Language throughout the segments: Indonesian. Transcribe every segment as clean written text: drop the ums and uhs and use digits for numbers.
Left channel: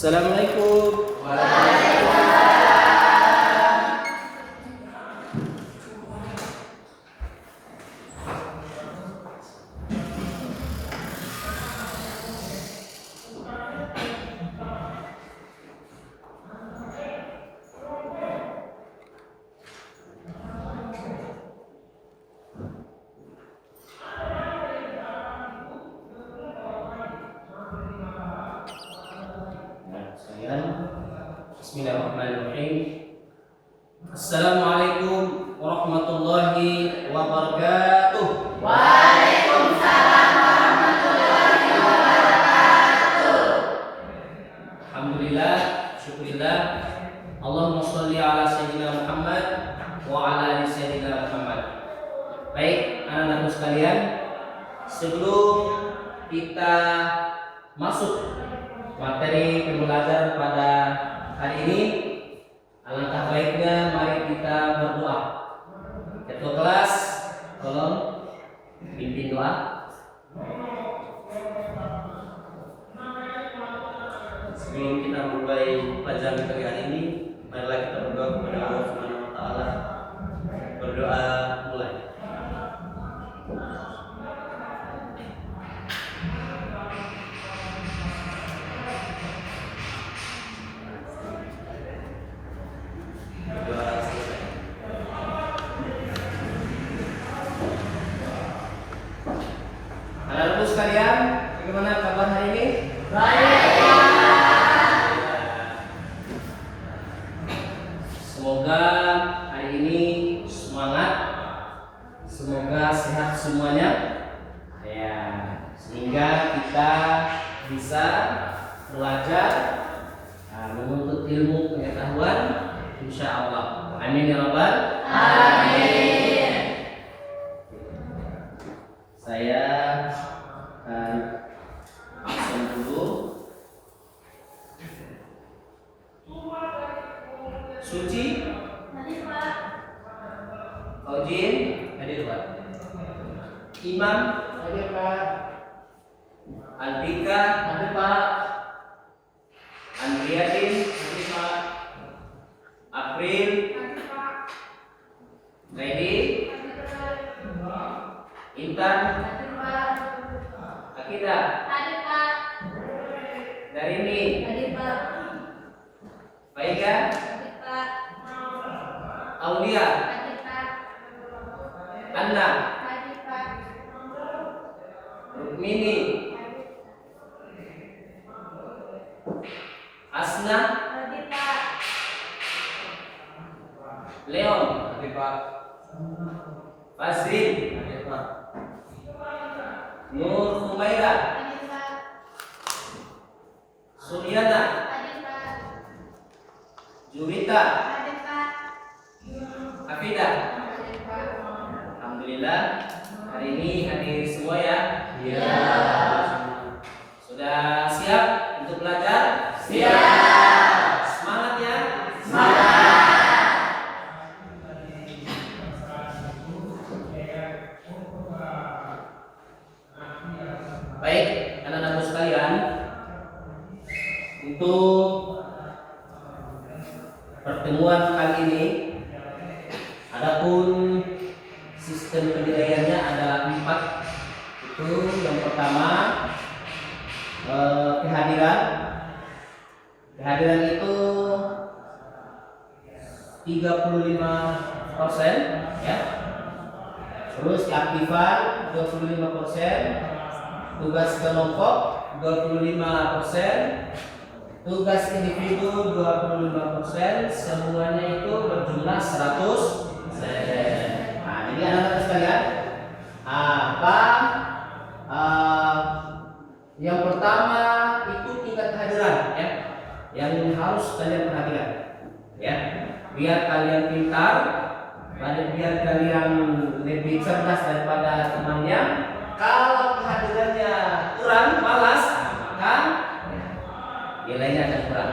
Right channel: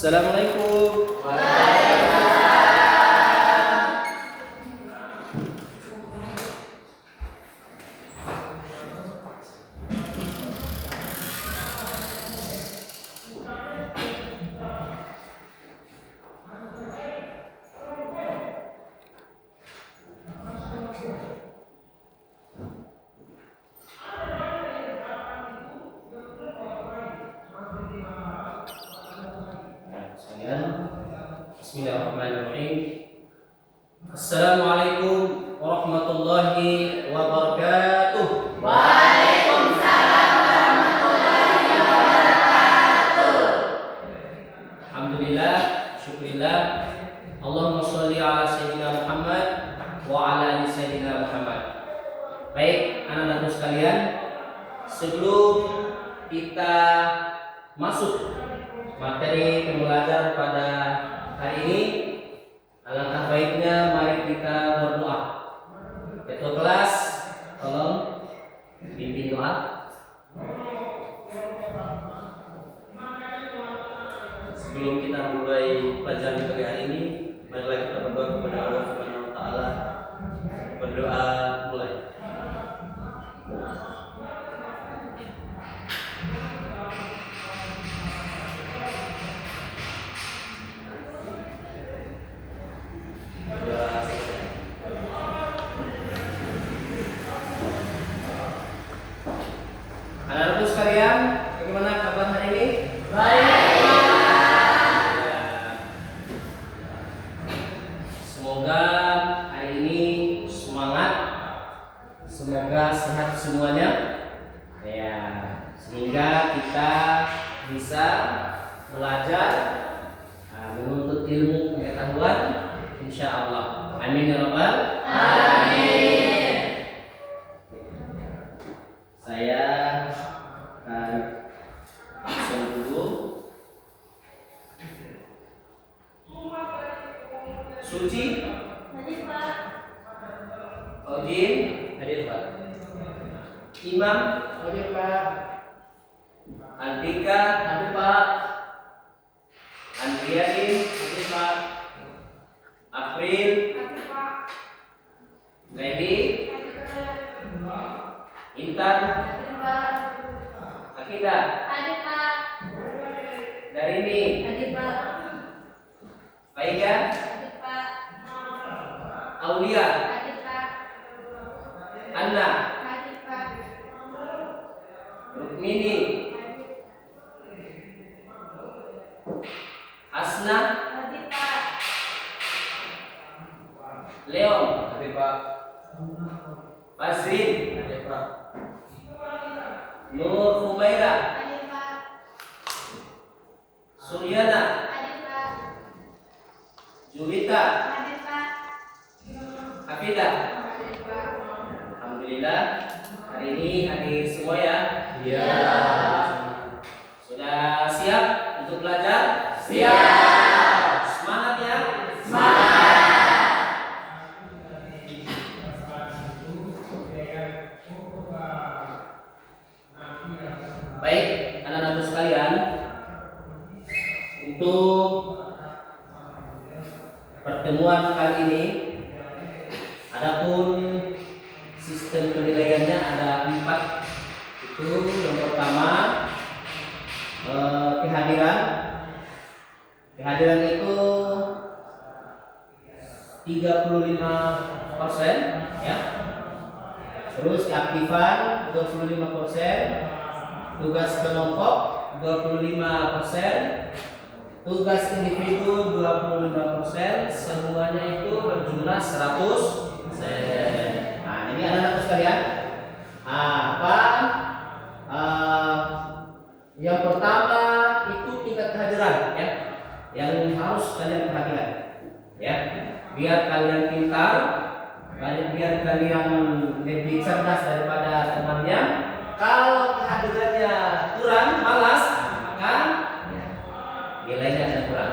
Assalamualaikum. Bismillahirrahmanirrahim. Assalamualaikum warahmatullahi wabarakatuh. Waalaikumsalam warahmatullahi wabarakatuh. Alhamdulillah, syukurillah. Allahumma sholli ala sayyidina Muhammad wa ala ali sayyidina Muhammad. Baik, anak-anakku sekalian, sebelum kita masuk materi pembelajaran pada hari ini, alangkah baiknya mari kita berdoa. Ketua kelas, tolong pimpin doa. Sebelum kita mulai pelajaran pagi hari ini, marilah kita berdoa kepada Allah Subhanahu wa taala. Berdoa mulai. Anak-anakku sekalian, bagaimana kabar hari ini? Baik. Semoga hari ini semangat, semoga sehat semuanya, ya, sehingga kita bisa belajar, menuntut ilmu pengetahuan, insya Allah. Amin ya rabbal. Amin. Saya akan absen dulu. Suci, Hadir Pak. Fauzin, hadir Pak. Imam, Hadir Pak. Antika, Hadir Pak. Andriatin, Hadir Pak. April, Hadir Pak. Lady, Intan, Hadir Pak. Akidah, Hadir Pak. Darini, Hadir Pak. Faida, Hadir Pak. Aulia, Hadir Pak. Anna, Hadir Pak. Rukmini, Asna, Hadir Pak. Leon, Hadir Pak. Fazrin, Hadir Pak. Nur Humaira, Hadir Pak. Suryana, Hadir Pak. Juwita, Hadir Pak. Hafidah. Hadir Pak. Alhamdulillah, hari ini hadir semua ya. Iya. Sudah siap untuk belajar? Siap. Semangat ya. Semangat. Baik, anak-anakku sekalian, untuk pertemuan kali ini, adapun sistem penilaiannya ada 4. Itu yang pertama, kehadiran. Kehadiran itu 35%, ya. Terus keaktifan 25%, tugas kelompok 25%, tugas individu 25%, semuanya itu berjumlah 100%. Nah, ini anak-anak sekalian, apa yang pertama itu tingkat kehadiran, ya, yang harus kalian perhatikan, ya, biar kalian pintar, biar kalian lebih cerdas daripada temannya. Kalau kehadirannya kurang, malas, maka nilainya akan kurang.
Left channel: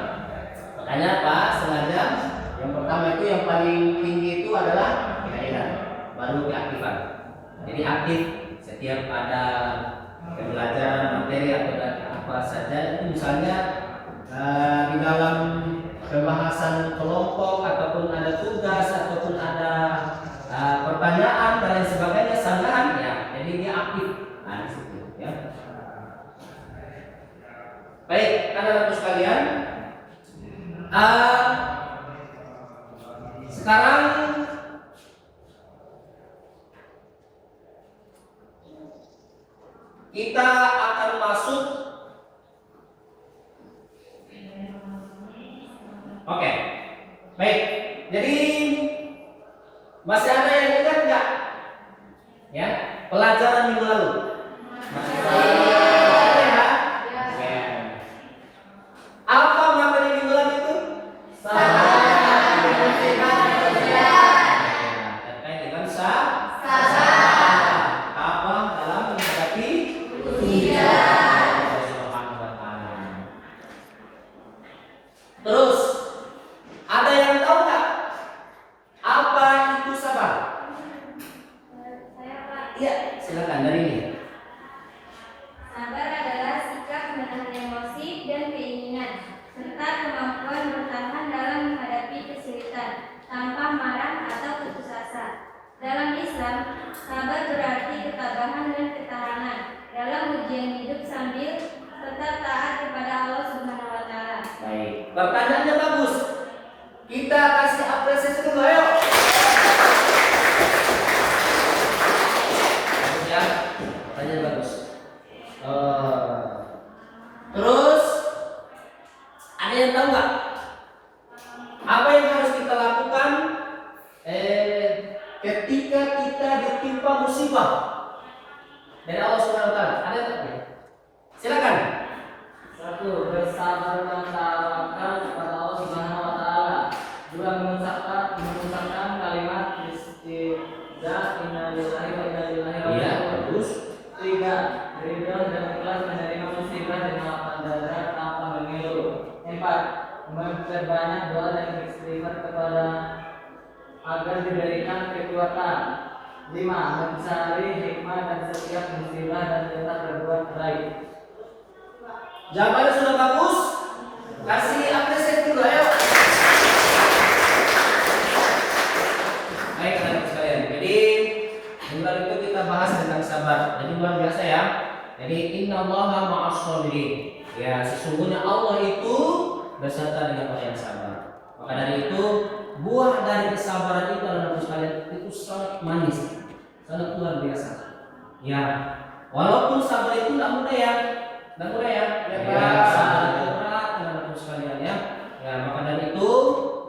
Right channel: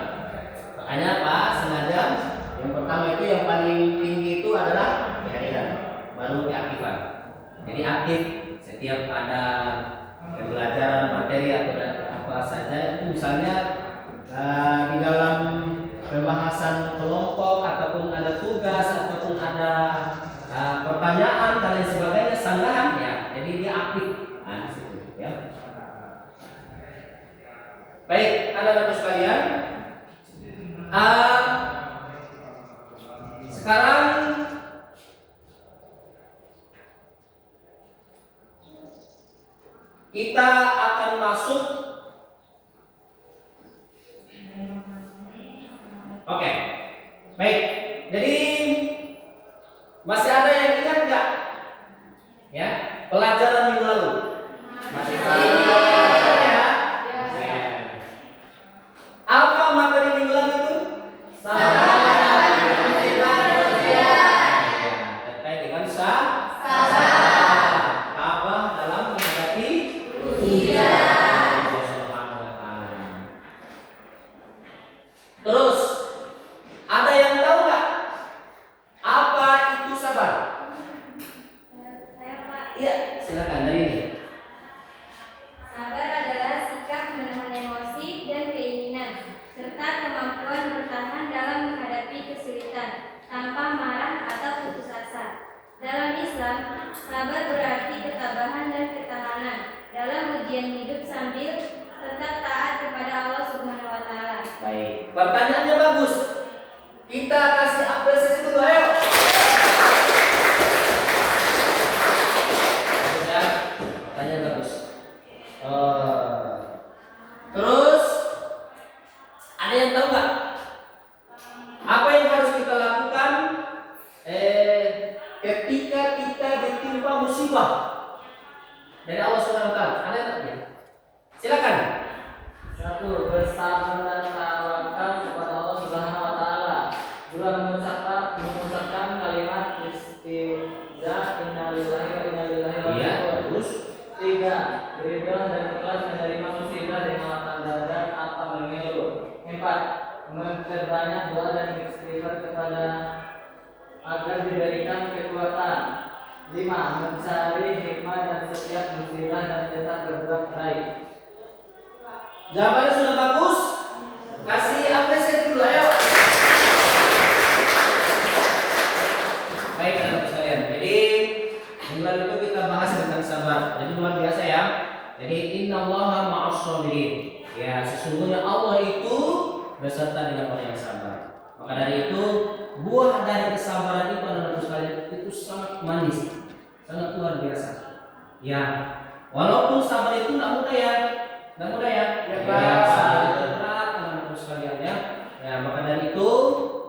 Makanya Pak sengaja yang pertama itu yang paling tinggi itu adalah kehadiran, baru keaktifan. Jadi aktif setiap ada pembelajaran materi atau apa saja, itu misalnya di dalam pembahasan kelompok ataupun ada tugas ataupun ada pertanyaan dan lain sebagainya sanggahan ya, jadi dia aktif di situ ya. Baik, anak-anak sekalian, sekarang kita akan masuk. Oke, baik. Jadi masih ada yang ingat nggak? Ya, pelajaran minggu lalu. Masih ada ya? Ya. Apa materi minggu lalu itu? Sabar. Terkait dengan sabar. Apa dalam menghadapi ujian? Terus ada yang tahu nggak apa itu sabar? Saya Pak. Iya, silakan dari ini. Sabar adalah sikap menahan emosi dan keinginan serta kemampuan bertahan dalam menghadapi kesulitan tanpa marah atau putus asa. Dalam Islam, sabar berarti ketabahan dan ketahanan dalam ujian hidup sambil tetap taat kepada Allah Subhanahu wa taala. Baik, pertanyaannya bagus. Kita kasih apresiasi dulu, ayo. Bagus ya, pertanyaan bagus. Terus ada yang tahu nggak apa yang harus kita lakukan ketika kita ditimpa musibah dari Allah Subhanahu Wa Taala? Ada nggak? Silakan. Satu, bersabar dan tawakal kepada Allah Subhanahu wa taala. Dua, mengucapkan kalimat istighfar innalillahi wa inna ilaihi raji'un. Iya, bagus. Tiga, ridho dan ikhlas menerima musibah dan melapangkan dada tanpa mengeluh. Empat, memperbanyak doa dan istighfar kepada agar diberikan kekuatan. Lima, mencari hikmah dan setiap musibah dan tetap berbuat baik. Jawabannya sudah bagus. Kasih apresiasi dulu, ayo. Baik anak sekalian. Jadi minggu itu kita bahas tentang sabar. Jadi luar biasa ya. Jadi innallaha ma'as-shabirin. Ya, sesungguhnya Allah itu beserta dengan orang yang sabar. Maka dari itu buah dari kesabaran itu anak sekalian itu sangat manis, sangat luar biasa. Ya, walaupun sabar itu tidak mudah ya. Tidak mudah ya. Ya, Pak. Pak. Berat anak sekalian ya. Ya, maka dari itu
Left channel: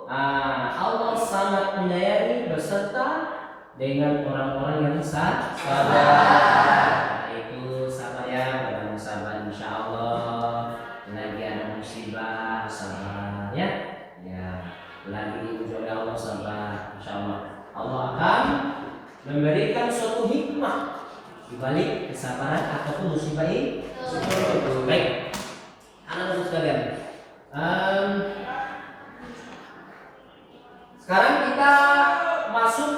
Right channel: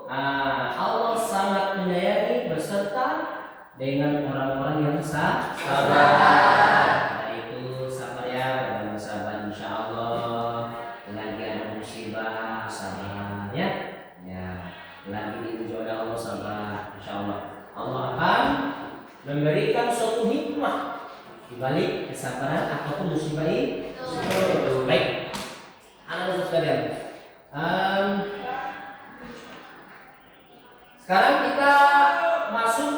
Allah sangat menyayangi beserta dengan orang-orang yang sabar. Karena itu sabar ya, dengan sabar insya Allah. Lagi ada musibah sabar ya. Ya, lagi diuji Allah sabar insya Allah. Allah akan memberikan suatu hikmah di balik kesabaran ataupun musibah ini. Baik, anak-anak sekalian. Sekarang kita masuk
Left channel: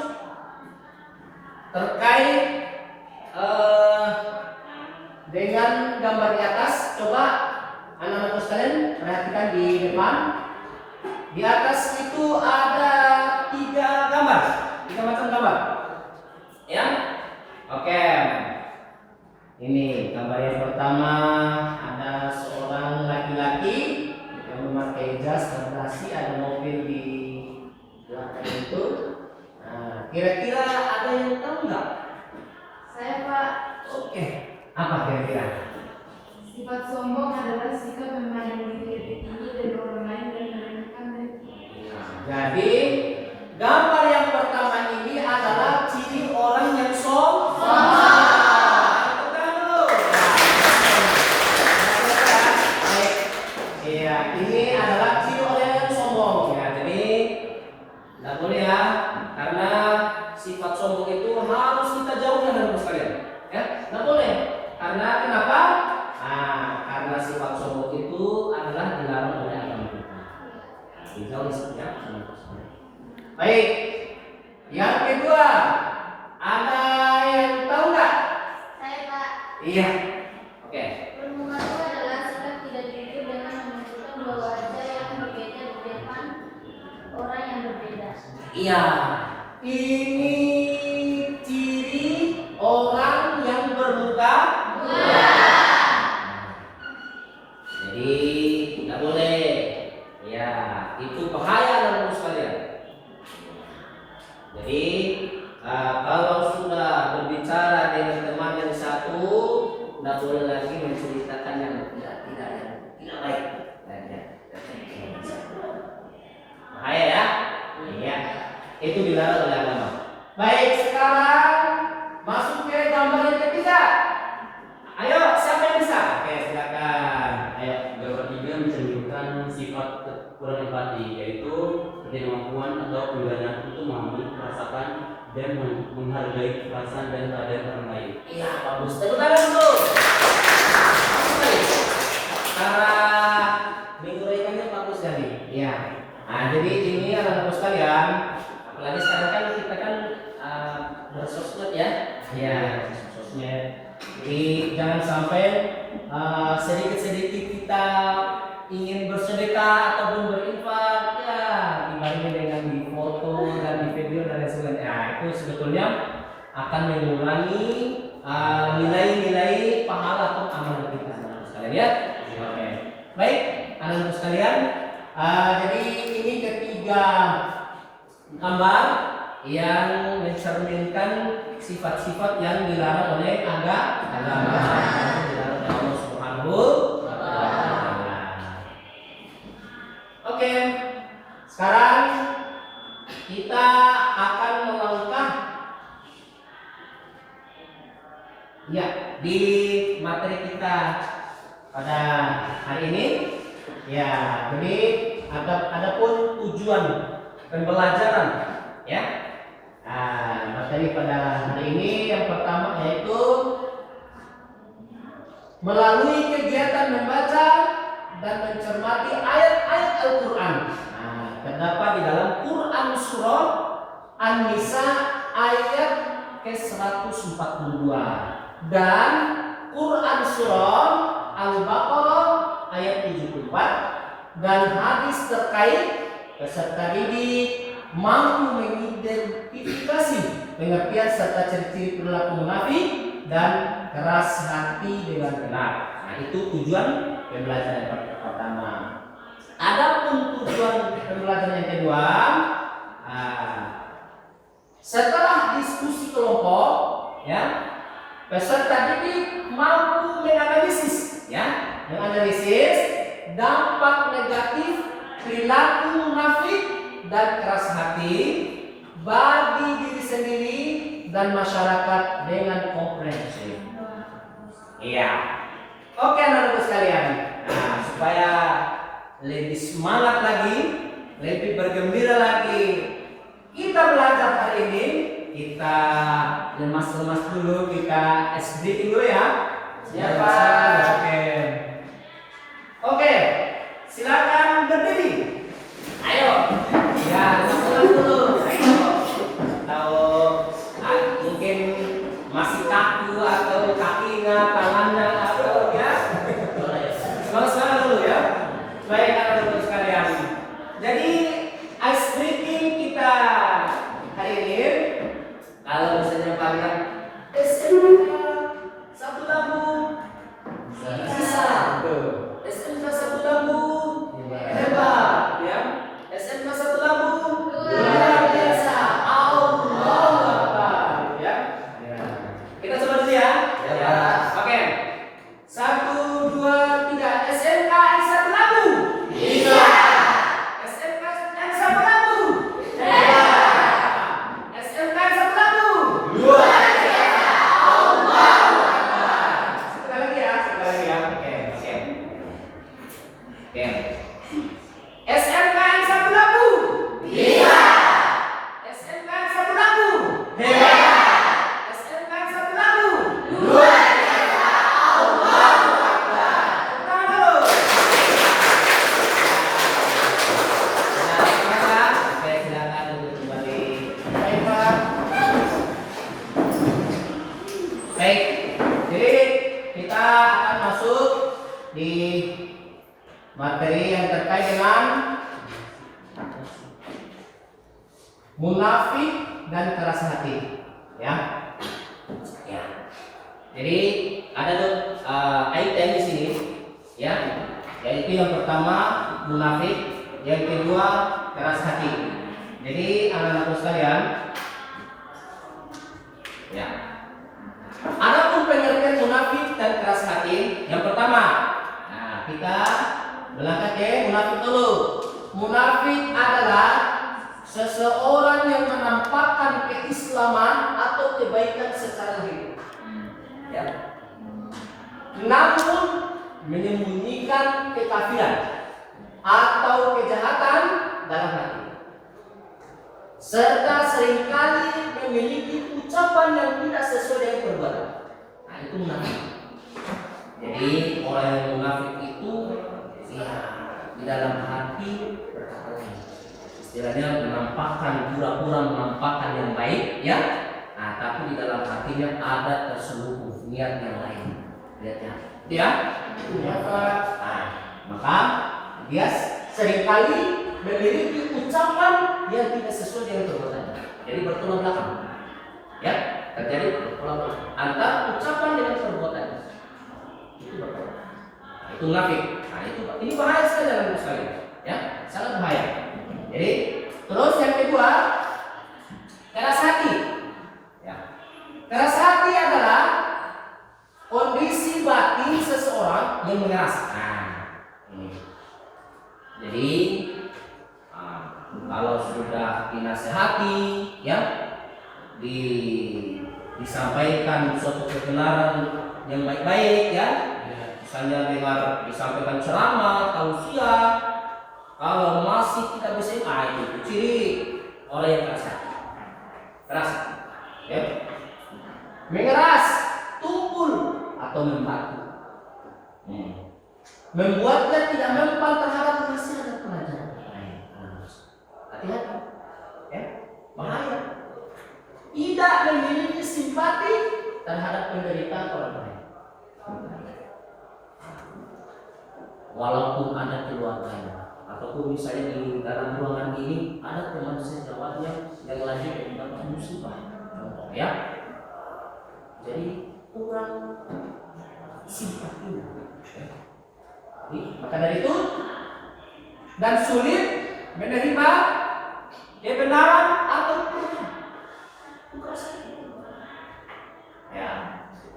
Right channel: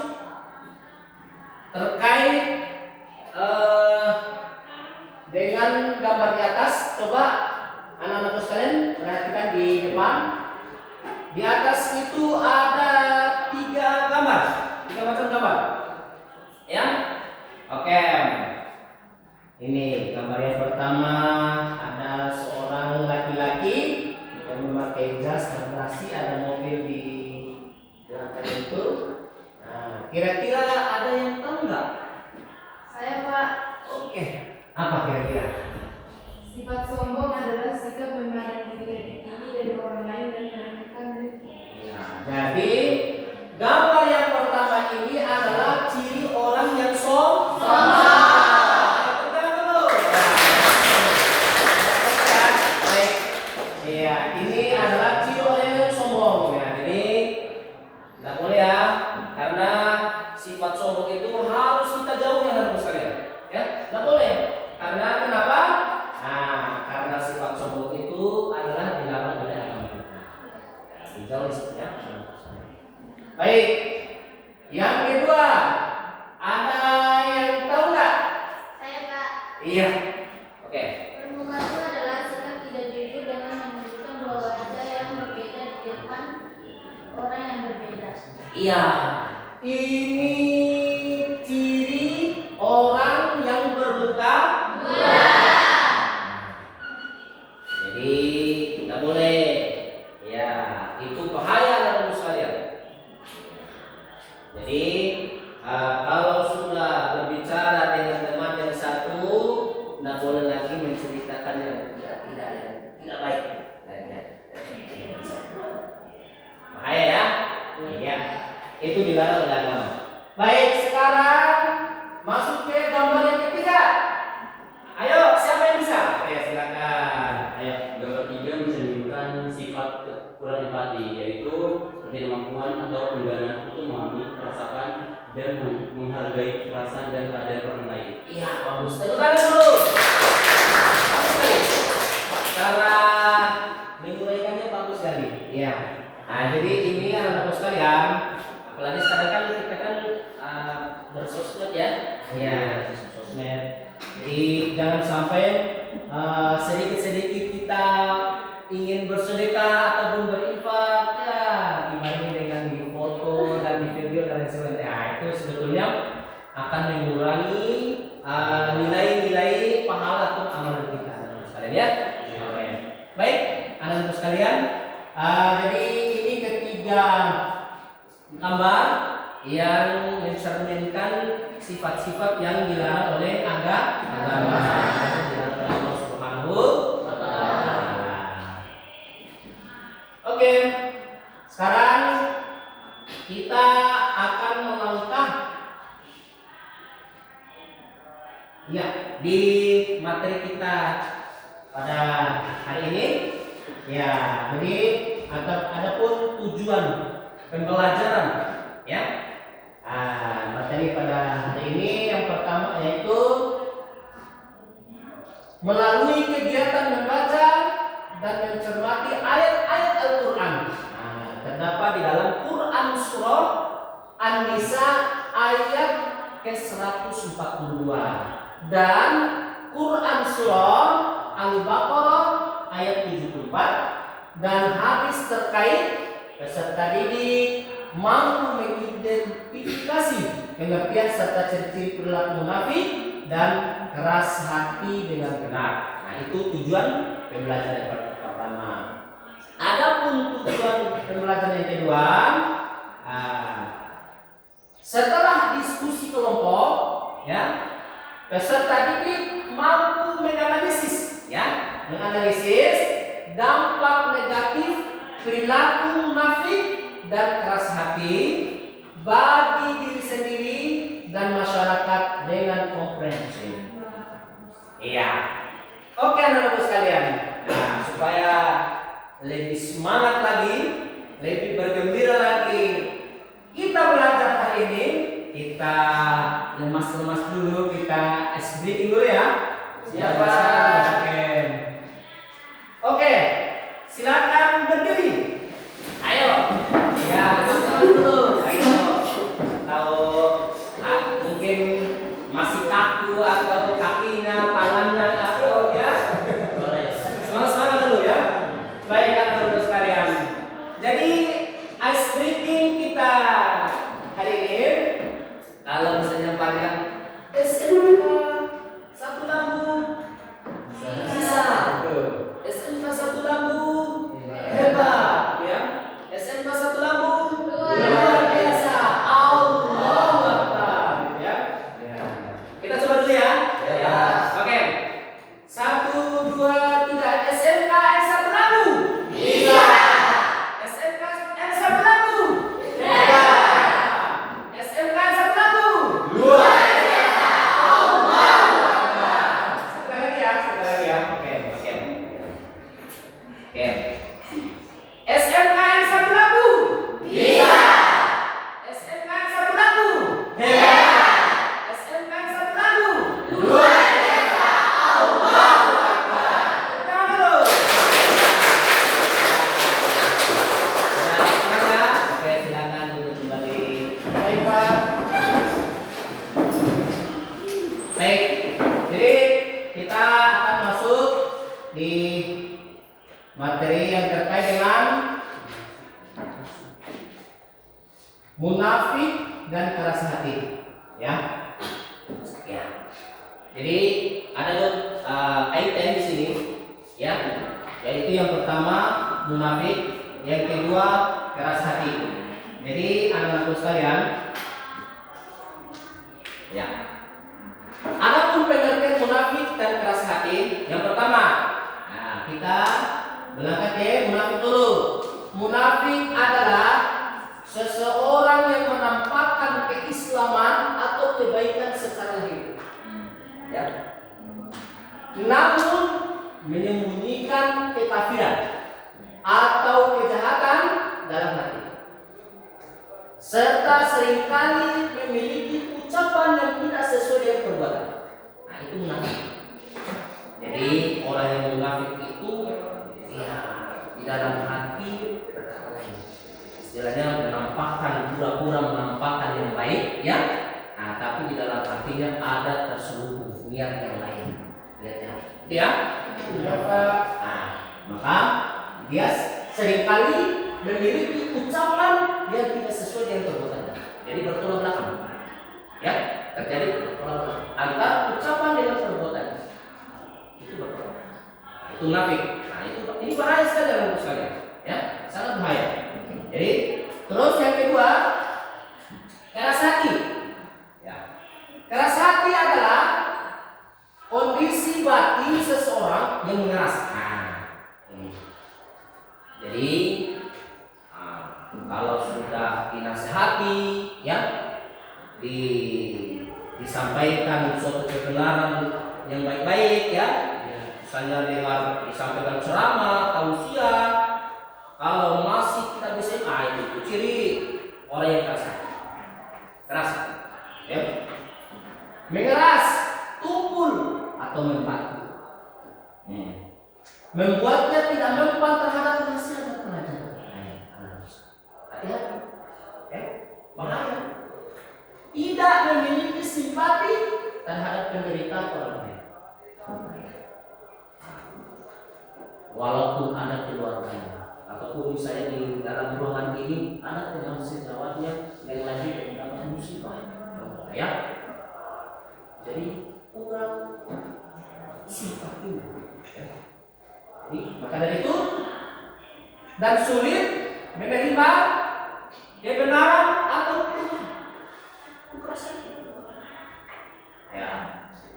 terkait dengan gambar di atas. Coba anak-anak sekalian perhatikan di depan. Di atas itu ada 3 gambar, 3 macam gambar. Ya, oke. Ini gambar yang pertama, ada seorang laki-laki yang memakai jas dan dasi, ada mobil di belakang itu. Nah, kira-kira ada yang tahu nggak? Saya Pak. Oke, apa kira-kira? Sifat sombong adalah sikap memandang diri tinggi dari orang lain dan meremehkan diri. Nah, jadi gambar yang pertama ini adalah ciri orang yang sombong. Iya, ini adalah ciri orang yang sombong ya. Jadi tidak boleh ya, karena sifat sombong itu harus kita jauhi teman-teman sekalian. Ya, tidak boleh. Karena kenapa? Karena sifat sombong itu adalah dilarang oleh agama kita. Dijauhi ya. Baik. Yang kedua, ada yang tahu nggak? Saya Pak. Iya. Oke. Permukaan adalah sikap tidak jujur dalam menunjukkan bahwa Iya, ini ciri orang yang bermuka dua. Jadi tidak boleh. Ya, itu bahaya dalam sekalian. Jadi kalau sudah berbicara dengan teman yang satu, tidak boleh lagi menceritakan yang tidak baik. Bahaya ya? Iya. Itu dilarang oleh agama. Baik, sekarang masuk ke gambar yang ketiga. Ayo, siapa yang bisa? Oke, silakan. Ayo. Gambar 3 mencerminkan sifat kurang empati, yaitu ketidakmampuan atau penggalan untuk memahami, merasakan, dan menghargai perasaan dan keadaan orang lain. Iya, bagus. Tepuk tangan dulu. Baik. Cara menguraikannya bagus sekali. Iya. Nah, jadi ini anak-anak sekalian, apalagi sekarang kan kita kan bersosmed ya. Iya, sosmed. Jadi jangan sampai sedikit-sedikit kita ingin bersedekah ataupun berinfak ya dibarengi dengan di foto dan di video dan lain sebagainya. Nah, itu sebetulnya akan mengurangi nilai-nilai pahala atau amal kita, anak-anak sekalian ya. Oke. Baik, anak-anak sekalian. Jadi ini ketiga gambar yang mencerminkan sifat-sifat yang dilarang oleh agama, yang dilarang oleh Allah Subhanahu wa Ta'ala. Oke, sekarang kita akan melangkah ya di materi kita pada hari ini. Ya, jadi adapun tujuan pembelajaran ya. Materi pada hari ini yang pertama yaitu melalui kegiatan membaca dan mencermati ayat-ayat Al-Quran. Terdapat di dalam Quran surah An-Nisa ayat ke-142 dan Quran surah Al-Baqarah ayat 74 dan hadis terkait peserta didik mampu mengidentifikasi pengertian serta ciri-ciri perilaku munafik dan keras hati dengan benar. Nah, itu tujuan pembelajaran pertama. Adapun tujuan pembelajaran yang kedua, setelah diskusi kelompok, ya, peserta didik mampu menganalisis dampak negatif perilaku munafik dan keras hati bagi diri sendiri dan masyarakat dengan komprehensif. Iya. Oke anak-anak sekalian. Nah, supaya lebih semangat lagi, lebih bergembira lagi, kita belajar hari ini. Kita lemas-lemas dulu, kita SB dulu ya. Siapa? Oke. Silakan berdiri. Ayo. Ya, lemas dulu. Ayo. Tahu mungkin masih kaku atau kakinya, tangannya atau ya. Semangat dulu ya. Baik anak-anak sekalian. Jadi ice breaking kita hari ini kalau misalnya panjang SMK 1 lambung bisa. SMK 1 lambung hebat ya. SMK 1 lambung luar biasa. Allahu Akbar ya. Kita coba dulu ya. Oke. 1 2 3 SMK 1 lambung. Bisa. SMK 1 lambung. Hebat. SMK 1 lambung. Luar biasa. Allahu Akbar. Sekali lagi ya. Oke. SMK 1 lambung. Bisa. SMK 1 lambung. Hebat. SMK 1 lambung. Luar biasa. Allahu Akbar. Tangan dulu. Oke, silakan duduk kembali. Baik, Pak. Baik. Jadi kita akan masuk di materi yang terkait dengan munafik dan keras hati. Ya. Ya. Jadi ada item di sini, ya. Yaitu yang pertama munafik, yang kedua keras hati. Jadi anak-anakku sekalian, ya. Adapun pengertian munafik dan keras hati, yang pertama, nah kita berangkat ke munafik dulu. Munafik adalah seseorang yang menampakkan keislaman atau kebaikan secara lahir, ya. Namun menyembunyikan kekafiran atau kejahatan dalam hati, serta seringkali memiliki ucapan yang tidak sesuai dengan perbuatan. Nah, itu munafik. Jadi orang yang munafik itu ya di dalam hati berkata lain. Istilahnya menampakkan, pura-pura menampakkan yang baik, ya. Nah, tapi di dalam hatinya ada terselubung niat yang lain. Lihatnya, ya. Maka dia seringkali memiliki ucapan yang tidak sesuai dengan perbuatannya. Jadi bertolak belakang, ya, terjadi bertolak belakang antara ucapan dengan perbuatannya. Itu bertolak. Nah, itu munafik. Nah, ini bahaya sekali dalam sekalian, ya, sangat bahaya. Jadi terus yang kedua, keras hati. Ya. Keras hati adalah kondisi batin seseorang yang mengeras. Ini. Jadi kalau sudah dinasehati, ya, disampaikan suatu kebenaran yang baik-baik, ya, misalnya dengar disampaikan ceramah, tausiah, kalau masih tidak bisa, itu ciri orang yang keras hati. Keras, ya, mengeras, tumpul atau membatu, membuatnya tidak mempan terhadap nasihat dan pelajaran. Hati-hati, ya, bahaya. Tidak memiliki simpati terhadap penderitaan orang lain. Walaupun ada keluarganya, ataupun misalnya di dalam ruangan ini ada teman sejawatnya yang lagi mendapat musibah, contoh, ya. Jadi kurang simpati. Jadi, maka dari itu dan sulit menerima kebenaran atau keras. Ya.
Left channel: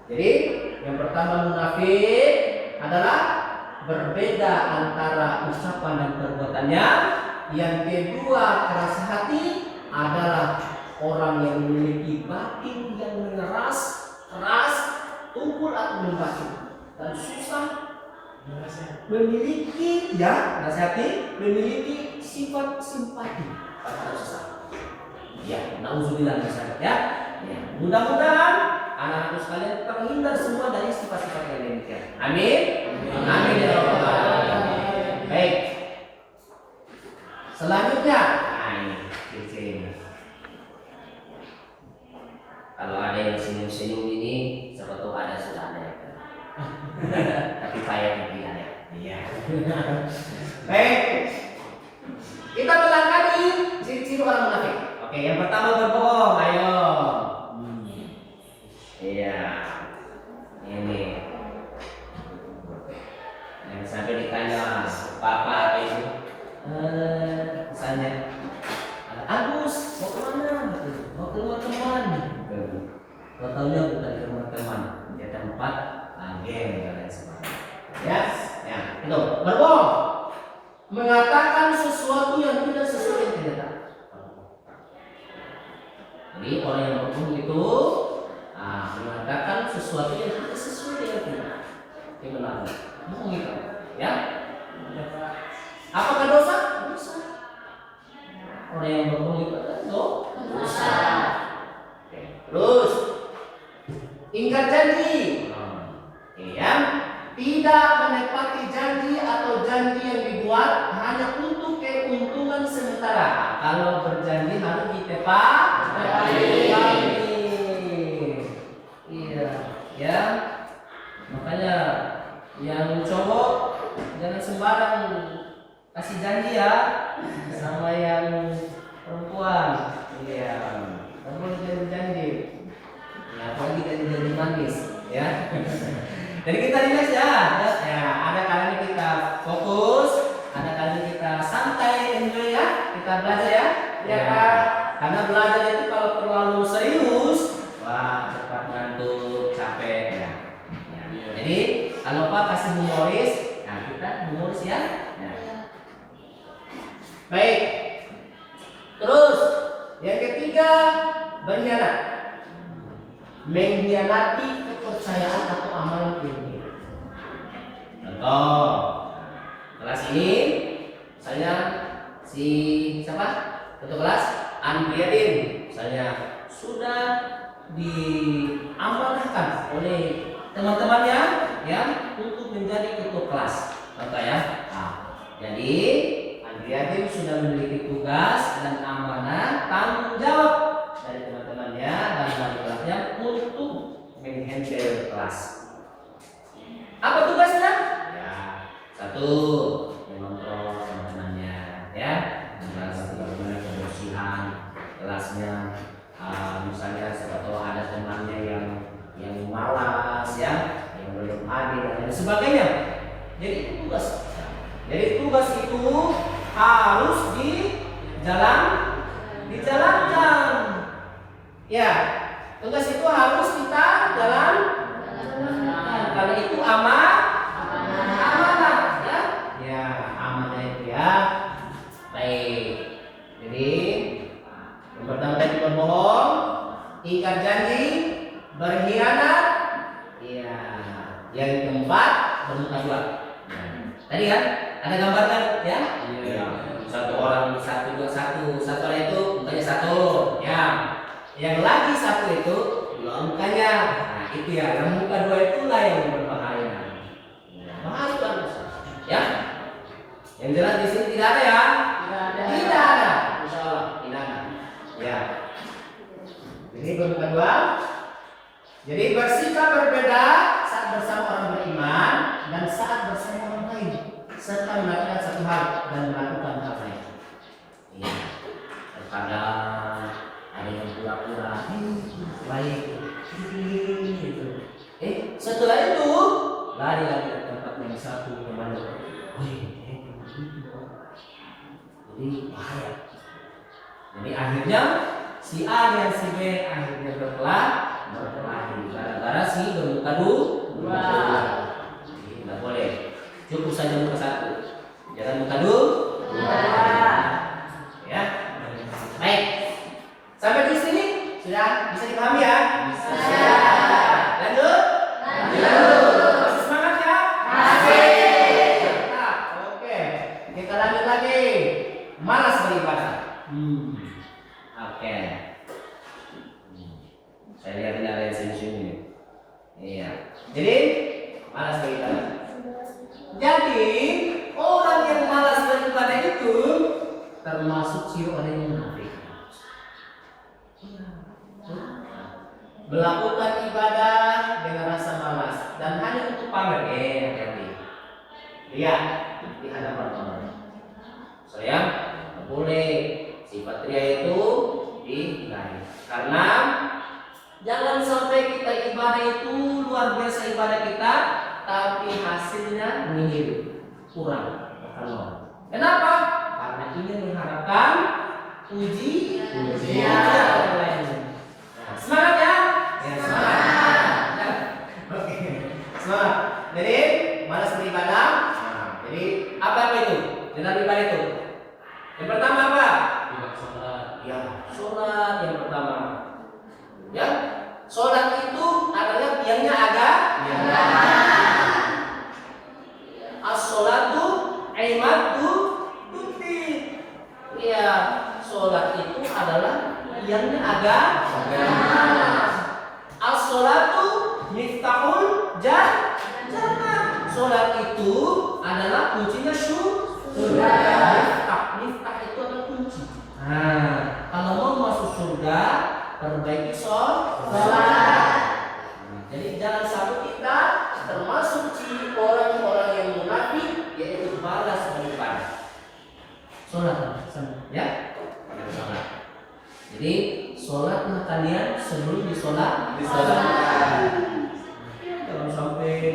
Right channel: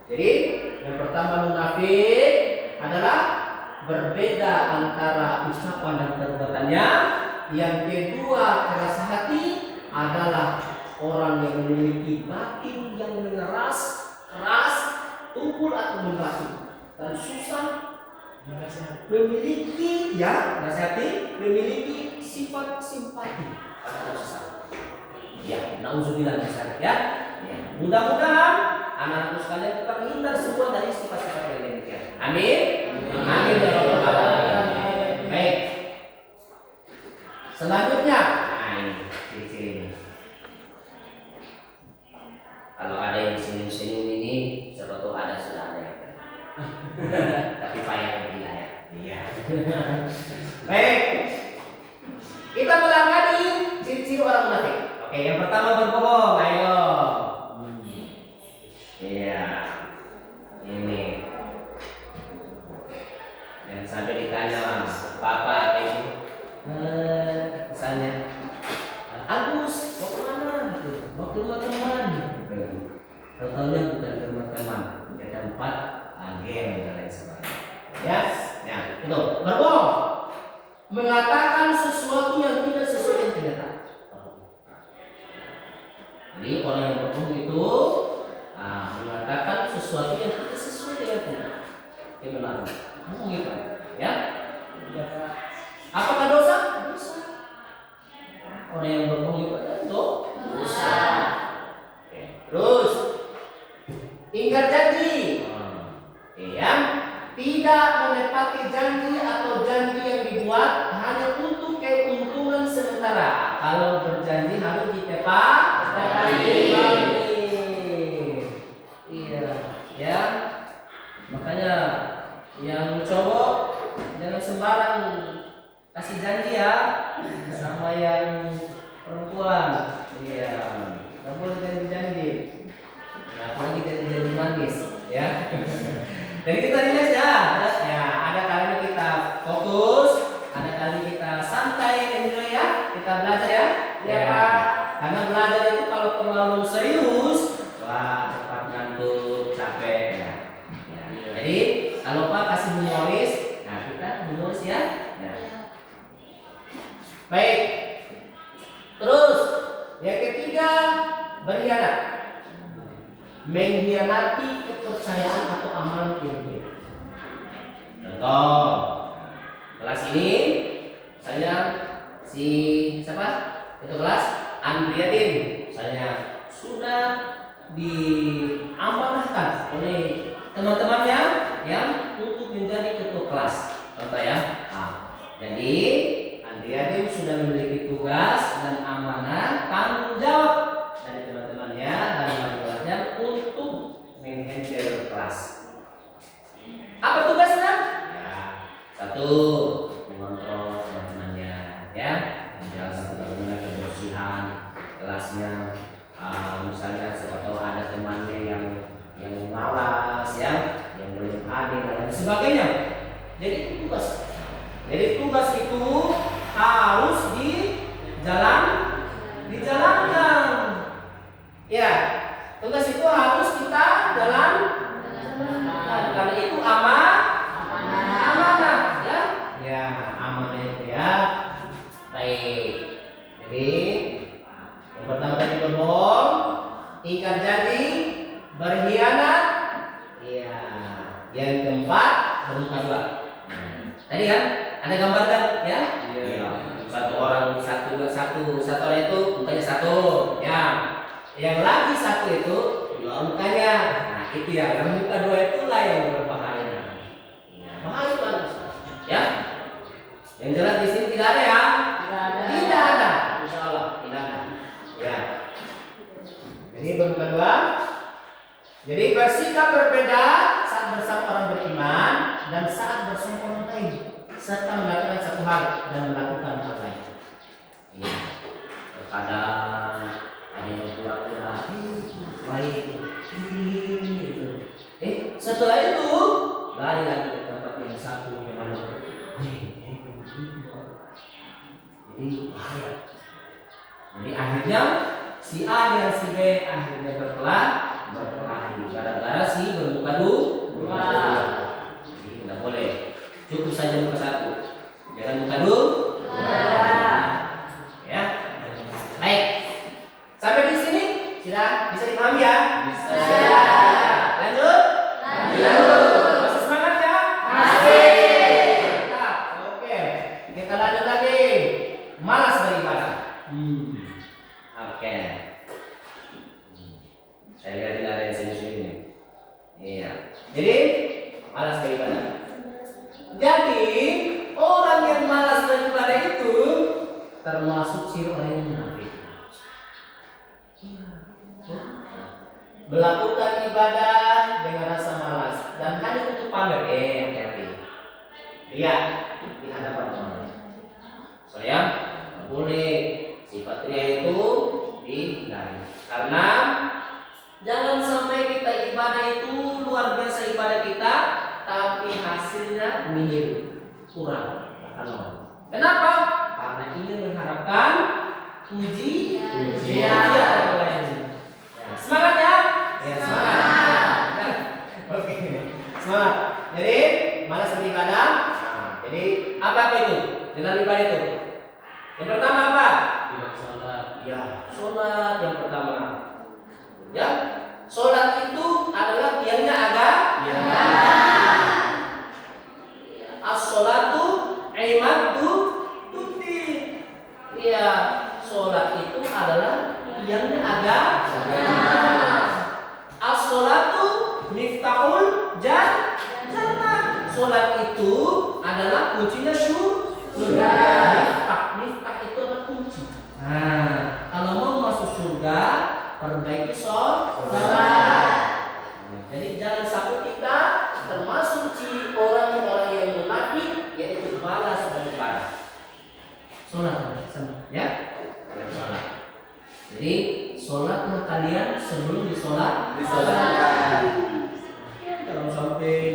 Jadi yang pertama munafik adalah berbeda antara ucapan dan perbuatannya. Yang kedua keras hati adalah orang yang memiliki batin yang mengeras, keras, tumpul atau membatu dan susah memiliki, ya, nasihati, memiliki sifat simpati terhadap sesama. Ya, nauzubillah misalnya, ya. Ya, mudah-mudahan anak-anakku sekalian terhindar semua dari sifat-sifat yang demikian. Amin. Amin ya rabbal alamin. Baik. Selanjutnya, ini ciri-cirinya. Kalau ada yang senyum-senyum ini, siapa tahu ada sudah ada ya. Tapi payah tidak ya. Iya. Baik. Kita pelajari ciri-ciri orang munafik. Oke, yang pertama berbohong. Ayo. Iya. Ini. Yang sampai ditanya Bapak Ibu, misalnya, Agus, mau kemana? Mau ke rumah teman. Tahu-tahunya bukan ke rumah teman, dia tempat game dan lain sebagainya. Ya, ya, itu berbohong, mengatakan sesuatu yang tidak sesuai dengan kenyataan. Jadi orang yang berbohong itu mengatakan sesuatu yang tidak sesuai dengan kenyataan. Kebenaran, bohong itu, ya. Apakah dosa? Dosa. Orang yang berbohong itu adalah dosa. Terus ingkar janji, ya, tidak menepati janji atau janji yang dibuat hanya untuk keuntungan sementara. Kalau berjanji harus ditepati. Iya, ya. Makanya yang cowok jangan sembarang kasih janji ya sama yang perempuan. Iya, nggak boleh janji-janji. Ya, apalagi janji-janji manis, ya. Jadi kita relax ya. Ya, ada kalanya kita fokus, ada kalanya kita santai enjoy ya. Kita belajar ya. Ya. Karena belajar itu kalau terlalu serius, wah cepat ngantuk, capek ya. Jadi kalau Pak kasih humoris, nah kita humoris ya. Nah. Baik. Terus yang ketiga, berkhianat. Mengkhianati kepercayaan atau amalan ini. Contoh, kelas ini saya si siapa? Ketua kelas Andriadin. Saya sudah diamanahkan oleh teman-temannya yang untuk menjadi ketua kelas. Contoh ya. Nah, jadi Andriadin sudah memiliki tugas dan amanah tanggung jawab dari teman-temannya dan wali kelasnya untuk menghandle kelas. Apa tugasnya? Ya, satu, mengontrol teman-temannya, ya, menjaga bagaimana kebersihan kelasnya. Misalnya siapa tahu ada temannya yang malas, ya, yang belum hadir dan lain sebagainya. Jadi itu tugas. Jadi tugas itu harus dijalankan. Ya, tugas itu harus kita jalankan. Karena itu amanah, ya. Ya, amanah itu ya. Baik. Jadi yang pertama tadi berbohong, ingkar janji, berkhianat. Ya. Yang keempat bermuka dua. Tadi kan ada gambar kan ya? Iya. Satu orang orang itu mukanya satu, ya. Yang lagi satu itu dua mukanya. Nah itu ya. Yang muka dua itulah yang berbahaya. Bahaya kan? Ya. Yang jelas di sini tidak ada ya. Tidak ada. Insya Allah tidak ada. Ya. Jadi bermuka dua. Jadi bersikap berbeda saat bersama orang beriman dan saat bersama orang lain, serta melakukan satu hal dan melakukan hal lain. Iya. Terkadang ada yang pura-pura baik, gitu. Setelah itu lari lagi ke tempat yang satu yang mana? Jadi bahaya. Jadi akhirnya si A dan si B akhirnya berkelahi gara-gara si bermuka dua. Jadi tidak boleh. Cukup saja muka satu. Jangan muka dua. Ya. Baik. Sampai di sini sudah bisa dipahami ya? Bisa. Lanjut. Masih semangat ya? Masih. Oke. Kita lanjut lagi. Malas beribadah. Oke. Saya lihat ini ada yang sini-sini. Iya. Jadi malas beribadah. Jadi orang yang malas beribadah itu termasuk si orang yang munafik. Melakukan ibadah dengan rasa malas dan hanya untuk pamer. Hati-hati. Lihat di hadapan teman. Saya nggak boleh sifat ria itu dihindari. Karena jangan sampai kita ibadah itu luar biasa ibadah kita, tapi hasilnya nihil, kurang. Kenapa? Karena ingin mengharapkan pujian orang lain. Semangat ya? Ya semangat. Oke, semangat. Jadi malas beribadah. Jadi apa itu? Dengan ibadah itu. Yang pertama apa? Ya, sholat yang pertama. Ya, sholat itu adalah tiangnya agak. Ya. As-sholatu imadu tuti. Ya, sholat itu adalah tiangnya agak. As-sholatu miftahul jannah. Sholat itu adalah kuncinya surga. Miftah itu adalah kunci. Nah, kalau mau masuk surga, perbaiki sholat. Jadi jangan sampai kita termasuk orang-orang yang munafik, yaitu malas beribadah. Sholat, ya, sholat. Jadi sholatlah kalian sebelum Disolatkan. Kalau sampai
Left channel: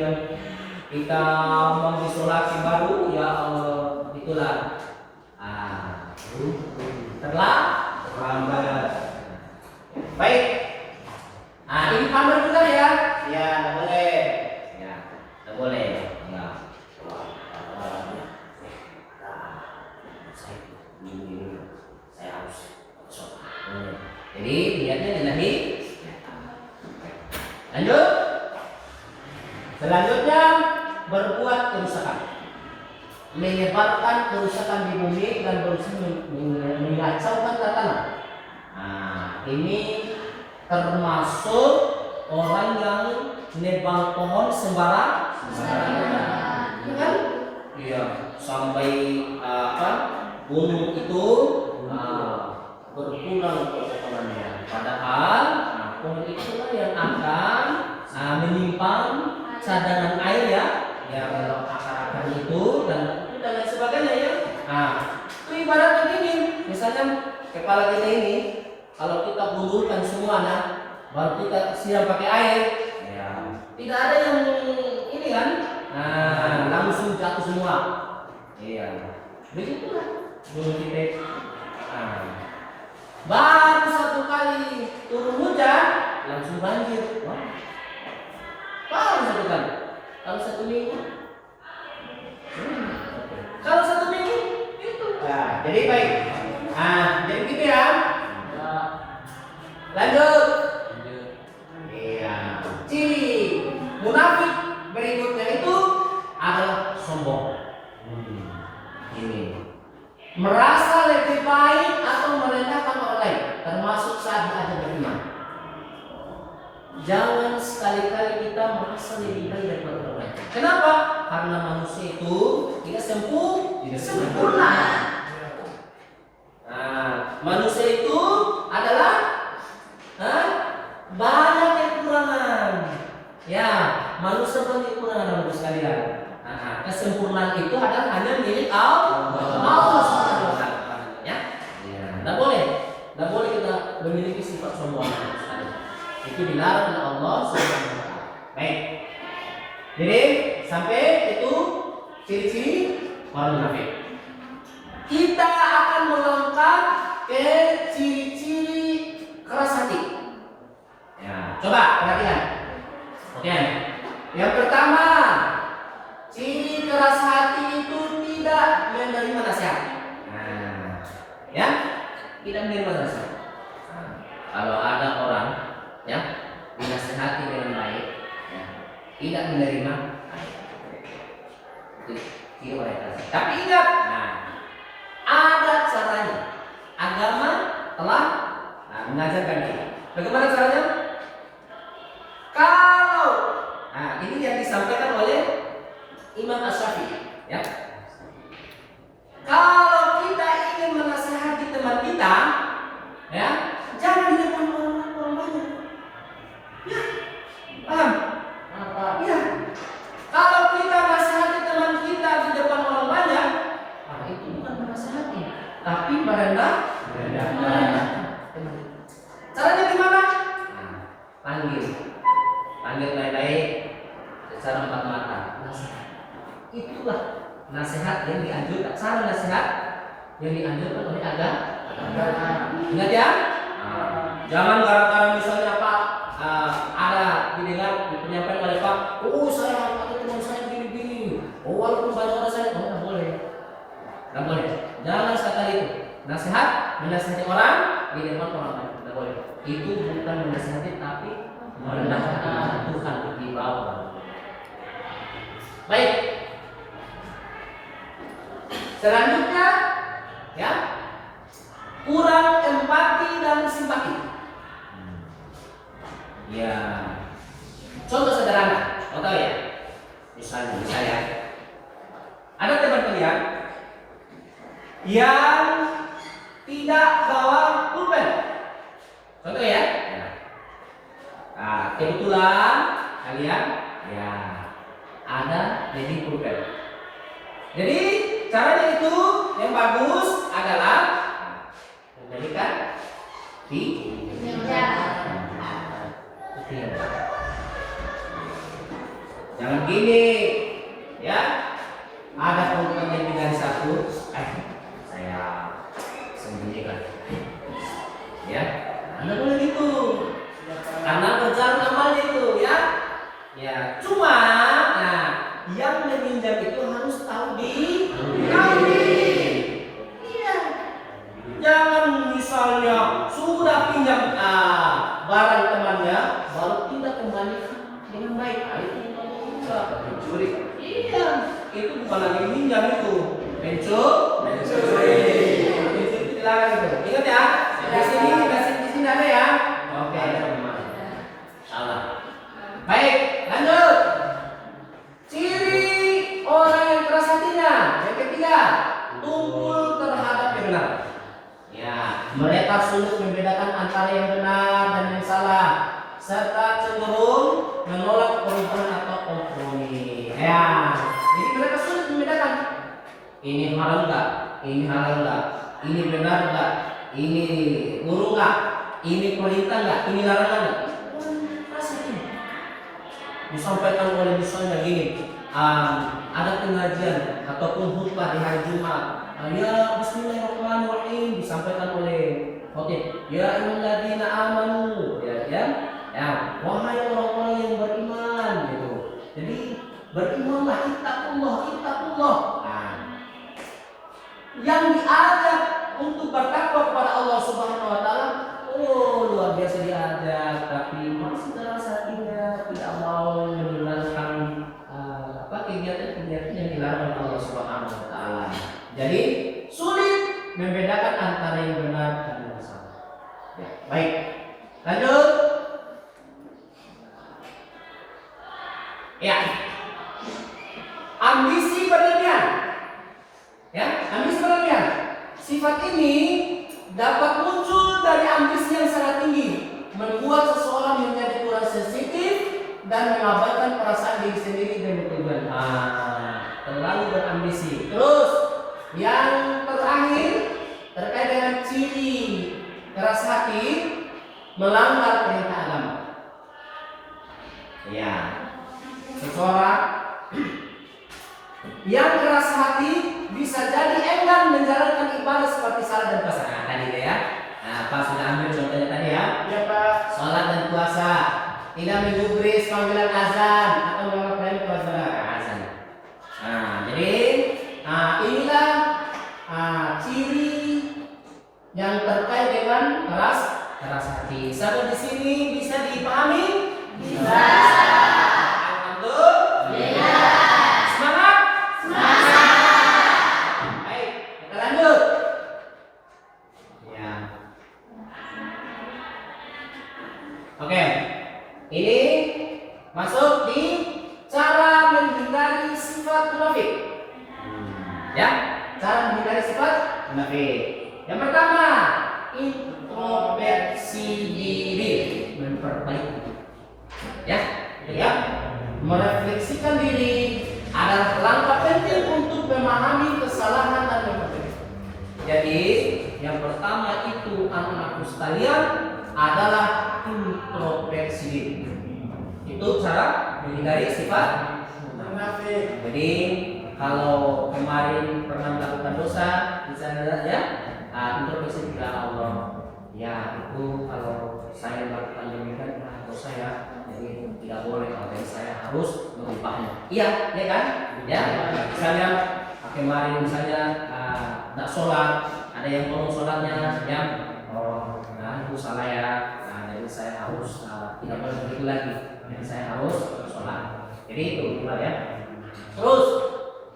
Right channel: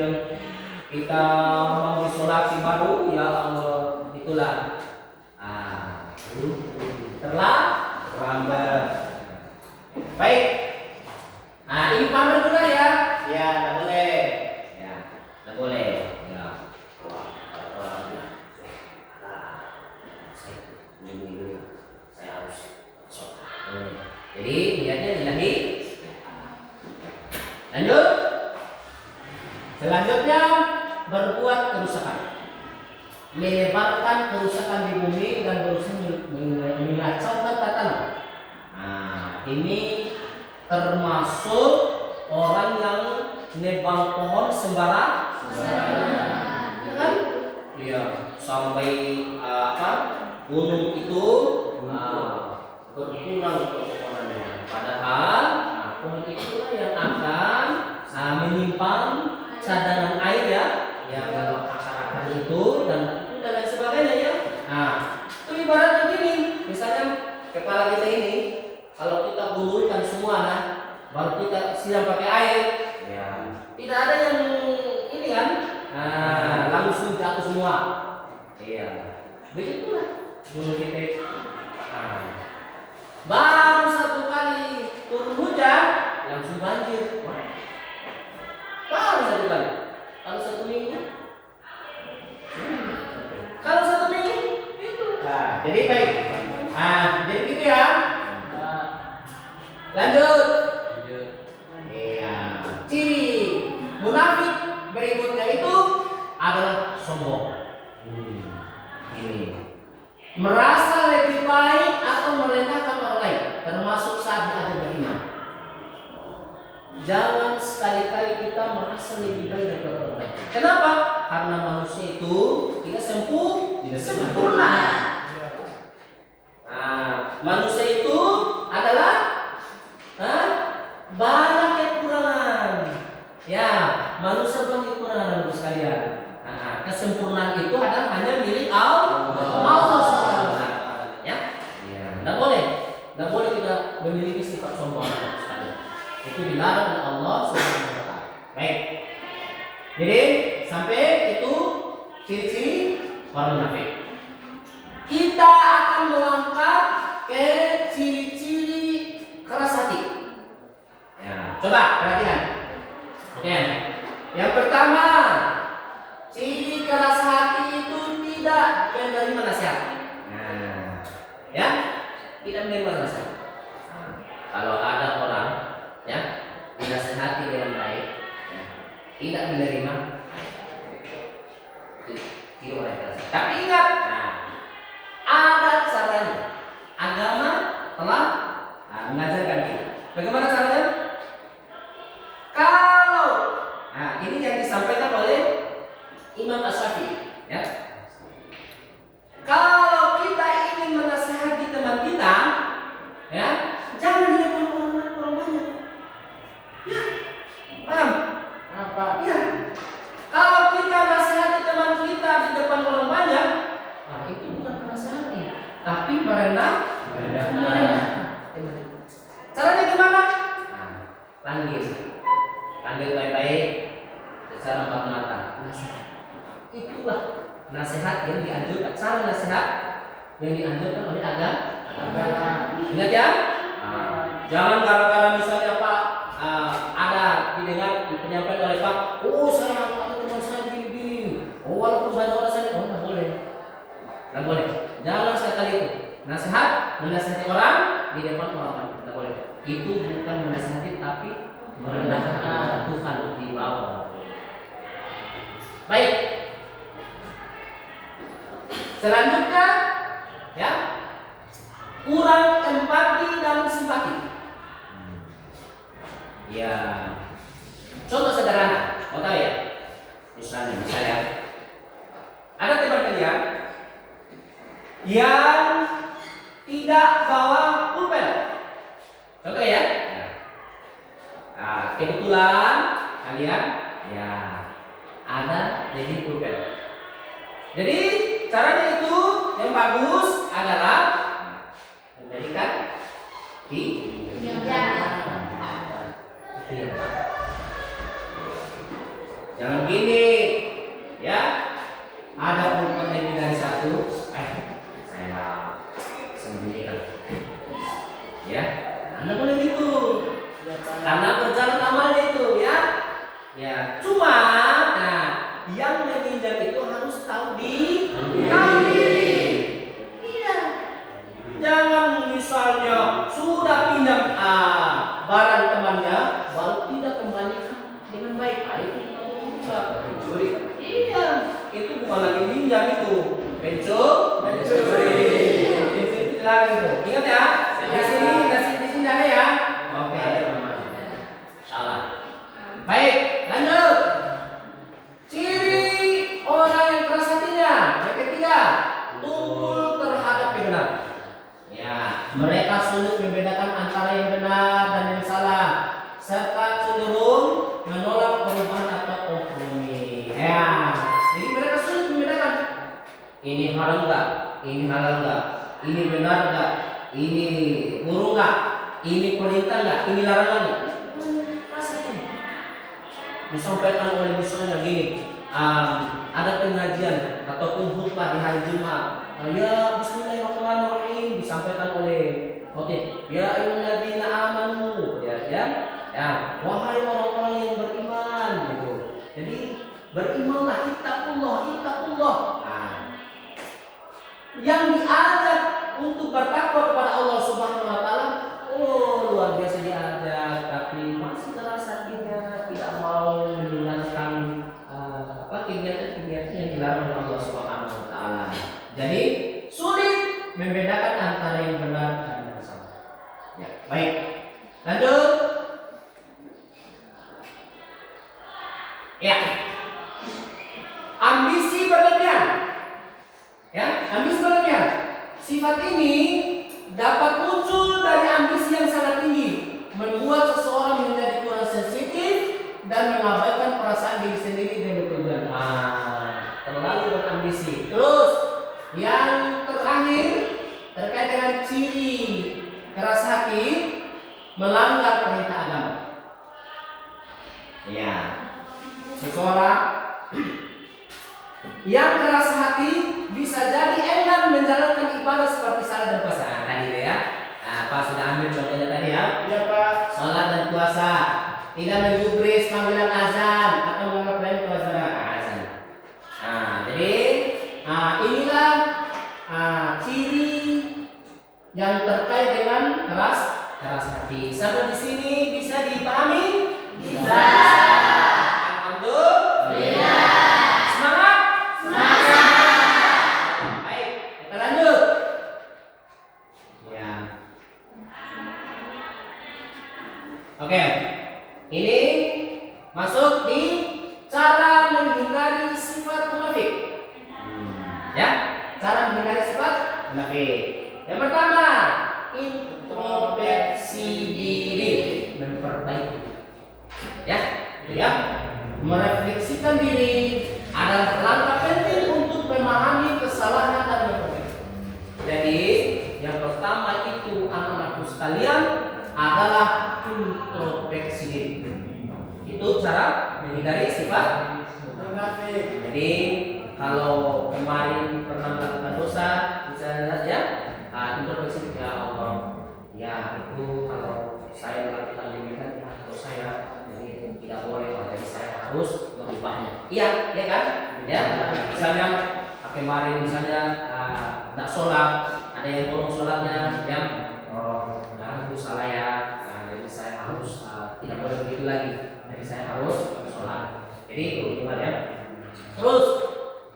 kita mau disolati baru, ya Allah, itulah terlambat. Baik. Ini pamer juga ya? Ya, tidak boleh. Ya, tidak boleh. Ya. Saya harus sholat. Jadi niatnya lillahi. Lanjut. Selanjutnya berbuat kerusakan, menyebarkan kerusakan di bumi dan berusaha mengacaukan tata tanah. Ini termasuk orang yang nebang pohon sembarang, ya kan? Iya, sampai gunung itu berkurang kekokohannya. Padahal pohon itulah yang akan menyimpan cadangan air ya, yang akar-akar itu dan lain sebagainya ya. Itu ibaratnya gini, misalnya kepala kita ini kalau kita gulurkan semua baru kita siram pakai air, ya tidak ada yang ini kan, langsung jatuh semua. Iya, begitulah dulu kita. Baru satu kali turun hujan langsung banjir. Baru satu kali. Kalau satu minggu, kalau satu minggu itu. Jadi baik. Jadi gitu ya. Lanjut. Iya. Ciri munafik berikutnya itu adalah sombong. Ini merasa lebih baik atau merendahkan orang lain, termasuk saat dia beriman. Jangan sekali-kali kita merasa lebih baik daripada orang lain. Kenapa? Karena manusia itu tidak sempurna. Manusia itu adalah banyak kekurangan. Ya, manusia banyak kekurangan Bapak sekalian. Kesempurnaan itu adalah hanya milik Allah Subhanahu wa taala. Ya. Tidak boleh kita memiliki sifat sombong. Itu dilarang oleh Allah Subhanahu wa taala. Baik. Jadi sampai itu ciri-ciri orang munafik. Kita akan melangkah ke ciri-ciri keras hati. Ya, coba perhatikan. Oke. Yang pertama, ciri keras hati itu tidak menerima nasihat. Ya, tidak menerima nasihat. Kalau ada orang ya dinasihati dengan baik, ya, tidak menerima, itu tidak boleh. Tapi ingat, ada caranya. Agama telah mengajarkan kita. Bagaimana caranya? Kalau ini yang disampaikan oleh Imam Asy-Syafi'i, ya. Kalau kita ingin menasihati teman kita, ya, jangan di depan orang banyak. Ya, paham? Apa? Ya. Kalau kita nasihati teman kita di depan orang banyak, itu bukan menasihati, tapi merendahkan. Caranya gimana? Panggil baik-baik secara empat mata. Itulah nasihat yang dianjurkan. Cara nasihat yang dianjurkan oleh agama. Ingat ya? Jangan gara-gara misalnya Pak ada didengar penyampaian oleh Pak, saya pakai teman saya gini-gini. Walaupun banyak orang saya, nggak boleh. Nggak boleh. Jangan sekali itu. Nasihat menasihati orang di depan orang lain, nggak boleh. Itu bukan menasihati tapi merendahkan Tuhan di bawah. Baik. Selanjutnya, ya, kurang empati dan simpati. Ya, contoh sederhana, mau tahu ya? Misalnya, ada teman kalian yang tidak bawa pulpen. Contoh ya. Kebetulan kalian ya ada jadi pulpen. Jadi caranya itu yang bagus adalah menjadikan Itu yang pertama. Jangan gini, ya. Ada keuntungan lebih dari satu, saya sembunyikan. Ya, Anda boleh gitu. Karena kerjaan amalnya itu, ya. Ya, cuma, nah, yang meminjam itu harus tahu dikasih. Iya. Jangan misalnya sudah pinjam barang temannya, baru tidak kembalikan dengan baik. Itu pencuri. Iya, itu bukan lagi minjam itu, pencuri. Ingat ya, di sini ada ya. Oke, salah. Baik, lanjut. Ciri orang yang keras hatinya. Yang ketiga, tumpul terhadap kebenaran. Ya, mereka sulit membedakan antara yang benar dan yang salah, serta cenderung menolak perubahan atau kompromi. Ya, jadi mereka sulit membedakan. Ini halal enggak? Ini halal enggak? Ini benar enggak? Ini buruk enggak? Ini perintah enggak? Ini larangan enggak? Disampaikan oleh misalnya gini, ada pengajian ataupun khutbah di hari Jumat, ya Bismillahirrahmanirrahim disampaikan oleh khotib, ya ayyuhalladzina amanu, ya, wahai orang-orang yang beriman, gitu. Jadi berimanlah, ittaqullah. Yang diajak untuk bertakwa kepada Allah Subhanahu wa taala, luar biasa diajak, tapi masih keras hatinya, tidak mau menjalankan kegiatan-kegiatan yang dilarang oleh Allah Subhanahu wa taala. Jadi sulit membedakan antara yang benar dan yang salah. Ya, baik. Lanjut. Ya. Ambisi berlebihan. Ya, ambisi berlebihan. Sifat ini dapat muncul dari ambisi yang sangat tinggi, membuat seseorang menjadi kurang sensitif dan mengabaikan perasaan diri sendiri dan bertujuan. Terlalu berambisi. Terus yang terakhir terkait dengan ciri keras hati, melanggar perintah agama. Ya, seseorang yang keras hati bisa jadi enggan menjalankan ibadah seperti salat dan puasa. Tadi ya. Pak sudah ambil contohnya tadi ya. Ya Pak. Salat dan puasa. Tidak menggubris panggilan azan atau mengamalkan puasa azan. Jadi inilah ciri yang terkait dengan keras hati. Sampai di sini bisa dipahami? Bisa. Alhamdulillah. Semangat. Baik, kita lanjut. Ya. Oke. Ini masuk di cara menghindari sifat munafik. Ya, cara menghindari sifat munafik. Yang pertama, introspeksi diri, memperbaiki. Ya, merefleksikan diri adalah langkah penting untuk memahami kesalahan dan memperbaiki. Jadi, yang pertama itu anak-anakku sekalian adalah introspeksi diri. Itu cara menghindari sifat munafik. Jadi kalau kemarin pernah melakukan dosa, misalnya ya, introspeksi kepada Allah. Ya itu kalau saya melakukan demikian dosa ya, jadi tidak boleh. Jadi saya harus mengubahnya. Iya, ya kan? Ya. Misalnya kemarin misalnya tidak sholat, ada yang tolong sholatnya, yang itu salah ya. Jadi saya harus tidak boleh begitu lagi. Jadi saya harus sholat. Jadi itu gimana ya? Terus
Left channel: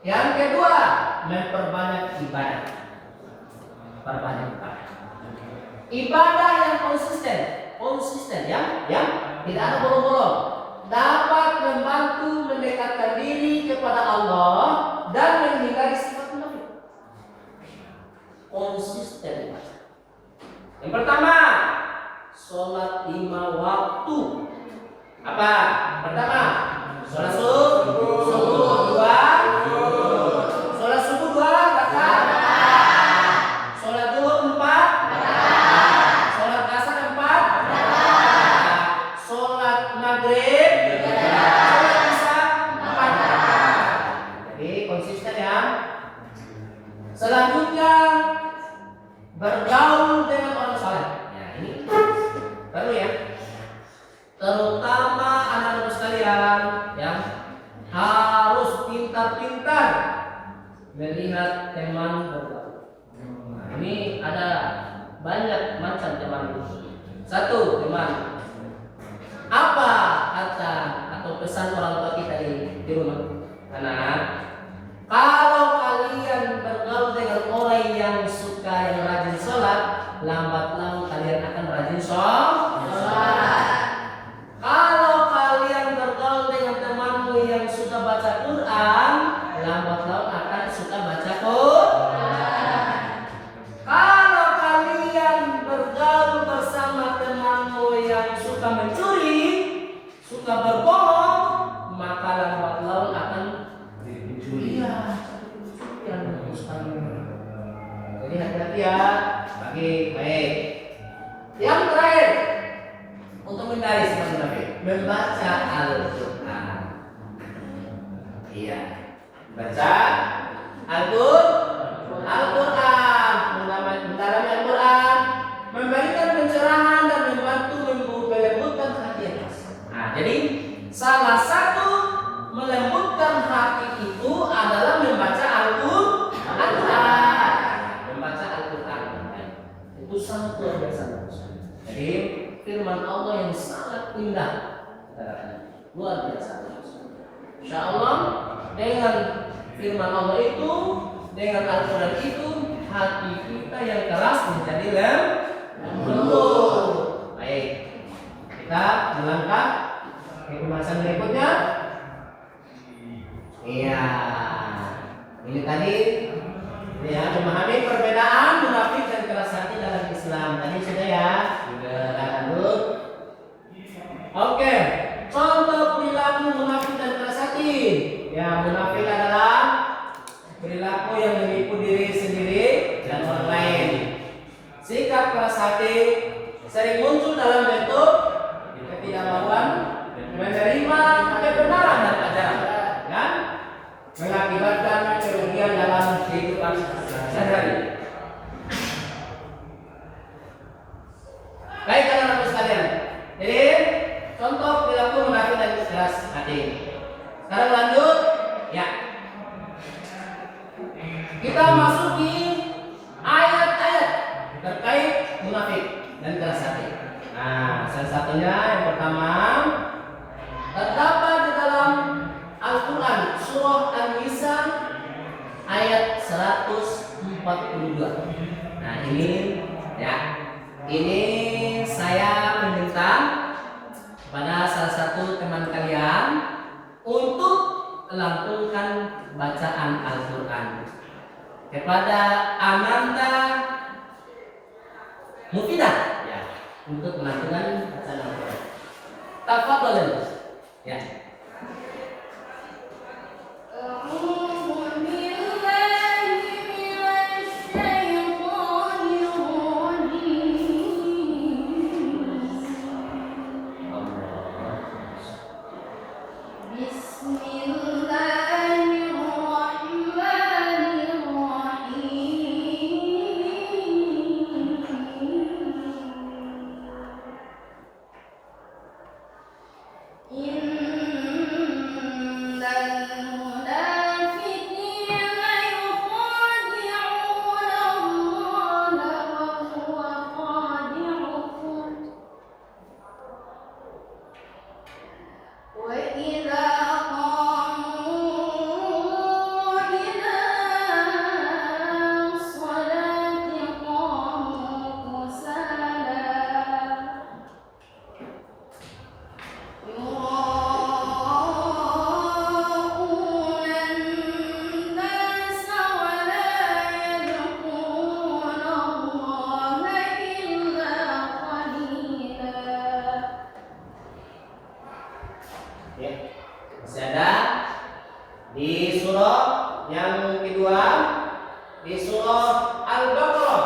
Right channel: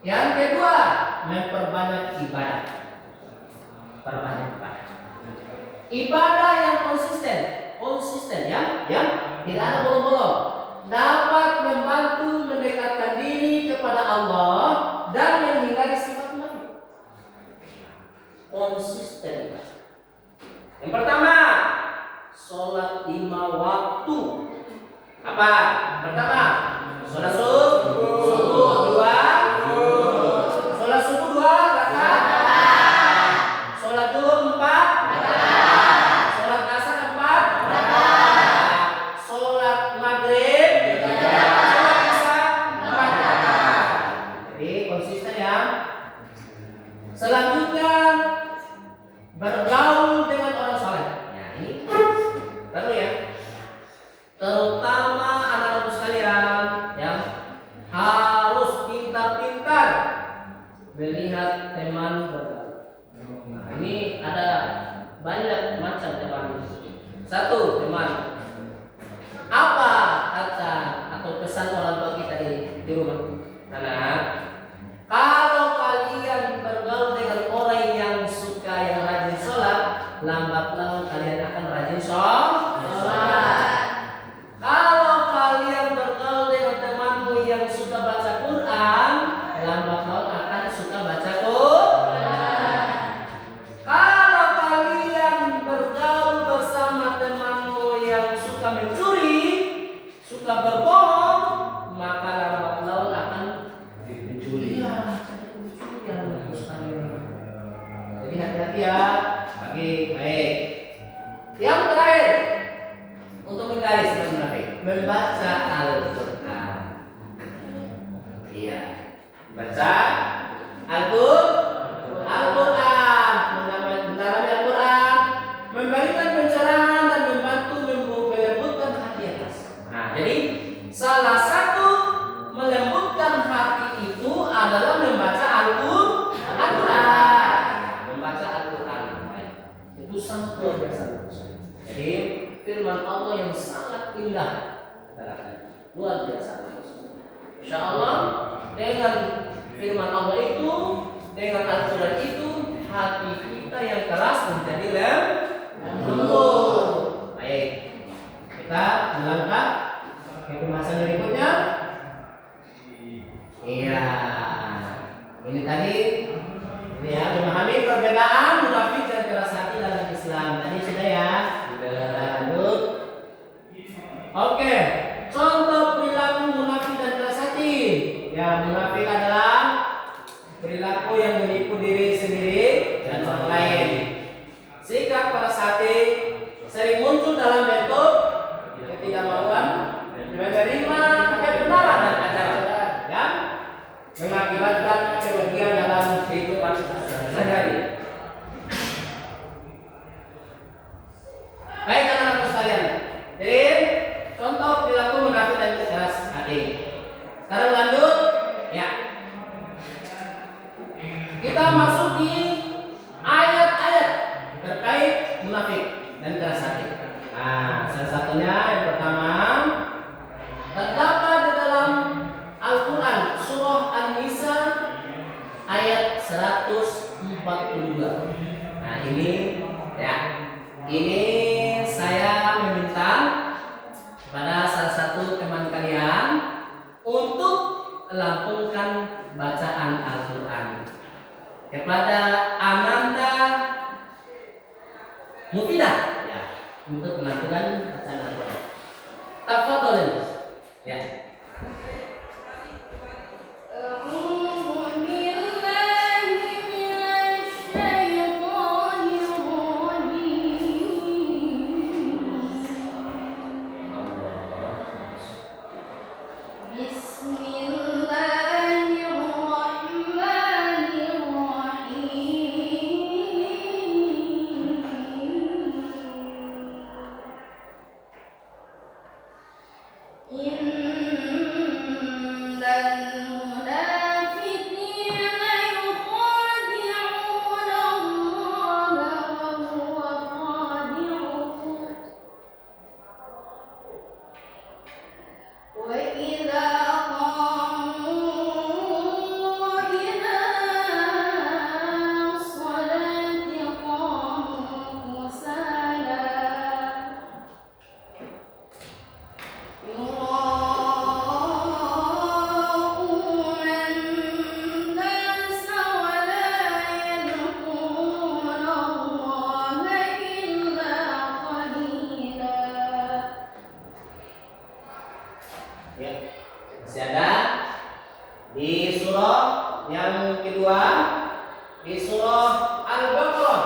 yang kedua, memperbanyak ibadah. Perbanyak ibadah. Ibadah yang konsisten ya, tidak ada bolong-bolong. Dapat membantu mendekatkan diri kepada Allah dan menghindari sifat munafik. Konsisten. Yang pertama, sholat 5 waktu. Apa? Pertama, sholat subuh 2, sholat subuh 2 rakaat, sholat zuhur 4 rakaat, sholat asar Selanjutnya bergaul dengan orang saleh. Ya, ini perlu ya. Terutama anak-anak sekalian yang harus pintar-pintar melihat teman bergaul. Nah, ini ada banyak macam teman. Satu, teman. Apa kata atau pesan orang tua kita di rumah? Anak, kalau kalian bergaul dengan orang yang suka yang rajin sholat, lambat laun kalian akan rajin sholat. Kalau kalian bergaul dengan temanmu yang suka baca Quran, lambat laun akan suka baca Quran. Kalau kalian bergaul bersama temanmu yang suka mencuri, suka berbohong, maka lambat laun akan mencuri. Jadi hati-hati ya, bagi baik. Yang terakhir untuk menghindari sifat munafik, membaca Al-Quran. Iya, baca Al-Quran, mendalami Al-Quran, memberikan pencerahan dan membantu melembutkan hati atas. Nah, jadi salah satu melembutkan hati itu adalah membaca Al-Quran. Membaca Al-Quran itu sangat luar biasa. Jadi firman Allah yang sangat indah, luar biasa. Insya Allah dengan firman Allah itu, dengan Al-Quran itu, hati kita yang keras menjadi lembut. Baik, kita melangkah ke pembahasan berikutnya. Iya, ini tadi ini ya, memahami perbedaan munafik dan keras hati dalam Islam. Tadi sudah ya. Lanjut. Oke, contoh perilaku munafik dan keras hati. Ya, munafik adalah perilaku yang menipu diri sendiri dan orang lain. Sikap keras hati sering muncul dalam bentuk ketidakmauan menerima kebenaran dan ajaran, ya, mengakibatkan kerugian dalam kehidupan sehari-hari. Baik anak-anak sekalian, jadi contoh perilaku munafik dan keras hati. Sekarang lanjut, ya. Kita masuk di ayat-ayat terkait munafik dan keras hati. Nah, salah satunya yang pertama terdapat di dalam Al-Quran surah An-Nisa ayat 142. Nah, ini ya. Ini saya meminta pada salah satu teman kalian untuk melantunkan bacaan Al-Quran kepada Amanda Mufidah, ya, untuk melantunkan bacaan Al-Quran. Tafadhol, ya. Masih ada di surah yang kedua, di surah Al-Baqarah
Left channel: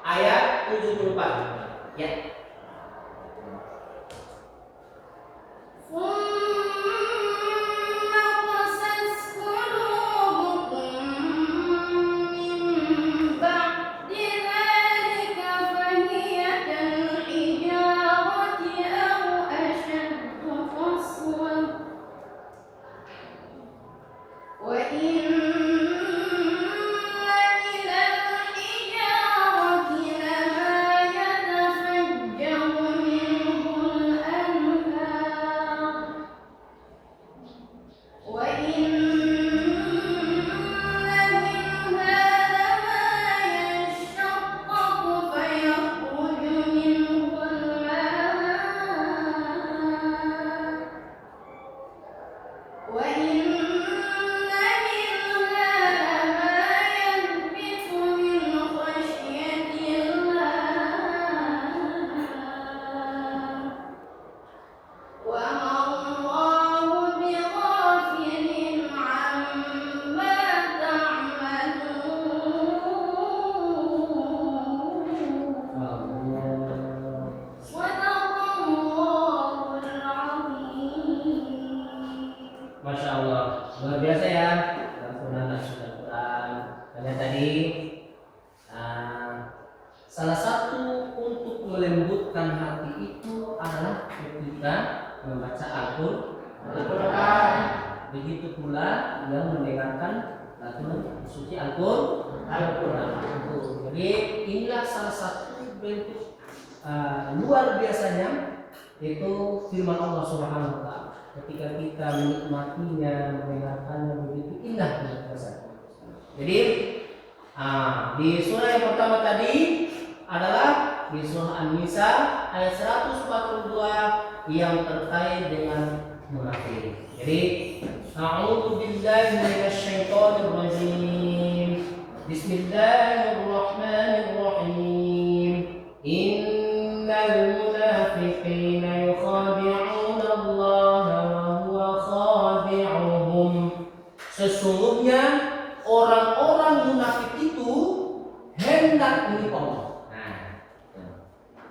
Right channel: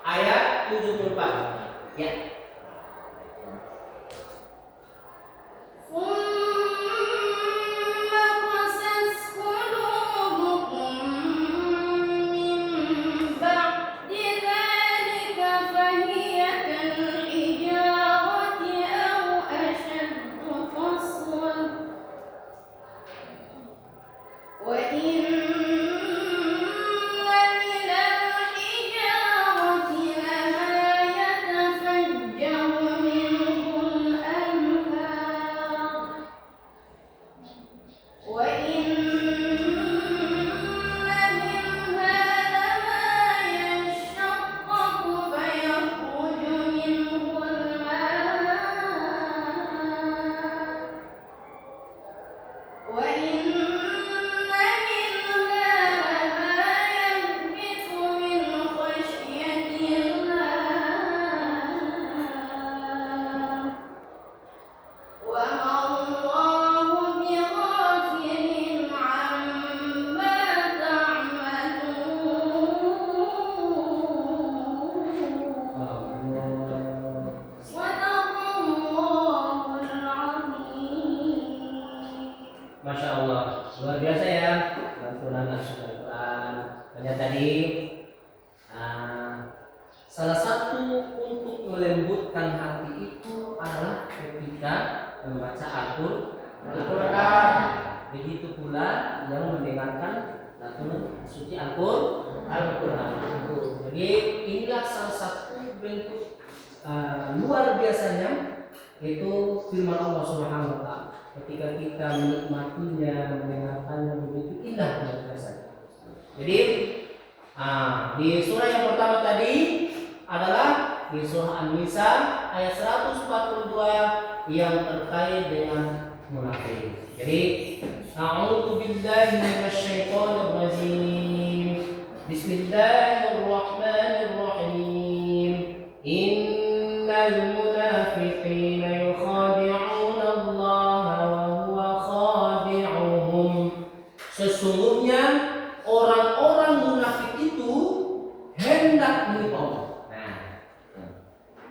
ayat 74. Ya. Ada tadi salah satu untuk melembutkan hati itu adalah ketika membaca Al-Quran. Begitu pula yang mendengarkan lagu suci Al-Quran. Jadi inilah salah satu bentuk luar biasanya itu firman Allah Subhanahu wa taala. Ketika kita menikmatinya, mendengarkannya begitu indah luar biasa. Jadi di surah yang pertama tadi adalah di surah An-Nisa ayat 142 yang terkait dengan munafik. Jadi a'udzu billahi minasyaitonir rajim. Bismillahirrahmanirrahim. Innal munafiqina yukhadi'una Allah wa huwa khadi'uhum. Sesungguhnya orang-orang munafik itu hendak menipu Allah.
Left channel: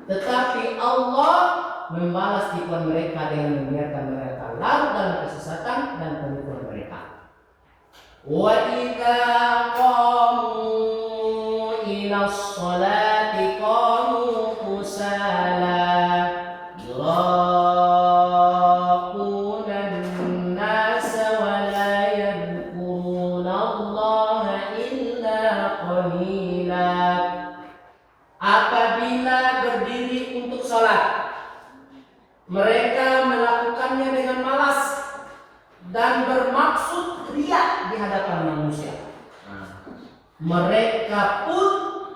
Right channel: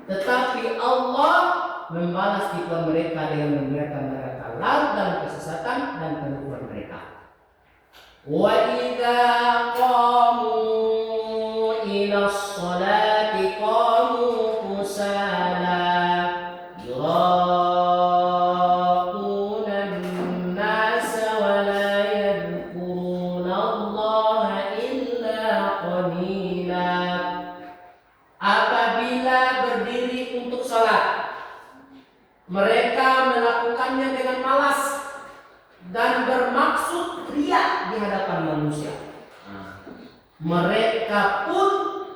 Tetapi Allah membalas tipuan mereka dengan membiarkan mereka larut dalam kesesatan dan penipuan mereka. Wa idza qamu ila sholati qamu kusala yura'una an-nasa wa la yadhkuruna Allah illa qalila. Apabila berdiri untuk salat, mereka melakukannya dengan malas dan bermaksud riya di hadapan manusia. Mereka pun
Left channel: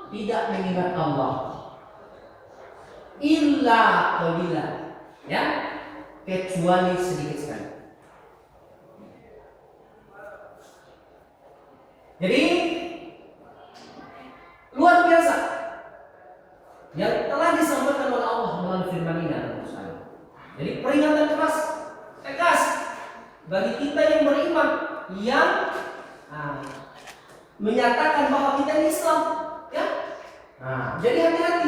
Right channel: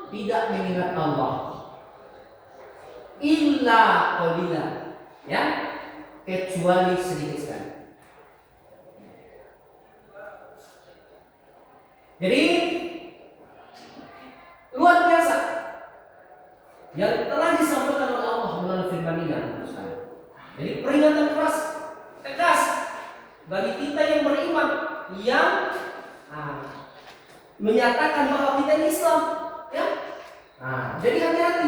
tidak mengingat Allah illa qalila, ya, kecuali sedikit sekali. Jadi luar biasa yang telah disampaikan oleh Allah melalui firman ini. Jadi peringatan keras, tegas bagi kita yang beriman, yang menyatakan bahwa kita ini Islam, ya. Jadi hati-hati,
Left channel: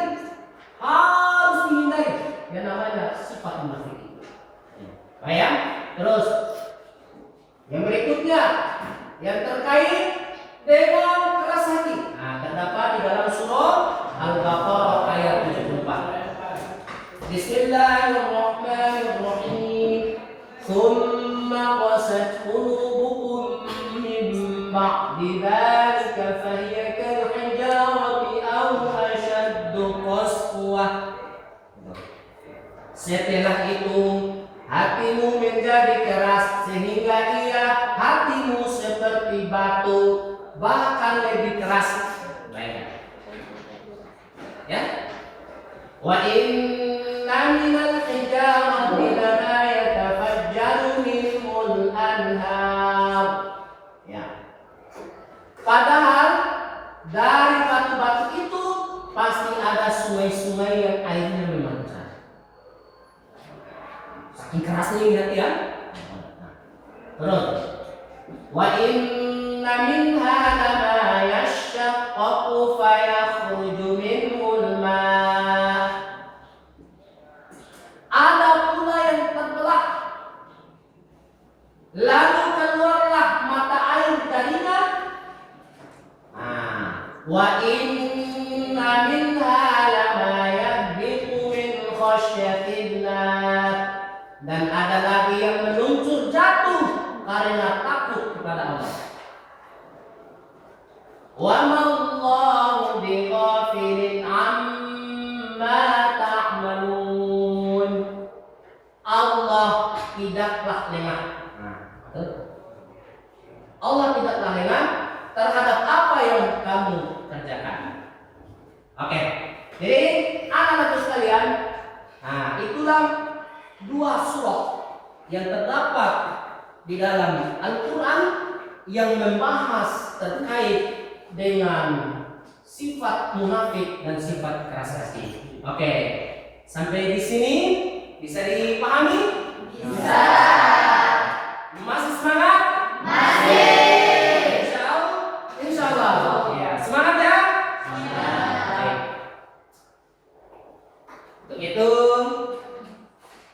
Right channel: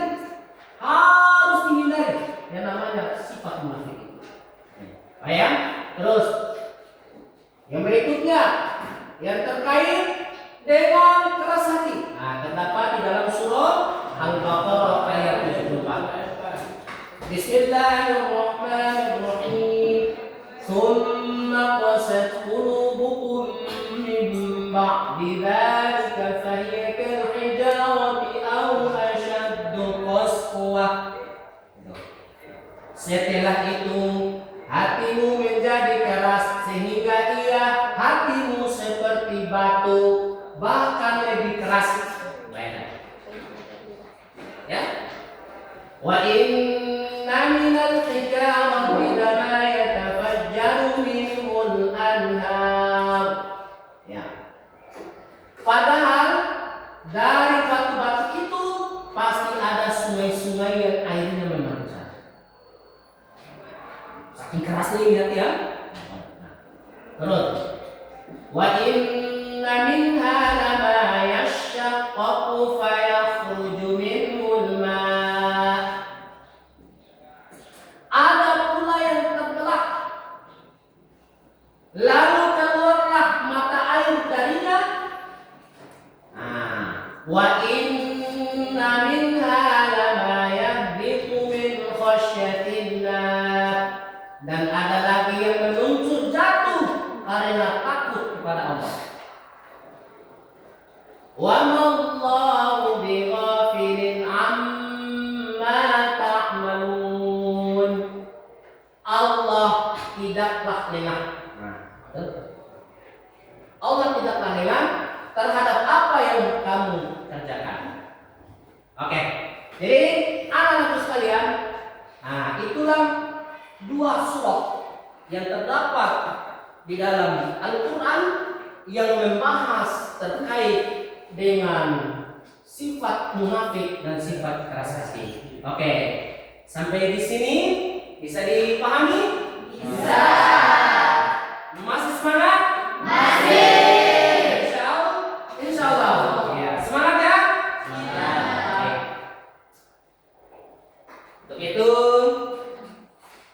harus dihindari yang namanya sifat munafik. Ya. Terus yang berikutnya yang terkait dengan keras hati. Terdapat di dalam surah Al-Baqarah ayat 74. Bismillahirrahmanirrahim. Thumma qasat qulubukum min ba'di dzalika fahiya kal hijarati aw ashaddu qaswah. Setelah itu hatimu menjadi keras sehingga hatimu seperti batu, bahkan lebih keras. Ya. Wa inna minal hijarati lama yatafajjaru minhul anhar. Ya. Padahal dari batu-batu itu pasti ada sungai-sungai yang airnya memancar. Saking kerasnya ingat ya. Terus wa inna minha lama yashaqqaqu fayakhruju minhul ma'. Ada pula yang terbelah, lalu keluarlah mata air darinya. Wa inna minha lama yahbitu min khasyatillah. Dan ada lagi yang meluncur jatuh karena takut kepada Allah. Wa mallahu bighafilin amma ta'malun. Allah tidaklah lengah. Allah tidaklah lengah terhadap apa yang kamu kerjakan. Oke. Jadi anak-anak sekalian, itulah dua surah yang terdapat di dalam Al-Quran yang membahas terkait dengan sifat munafik dan sifat keras hati. Oke, sampai di sini bisa dipahami? Bisa. Masih semangat? Masih. Insya Allah. Ya, semangat ya? Semangat. Untuk itu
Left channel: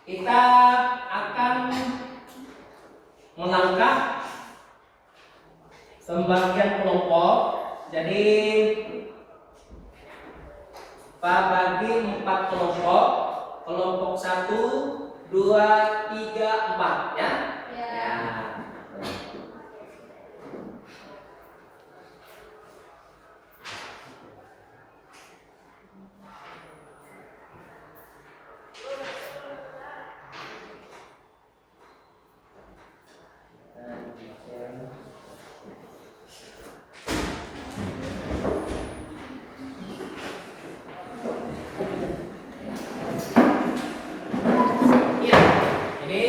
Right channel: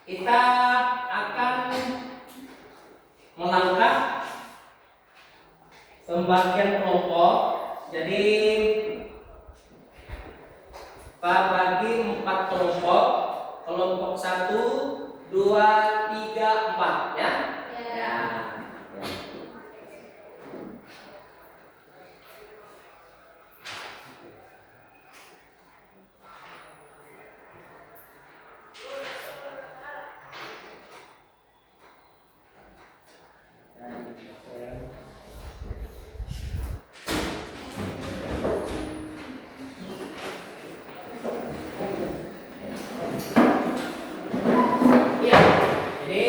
kita akan melangkah pembagian kelompok Jadi Pak bagi 4 kelompok. Kelompok 1, 2, 3, 4 ya. Ya. Iya. Jadi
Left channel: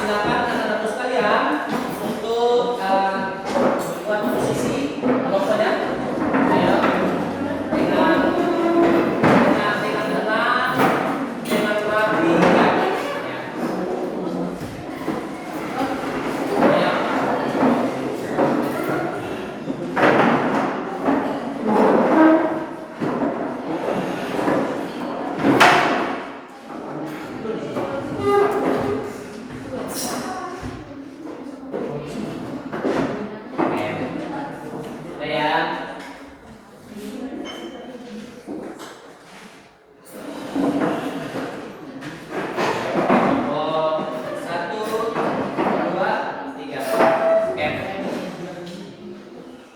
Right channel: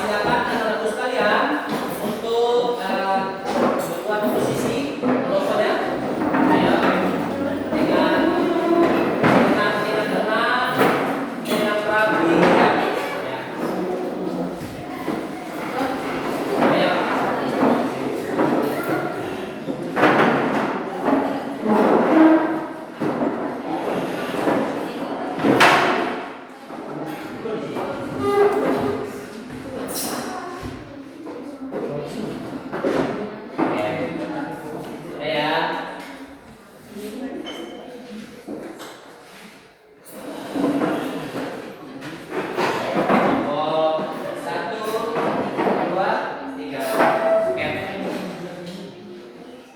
silakan anak-anakku sekalian untuk membuat posisi kelompoknya. Ya. Dengan tenang, dengan rapi. Ya. Ya.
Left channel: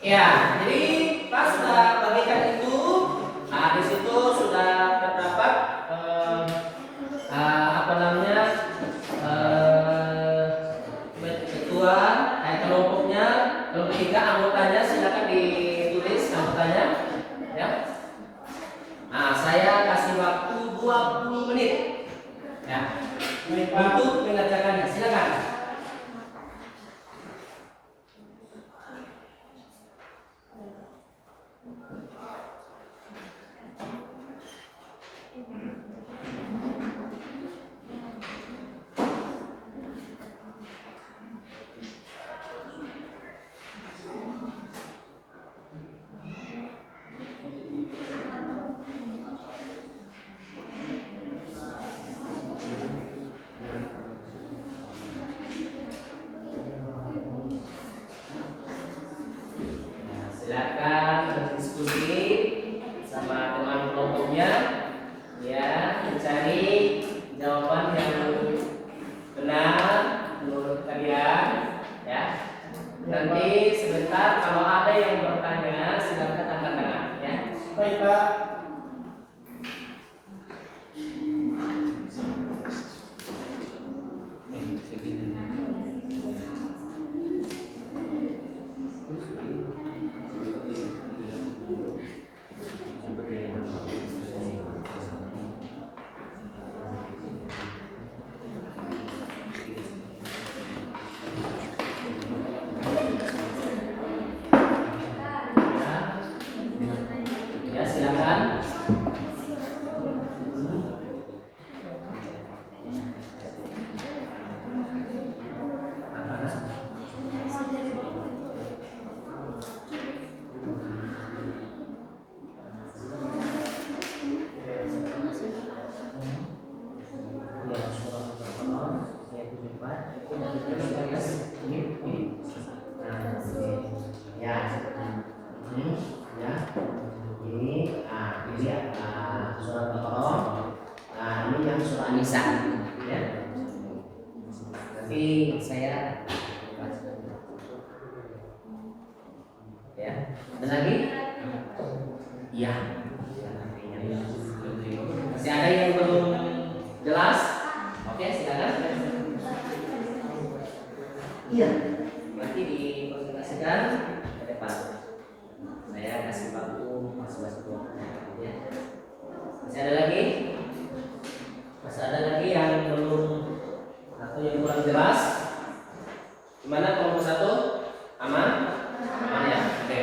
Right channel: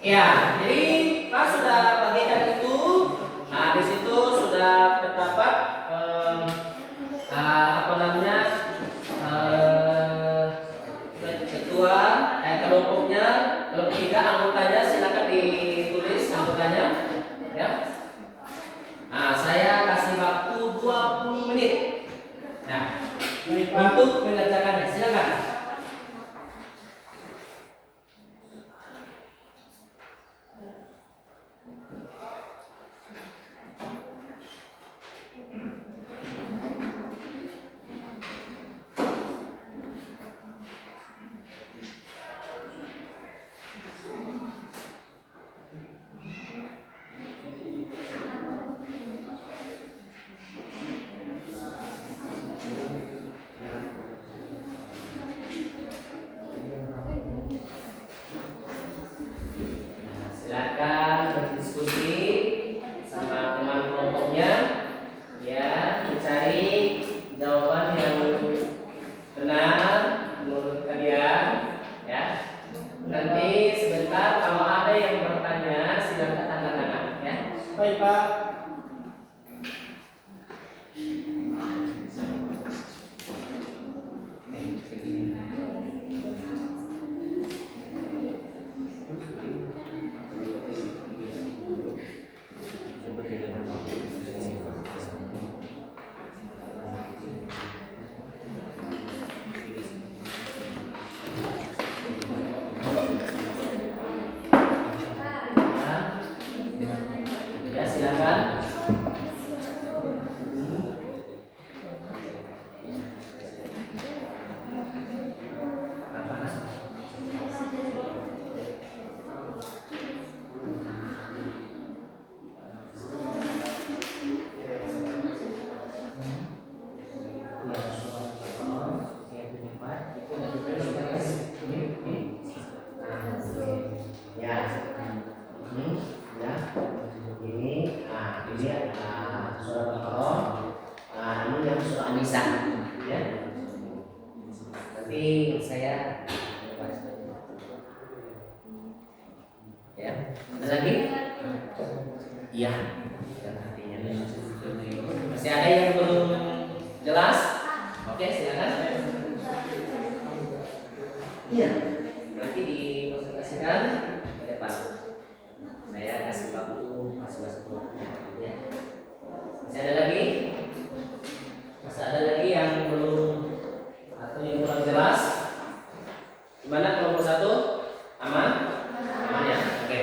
Ya, jadi Pak sudah bagikan itu. Nah, di situ sudah terdapat apa namanya ketua, kelompoknya, kelompok 3 anggotanya, silakan ditulis anggotanya, ya. Nah, saya kasih waktu 20 menit, ya, untuk mengerjakannya. Silakan. Silakan berdiskusi sama teman kelompoknya, ya, mencari jawaban yang benar menurut kalian, ya. Nanti sebentar kalau ada yang bertanya silakan angkat tangan, ya. Baik Pak. Ya, silakan. Ya, ini, ini dia surat Al-Baqarah. Ini yang surah An-Nisa, ya. Nanti saya ya. Ada lagi? Iya. Masih ada yang belum jelas? Oke, silakan. Iya. Nanti dipresentasikan ke depan. Saya kasih waktu masing-masing. Ya. Masih ada lagi? Masih ada lagi yang belum atau yang kurang jelas? Gimana kelompok 1? Aman? Aman ya? Oke.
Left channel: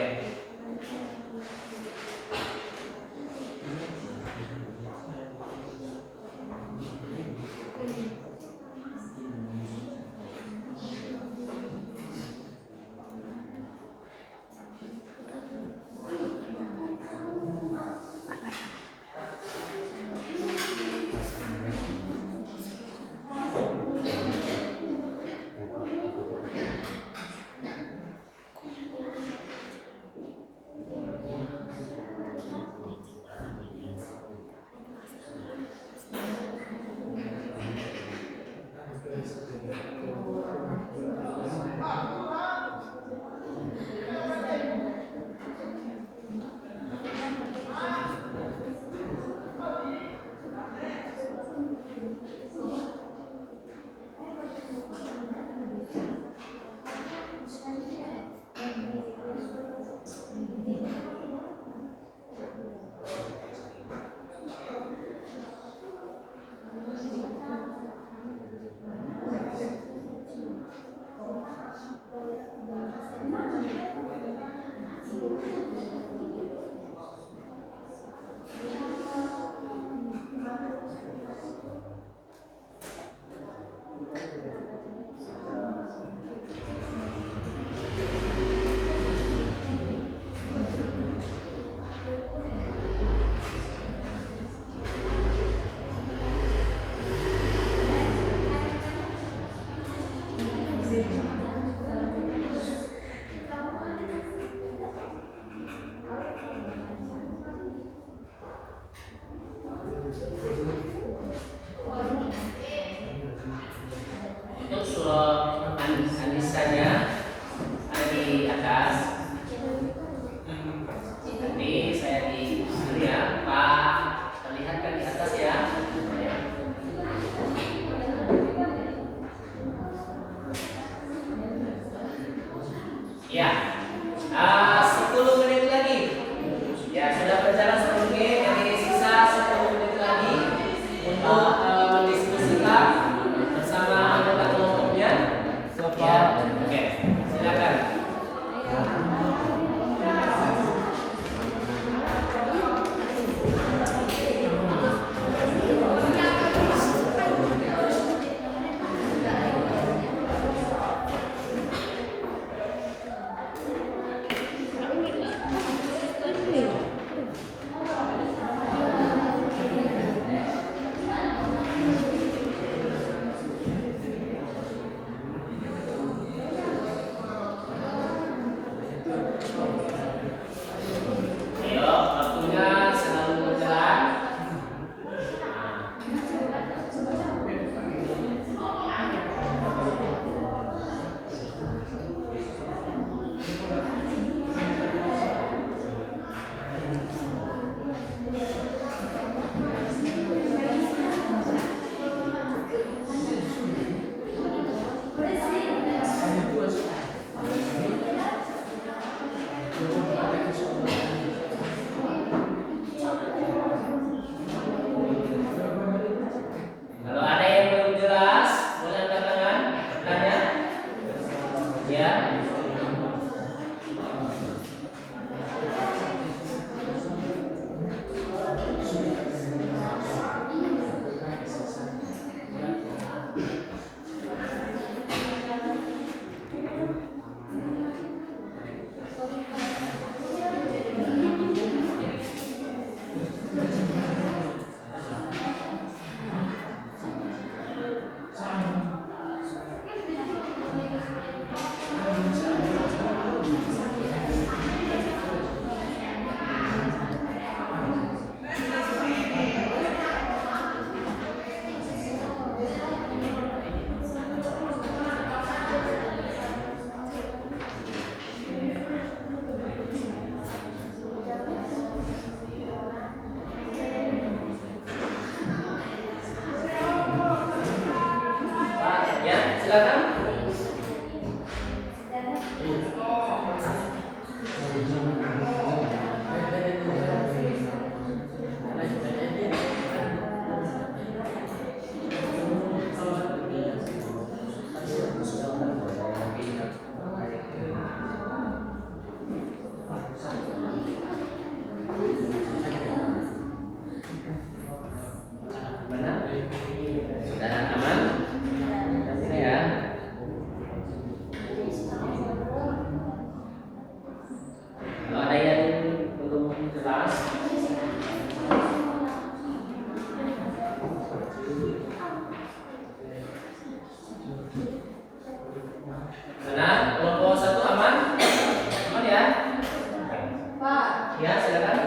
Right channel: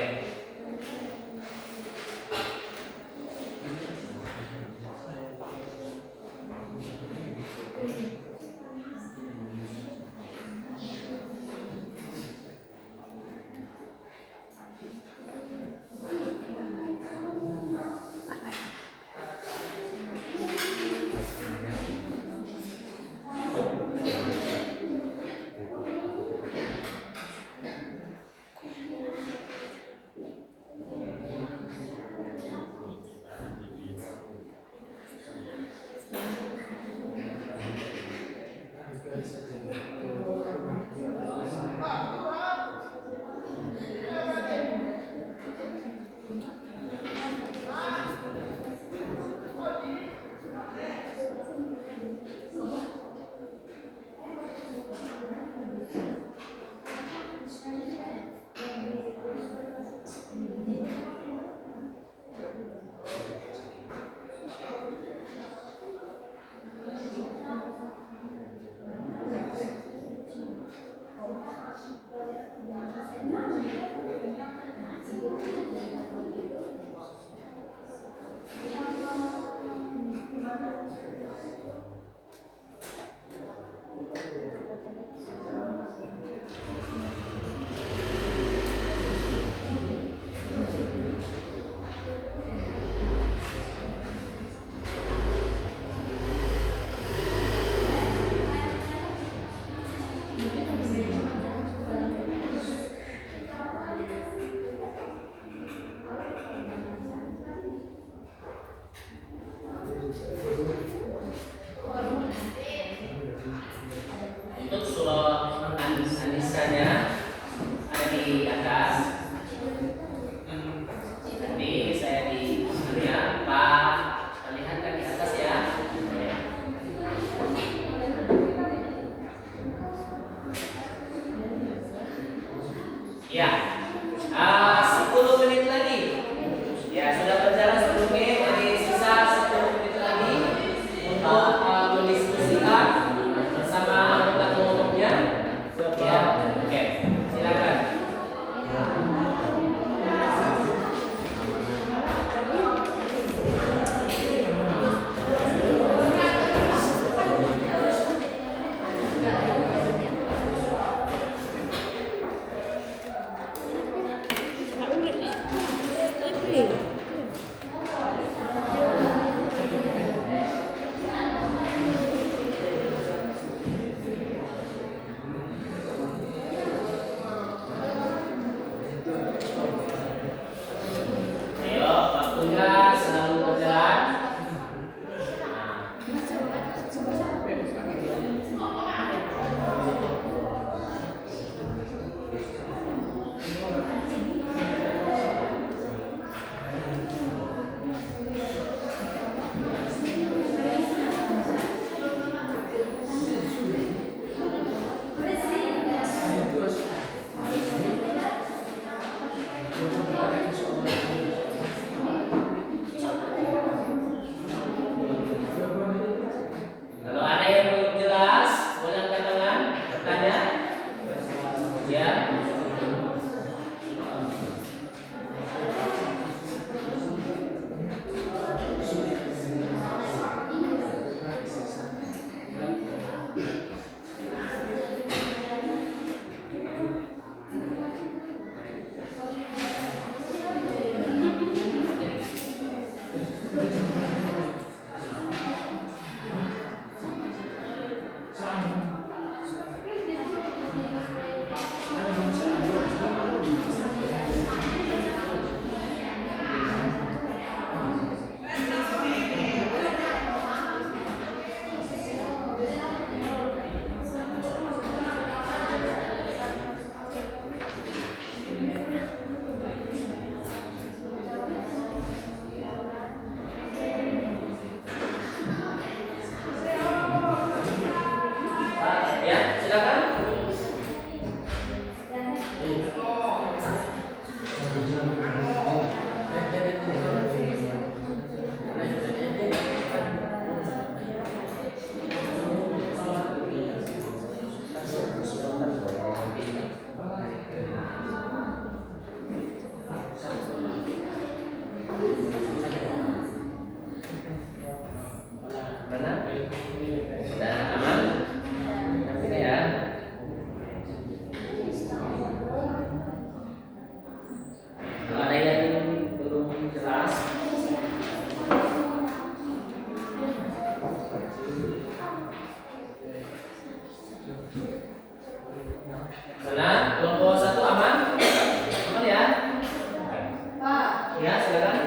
Ya, silakan.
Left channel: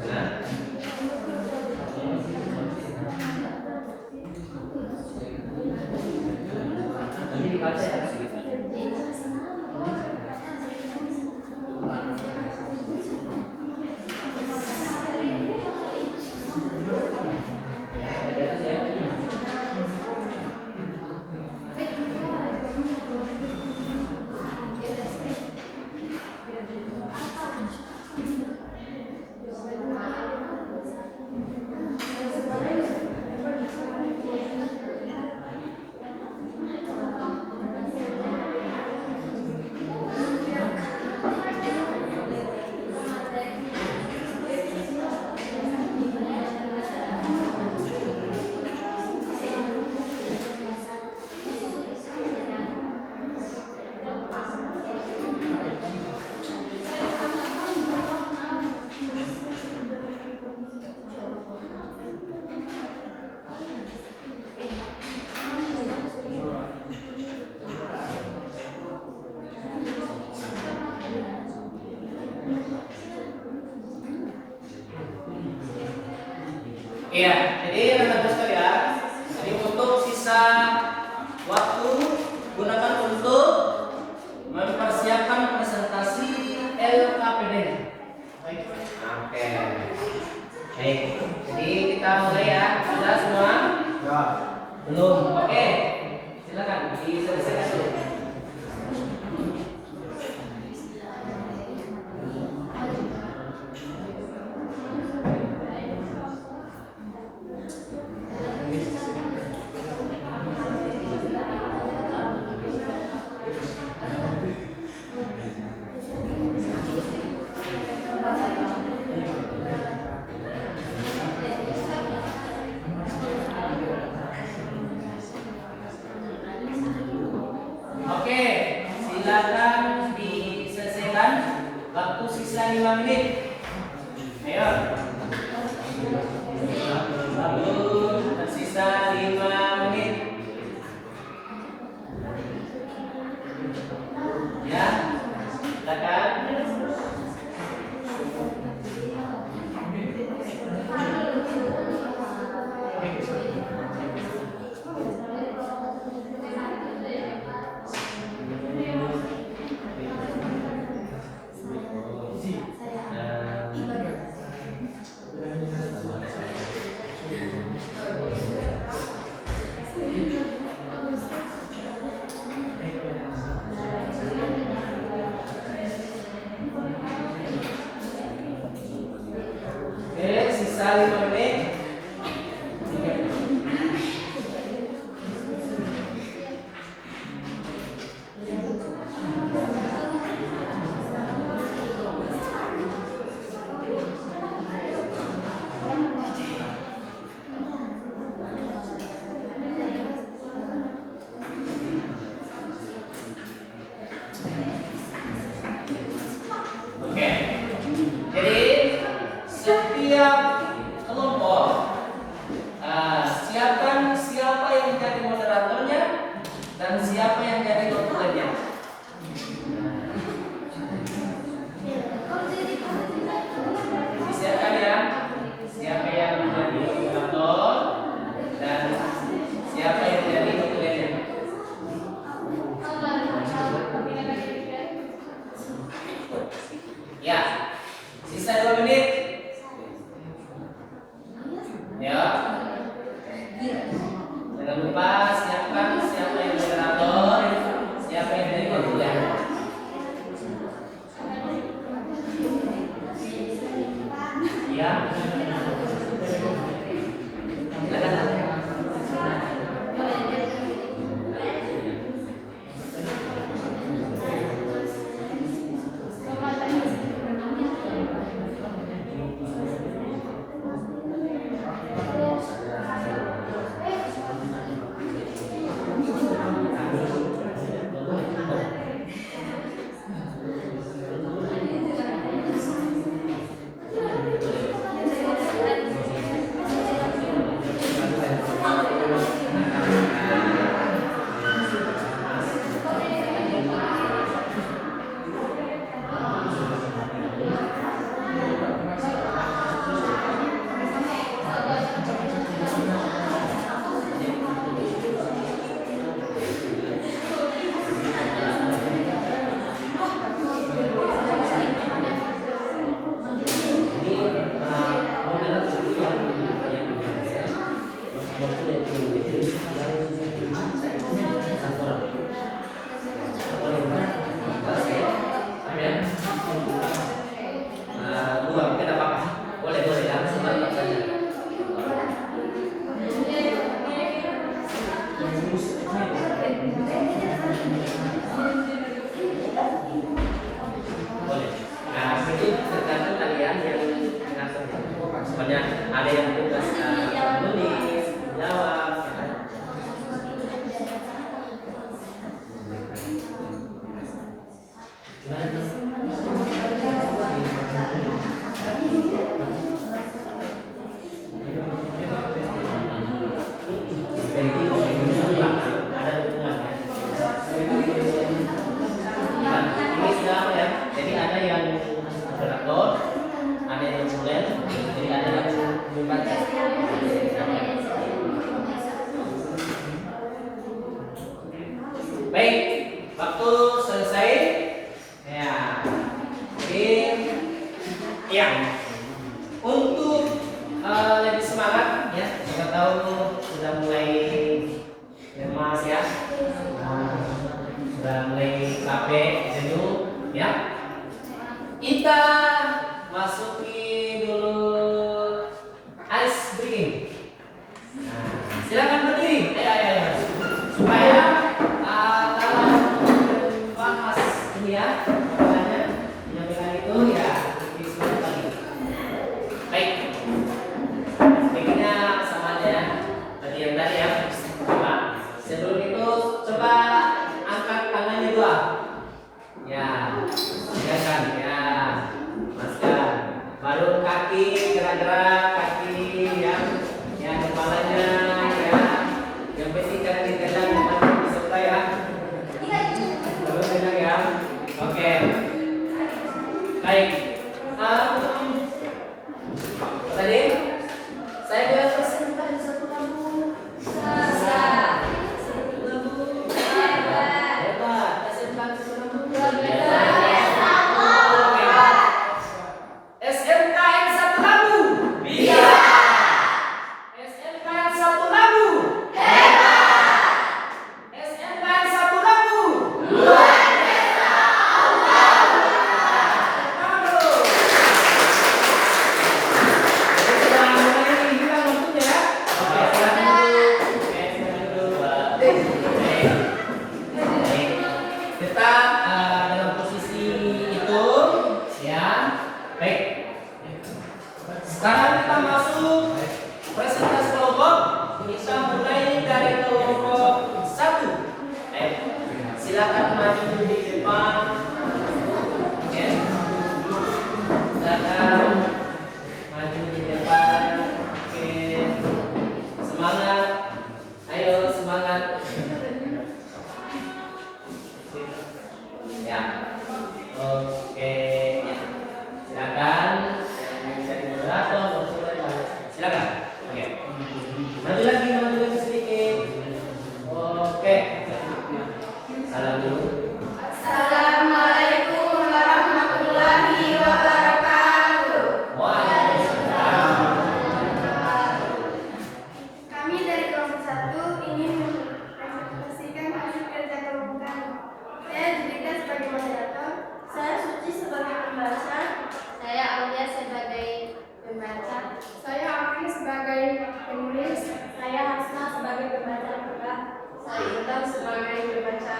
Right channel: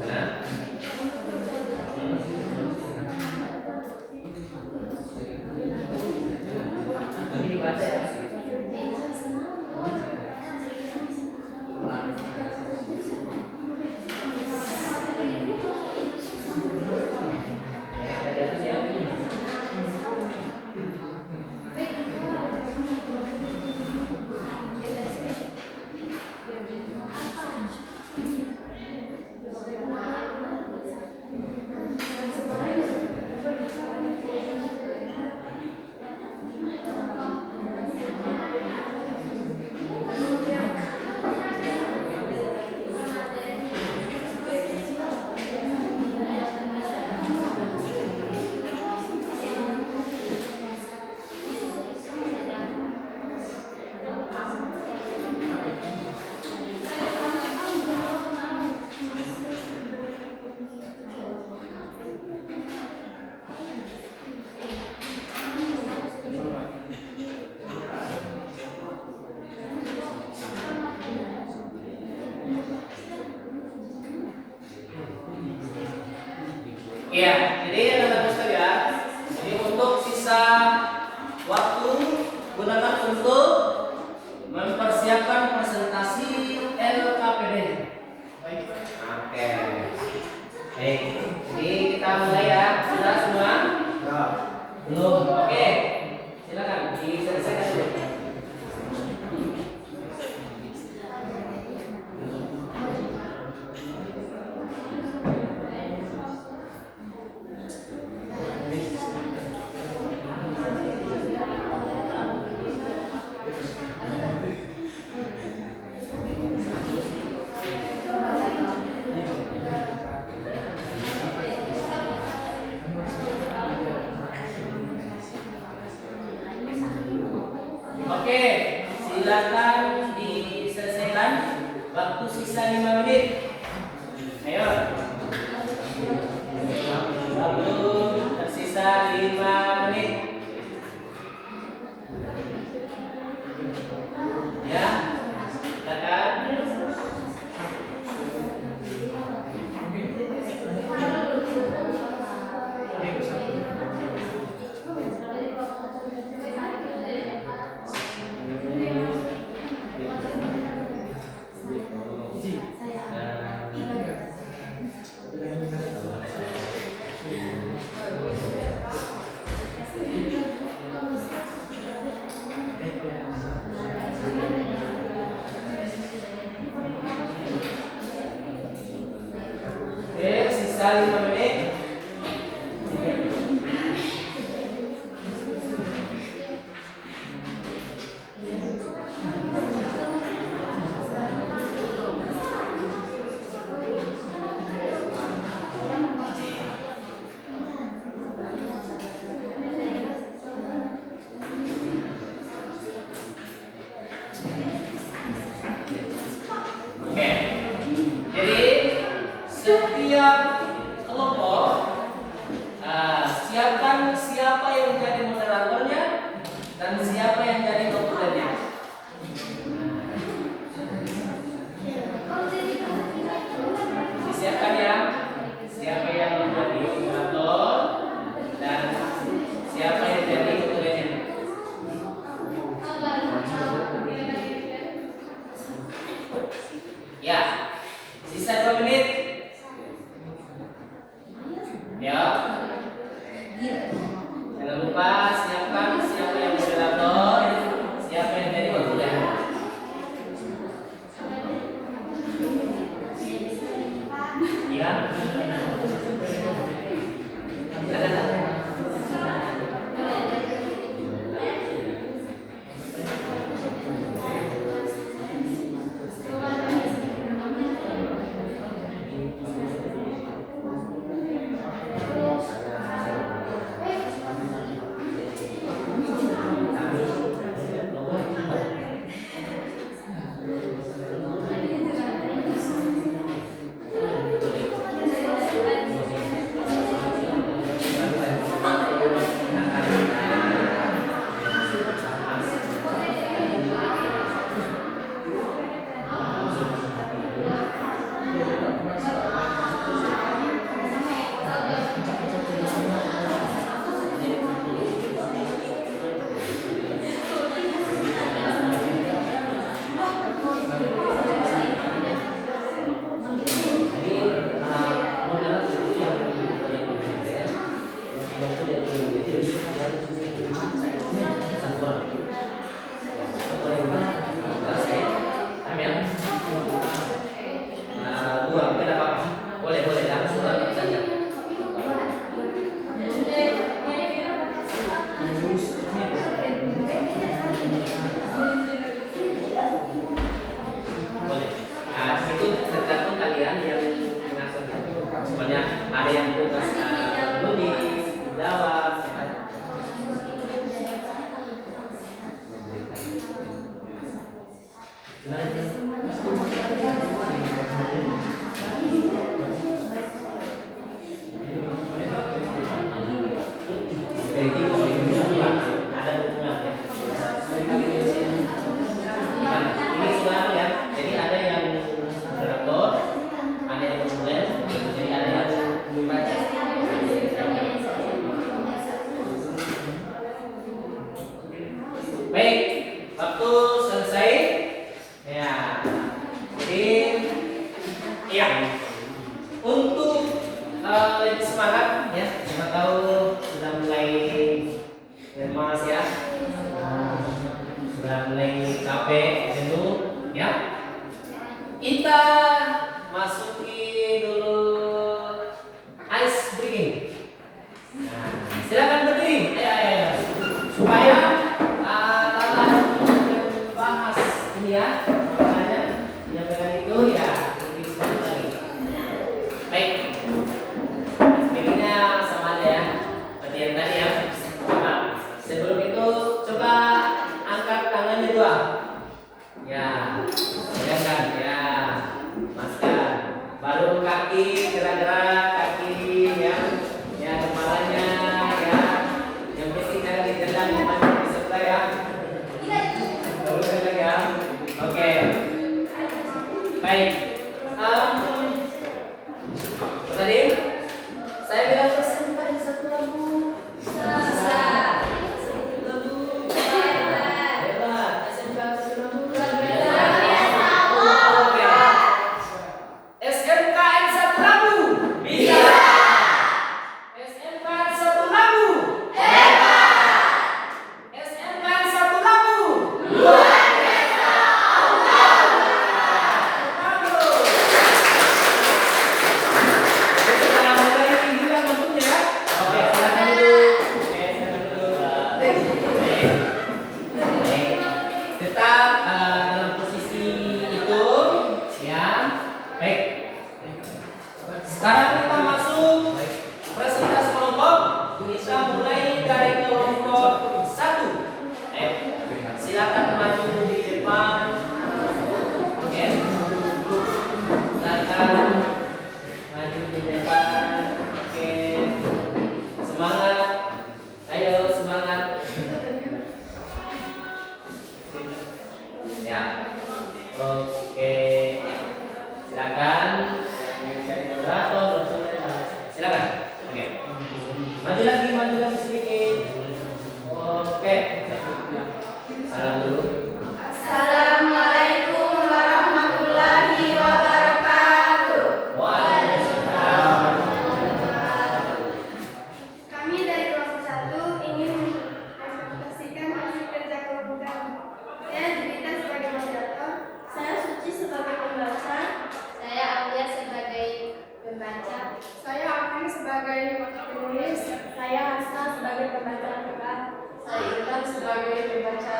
Silakan. Ini dibaca ya. Iya, jadi anak-anak sekalian, jadi untuk sisa waktu gunakan untuk mempersiapkan presentasi LKPD. Oke. Baik, jadi kita mulai ya. Sudah semua? Ya. Belum. Oke. Silakan diselesaikan dulu. Oke, silakan diselesaikan. Waktu sisa 5 menit. Ayo. Waktu tersisa 5 menit. Ya, silakan. Oke, sisa 5 menit. Oke. Jadi setiap Ada hubungannya. Ini sudah ya. Jadi ada yang moderator, ada yang tulen, jadi ada yang membaca. Baik, waktu selesai. Ya. Jadi ya. Untuk lebih semangat ya, kita tahu sudah mulai lemas ya. Sudah mulai capek jenuh ya. Kita masuki dulu ice breathing. Nah, silakan berdiri. Ayo. Supaya bahas ini ya, makanya menyampaikan itu ya lebih semangat lagi. Baik. Begini sama aja ya. Tadi yang tadi ya. Nah, sebelum itu coba angkat tangannya dua. Ya, kan ya, masukkan. Baru kaki gerak-gerak kaki ya kepalanya ya. Yang penting kan ditelan namanya diserta ya. Baru pegang ya. Oke. Baik. Tadi saya bilang persembahan satu lampu. Hebat. SMK satu lampu. SMKN satu lagu. Bisa. SMKN satu lagu. Hebat. SMKN satu lagu. Luar biasa. Jadi kita mulai hilang lampunya ya. Oke, silakan dulu. Baik. Tetap dalam posisi itu ya. Baik. Sekarang kita masuk presentasi kelompok. Kita mulai dari kelompok 1. Silakan maju di depan. Oke. Silakan maju di depan. Oke. Semangat. Ayo semangat. Ya. Oke. Ya. Silakan. Yang jadi moderator, silakan. Oke. Maju lagi sedikit. Oke. Salam dulu. Assalamualaikum warahmatullahi wabarakatuh. Waalaikumsalam. Kami dari kelompok 1 ingin mempresentasikan hasil kerja kelompok kami. Saya Julita sebagai moderator, saya Suci sebagai pembaca, saya Aulia sebagai pembaca, saya Afin sebagai penulis, saya Hasna sebagai pembaca Al-Quran, saya Intan sebagai pembaca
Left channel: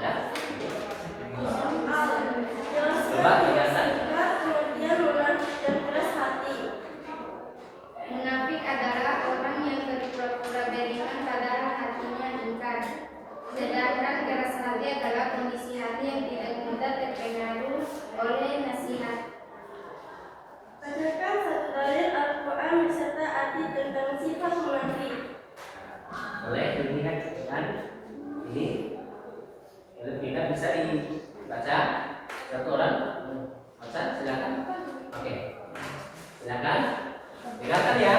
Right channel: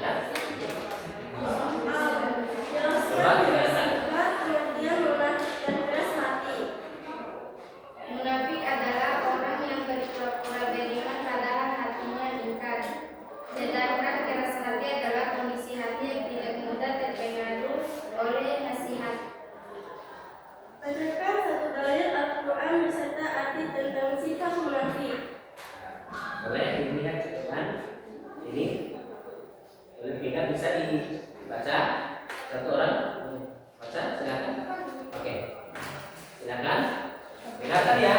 Ya. Munafik adalah orang yang berpura-pura beriman padahal hatinya ingkar. Sedangkan keras hati adalah kondisi hati yang tidak mudah terpengaruh oleh nasihat. Bacakan satu dalil Al-Quran beserta arti tentang sifat munafik. Boleh dilihat kan? Ini kalau kita bisa dibaca satu orang baca silakan. Oke. Silakan. Kelihatan ya.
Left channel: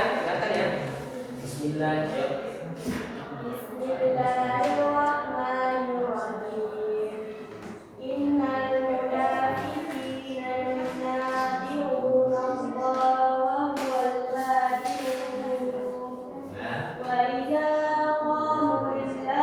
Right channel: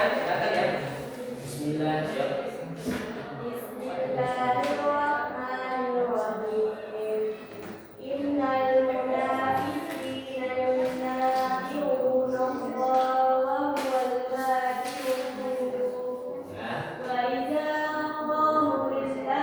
Bismillahirrahmanirrahim. Bismillahirrahmanirrahim. Innal munafiqina yunafiquna Allah wa huwal batil. Ya. Wa idza qamu ila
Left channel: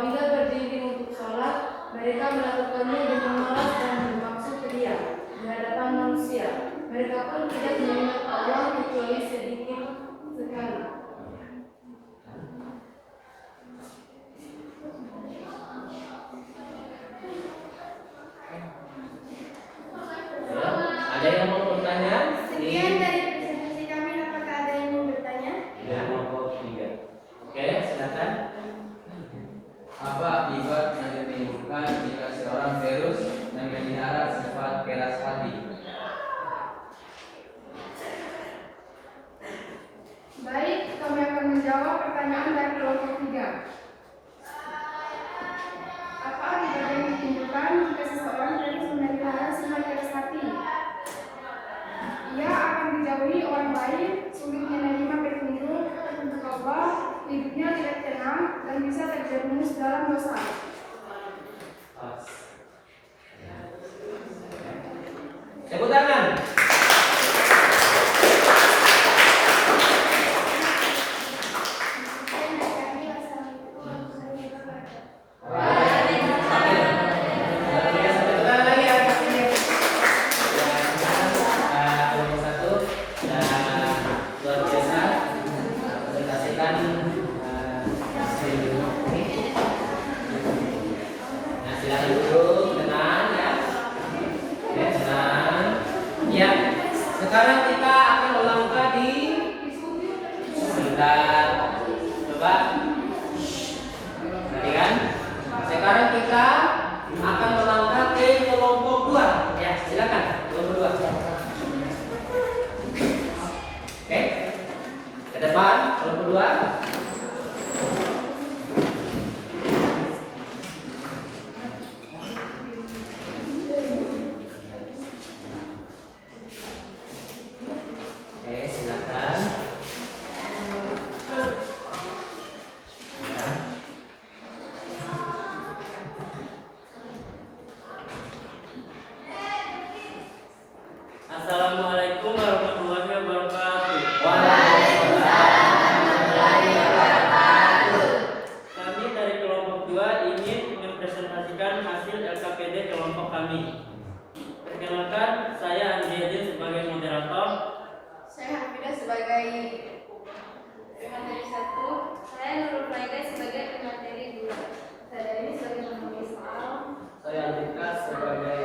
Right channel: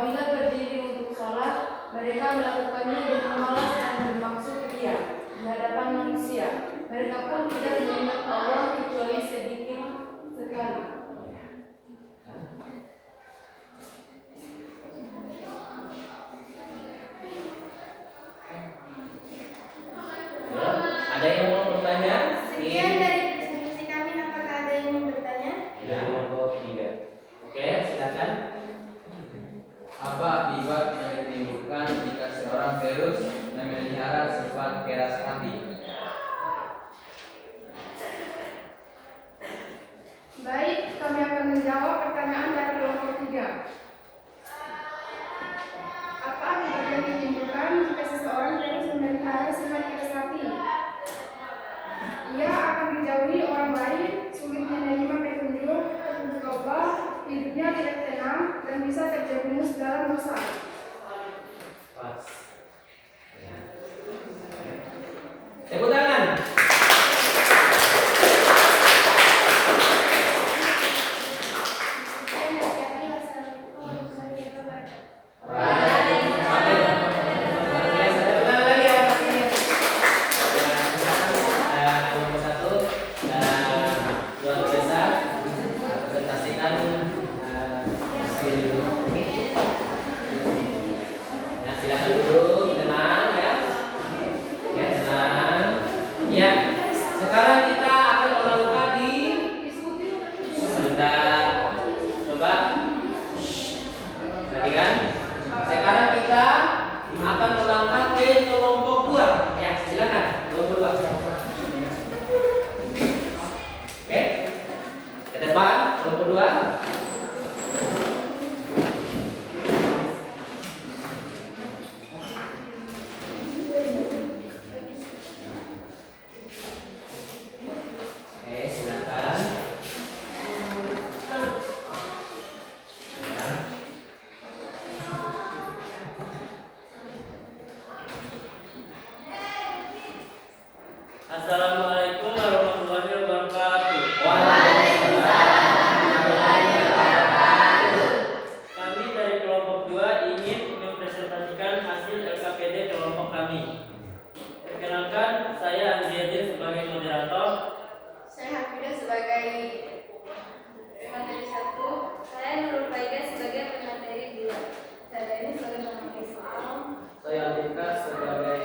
Apabila berdiri untuk sholat, mereka melakukannya dengan malas dan bermaksud ria di hadapan manusia. Mereka pun tidak mengingat Allah kecuali sedikit sekali. Ya, ada yang mau bertanya? Sekian dari presentasi kami. Apakah ada yang mau bertanya? Ya, kelompok 3. Oke, silakan. Apa akibat yang ditimbulkan jika seorang terus memelihara sifat keras hati? Baik, kami akan menjawab pertanyaan dari kelompok 3. Apa akibat yang ditimbulkan jika seseorang terus memelihara sifat keras hati? Ia akan dijauhi orang lain, sulit menerima petunjuk Allah, hidupnya tidak tenang, dan bisa terjerumus dalam dosa. Pas. Ya. Tepuk tangan. Sekian dari kami. Wassalamualaikum warahmatullahi wabarakatuh. Silakan duduk, tenang ya. Ya, tenang. Ya, sekarang kita akan melangkah di sebentar. Coba. Perhatikan. Sekarang kita akan melangkah ke kelompok 2. Ya, silakan. Kelompok 2. Oke. Ke depan, kelompok 2. Oke, silakan. Assalamualaikum warahmatullahi wabarakatuh. Kami dari kelompok 2 ingin mempresentasikan hasil LKPD kelompok kami. Perkenalkan, saya Andriadin sebagai moderator. Saya Hafidah sebagai Pemateri 1. Saya Nurul Faida sebagai pemateri 2. Saya ini sebagai pemateri soal. Saya Andika sebagai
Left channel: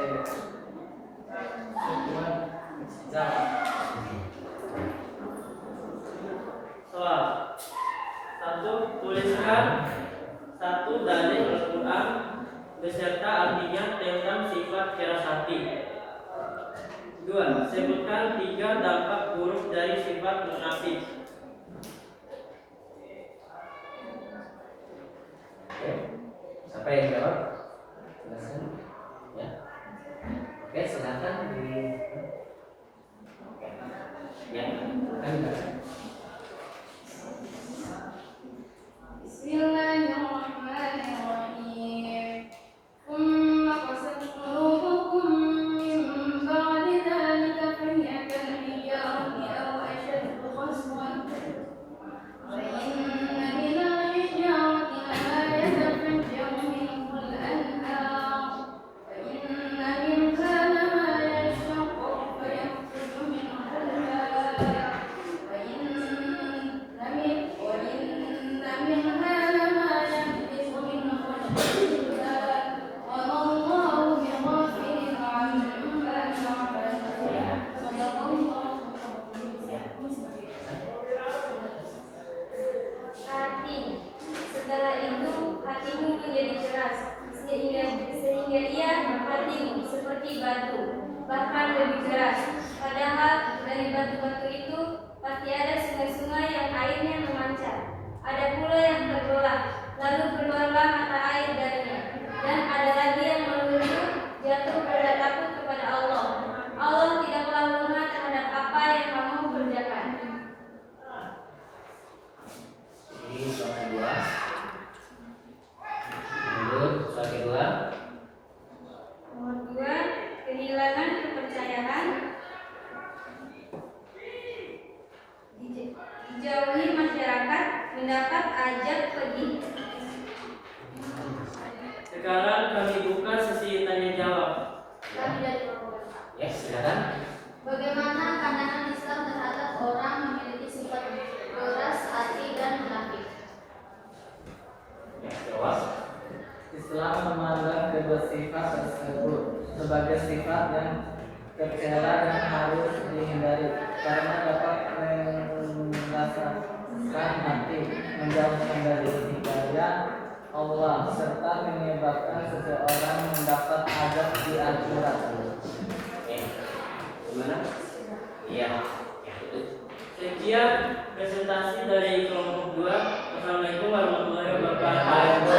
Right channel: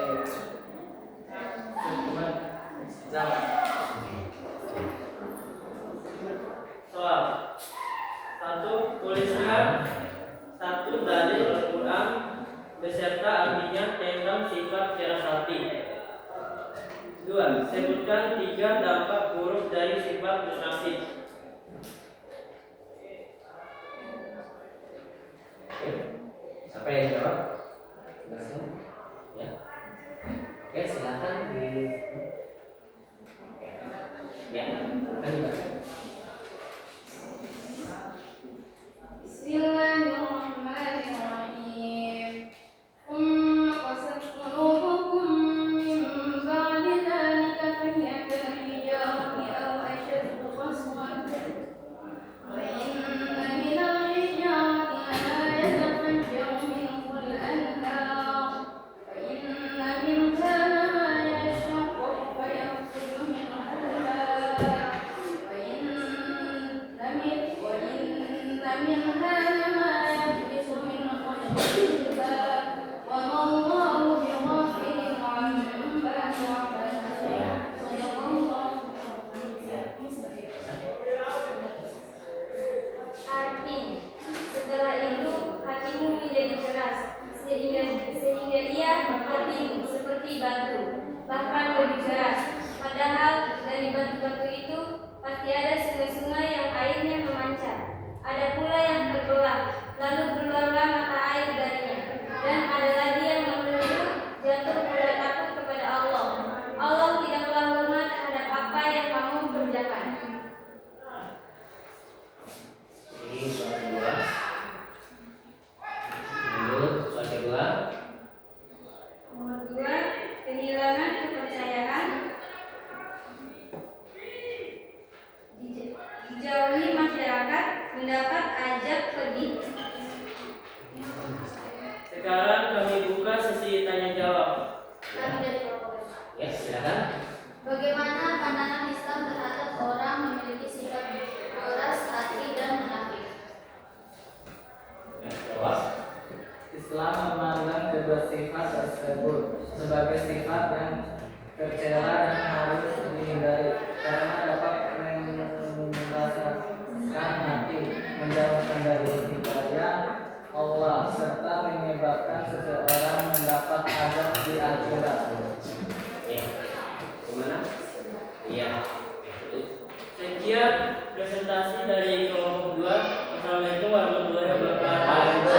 zaman. Soal 1. Tuliskan 1 dalil Al-Quran beserta artinya tentang sifat keras hati. 2. Sebutkan 3 dampak buruk dari sifat munafik. Oke. Siapa yang jawab? Silakan. Ya. Oke, silakan di. Ya, silakan. Bismillahirrahmanirrahim. Qasat qulubukum min ba'di dzalika fahiya kal hijarati aw ashaddu qaswan rela dan harus dihindari karena dapat merasakan hati, menjauhkan dari hidayah Allah serta menyebabkan seseorang mendapat azab di akhirat. Ya. Gimana? Iya. Sekian presentasi dari kelompok 2. Assalamualaikum warahmatullahi wabarakatuh.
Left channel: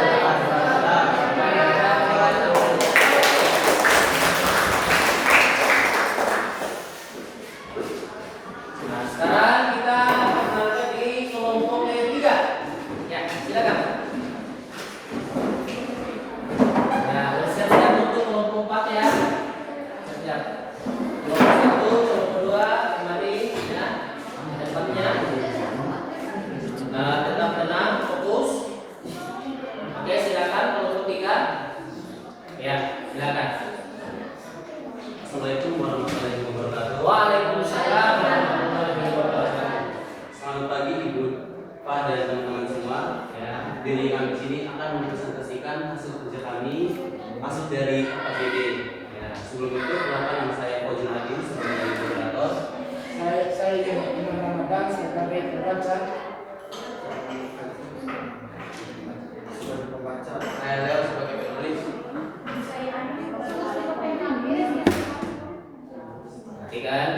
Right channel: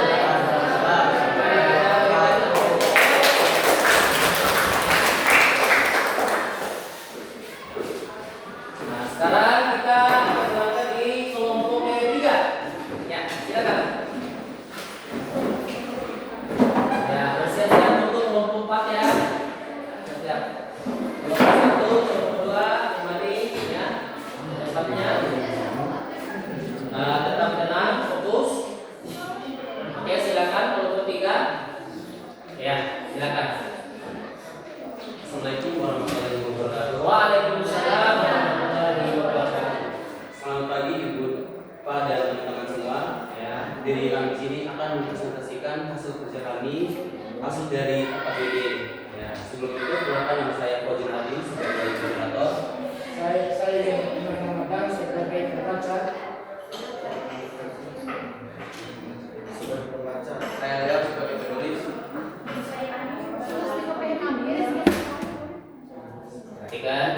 Nah, sekarang kita berada di kelompok yang 3. Ya, silakan. Ya, bersiap-siap untuk kelompok 4 ya. Siap. Kelompok 1, kelompok 2, kembali ya. Tempatnya. Nah, tetap tenang, fokus. Oke, silakan kelompok 3. Ya, silakan. Assalamualaikum warahmatullahi wabarakatuh. Waalaikumsalam warahmatullahi wabarakatuh. Selamat pagi Ibu, Pak dan teman-teman semua. Ya. Diri kami di sini akan mempresentasikan hasil kerja kami, hasil dari APBD. Ya, sebelum itu perkenalkan nama saya Fauzi Hadi sebagai moderator. Saya Imam Ramadan sebagai pembaca. Sebagai pembaca, saya Leo sebagai penulis. Perhatikan.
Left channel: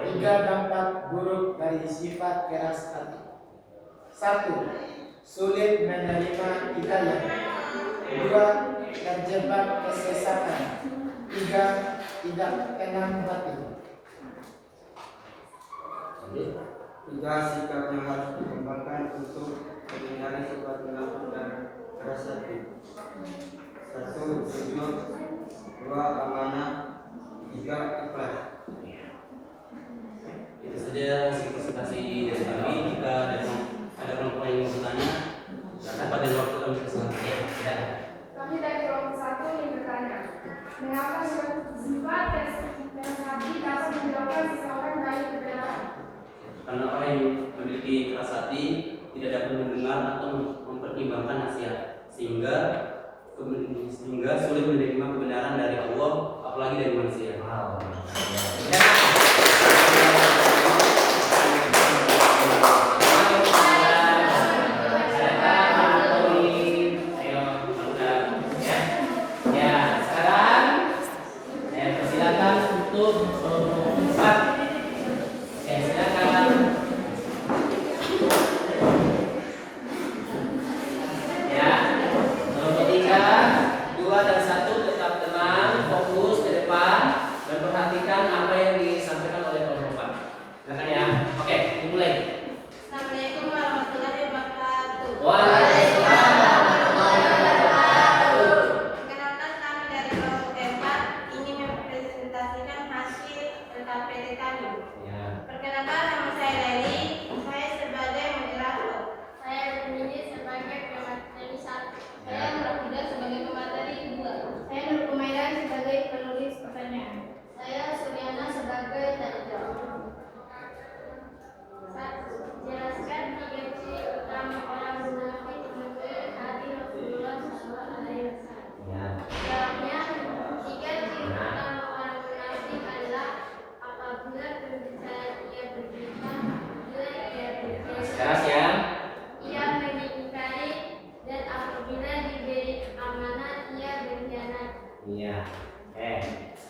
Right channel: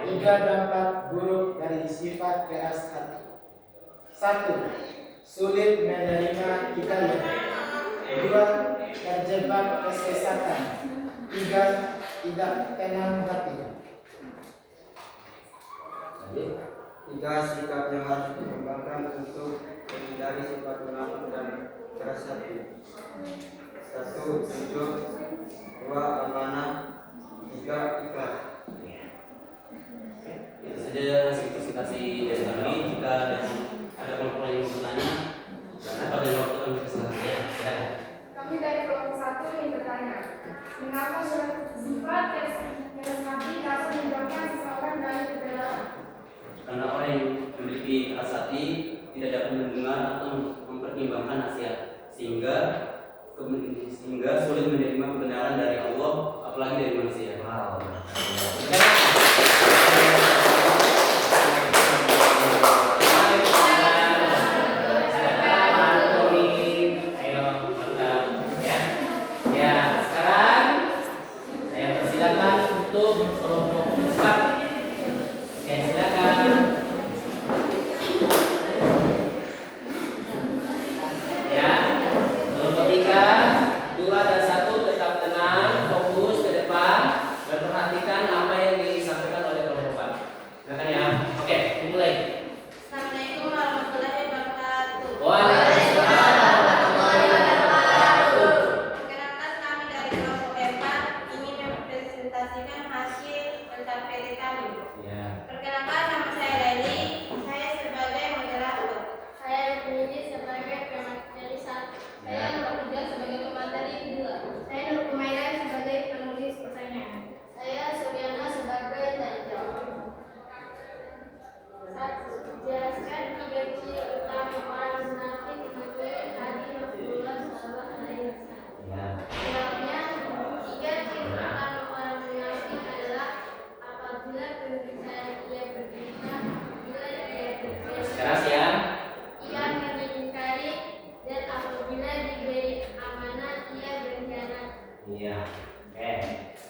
Tiga dampak buruk dari sifat keras hati. 1. Sulit menerima hidayah. 2. Terjebak kesesatan. 3. Tidak tenang hati. 3. Sikap yang harus dikembangkan untuk menghindari sifat munafik dan keras hati. 1. Jujur. 2. Amanah. 3. Ikhlas. Itu saja hasil presentasi dari kami. Jika ada kelompok yang mau bertanya, pada waktu kami presentasi. Ya. Kami dari kelompok 1 ingin bertanya, mengapa sifat keras hati dapat menjauhkan seseorang dari kebenaran? Karena orang yang memiliki keras hati tidak dapat mendengar atau mempertimbangkan nasihat, sehingga sulit menerima kebenaran dari Allah, apalagi dari manusia. Wow. Ya, sekarang saya persilakan untuk kelompok 4. Oke, silakan. Ya, kelompok 3, 2 dan 1 tetap tenang, fokus ke depan dan perhatikan apa yang disampaikan oleh kelompok 4. Silakan ya. Oke, dimulai. Assalamualaikum warahmatullahi wabarakatuh. Waalaikumsalam. Perkenalkan kami dari kelompok 4 ingin mempresentasikan hasil LKPD kami. Ya. Perkenalkan nama saya Leli, saya sebagai moderator. Saya Rukmini sebagai pemateri 1. Saya Nurhida sebagai pemateri 2. Saya Nur Kumairan sebagai penulis pertanyaan. Saya Suryana sebagai tanya jawab. 1. Jelaskan 3 ciri utama orang munafik menurut hadis Rasulullah SAW. Ya. Jawabnya, 3 ciri utama orang munafik adalah apabila berbicara ia berdusta, apabila ia berbicara Keras ya. ia mengingkari, dan apabila diberi amanah ia berkhianat. Iya. Oke.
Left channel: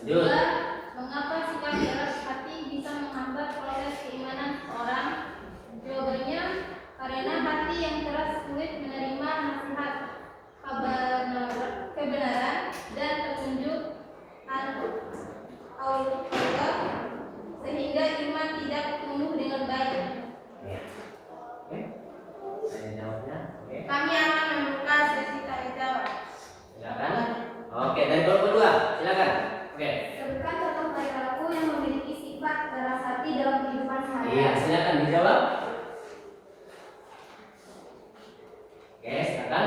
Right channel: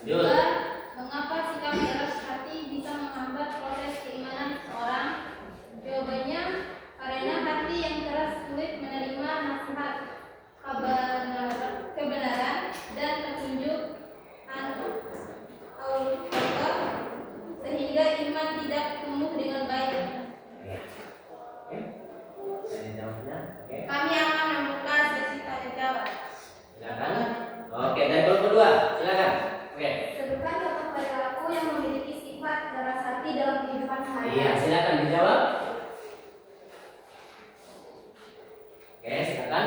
Lanjut. 2. Mengapa sikap keras hati bisa menghambat proses keimanan seseorang? Jawabannya, karena hati yang keras sulit menerima nasihat, kebenaran, dan petunjuk Allah, sehingga iman tidak tumbuh dengan baik. Oke. Tanya jawabnya. Oke. Kami akan membuka sesi tanya jawab. Silakan. Oke, dari kelompok 2. Silakan. Oke. Sebutkan contoh perilaku yang memiliki sifat keras hati dalam kehidupan Iya, sehari-hari. silakan dijawab. Oke, silakan.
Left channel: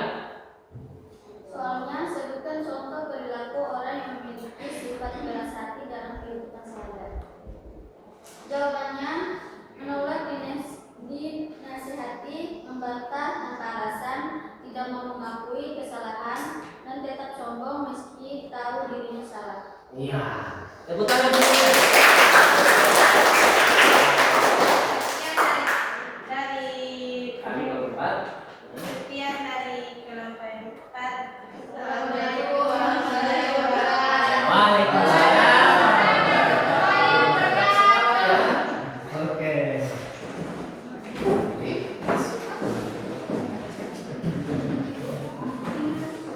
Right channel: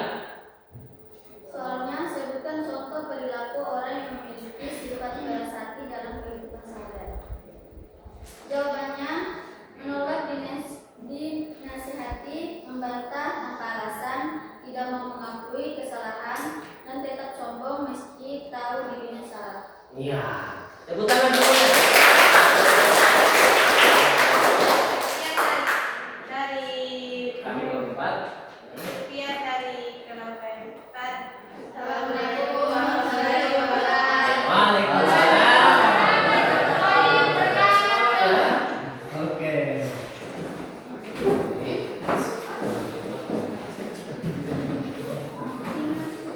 Soalnya, sebutkan contoh perilaku orang yang memiliki sifat keras hati dalam kehidupan sehari-hari. Jawabannya, menolak dinasihati membantah tanpa alasan, tidak mau mengakui kesalahan, dan tetap sombong meski tahu dirinya salah. Iya. Tepuk tangan dulu. Dari Kami keempat. sekian dari keluarga yang empat. Assalamualaikum warahmatullahi wabarakatuh. Waalaikumsalam. Oke.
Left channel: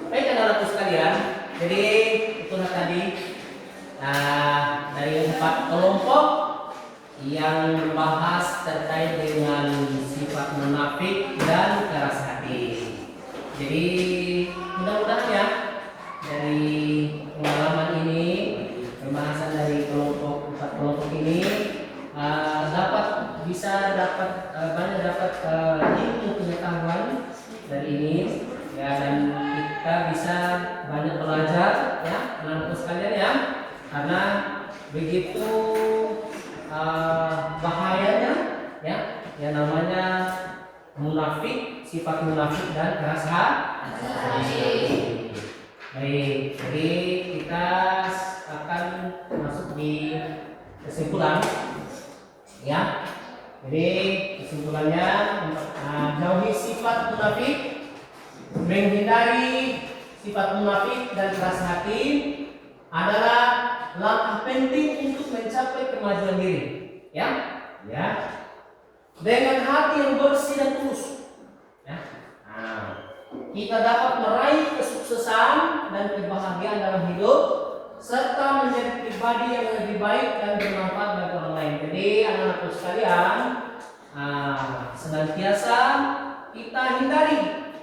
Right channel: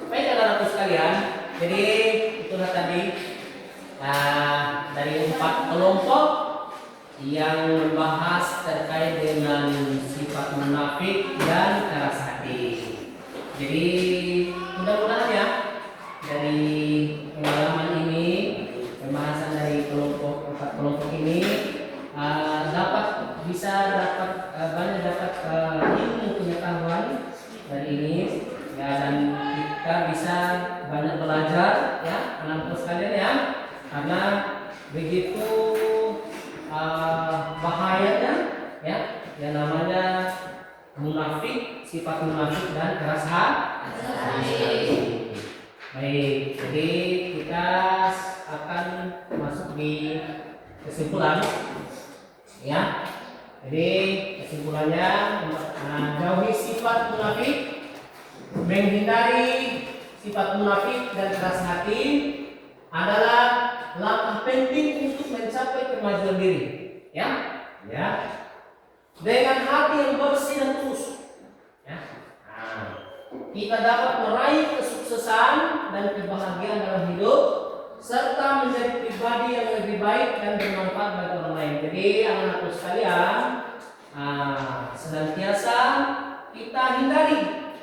Baik anak-anakku sekalian, jadi itulah tadi dari 4 kelompok yang membahas terkait dengan sifat munafik dan keras hati. Jadi mudah-mudahan ya dari pengalaman ini, pembahasan dari 4 kelompok ini banyak dapat ilmu pengetahuan dari ini ya, dan kita bisa banyak belajar ya anak-anak sekalian ya, karena begitu bahayanya ya yang namanya munafik, sifat munafik dan keras hati. Baik, jadi kita akan masuk di kesimpulan ya. Jadi kesimpulannya, jauhi sifat munafik, menghindari sifat munafik dan keras hati adalah langkah penting untuk mencapai kemajuan diri ya. Ya. Dengan hati yang bersih dan tulus ya. Kita dapat meraih kesuksesan dan kebahagiaan dalam hidup serta menjadi pribadi yang lebih baik dan bermanfaat bagi orang lain. Jadi anak-anakku sekalian, senantiasa kita hindari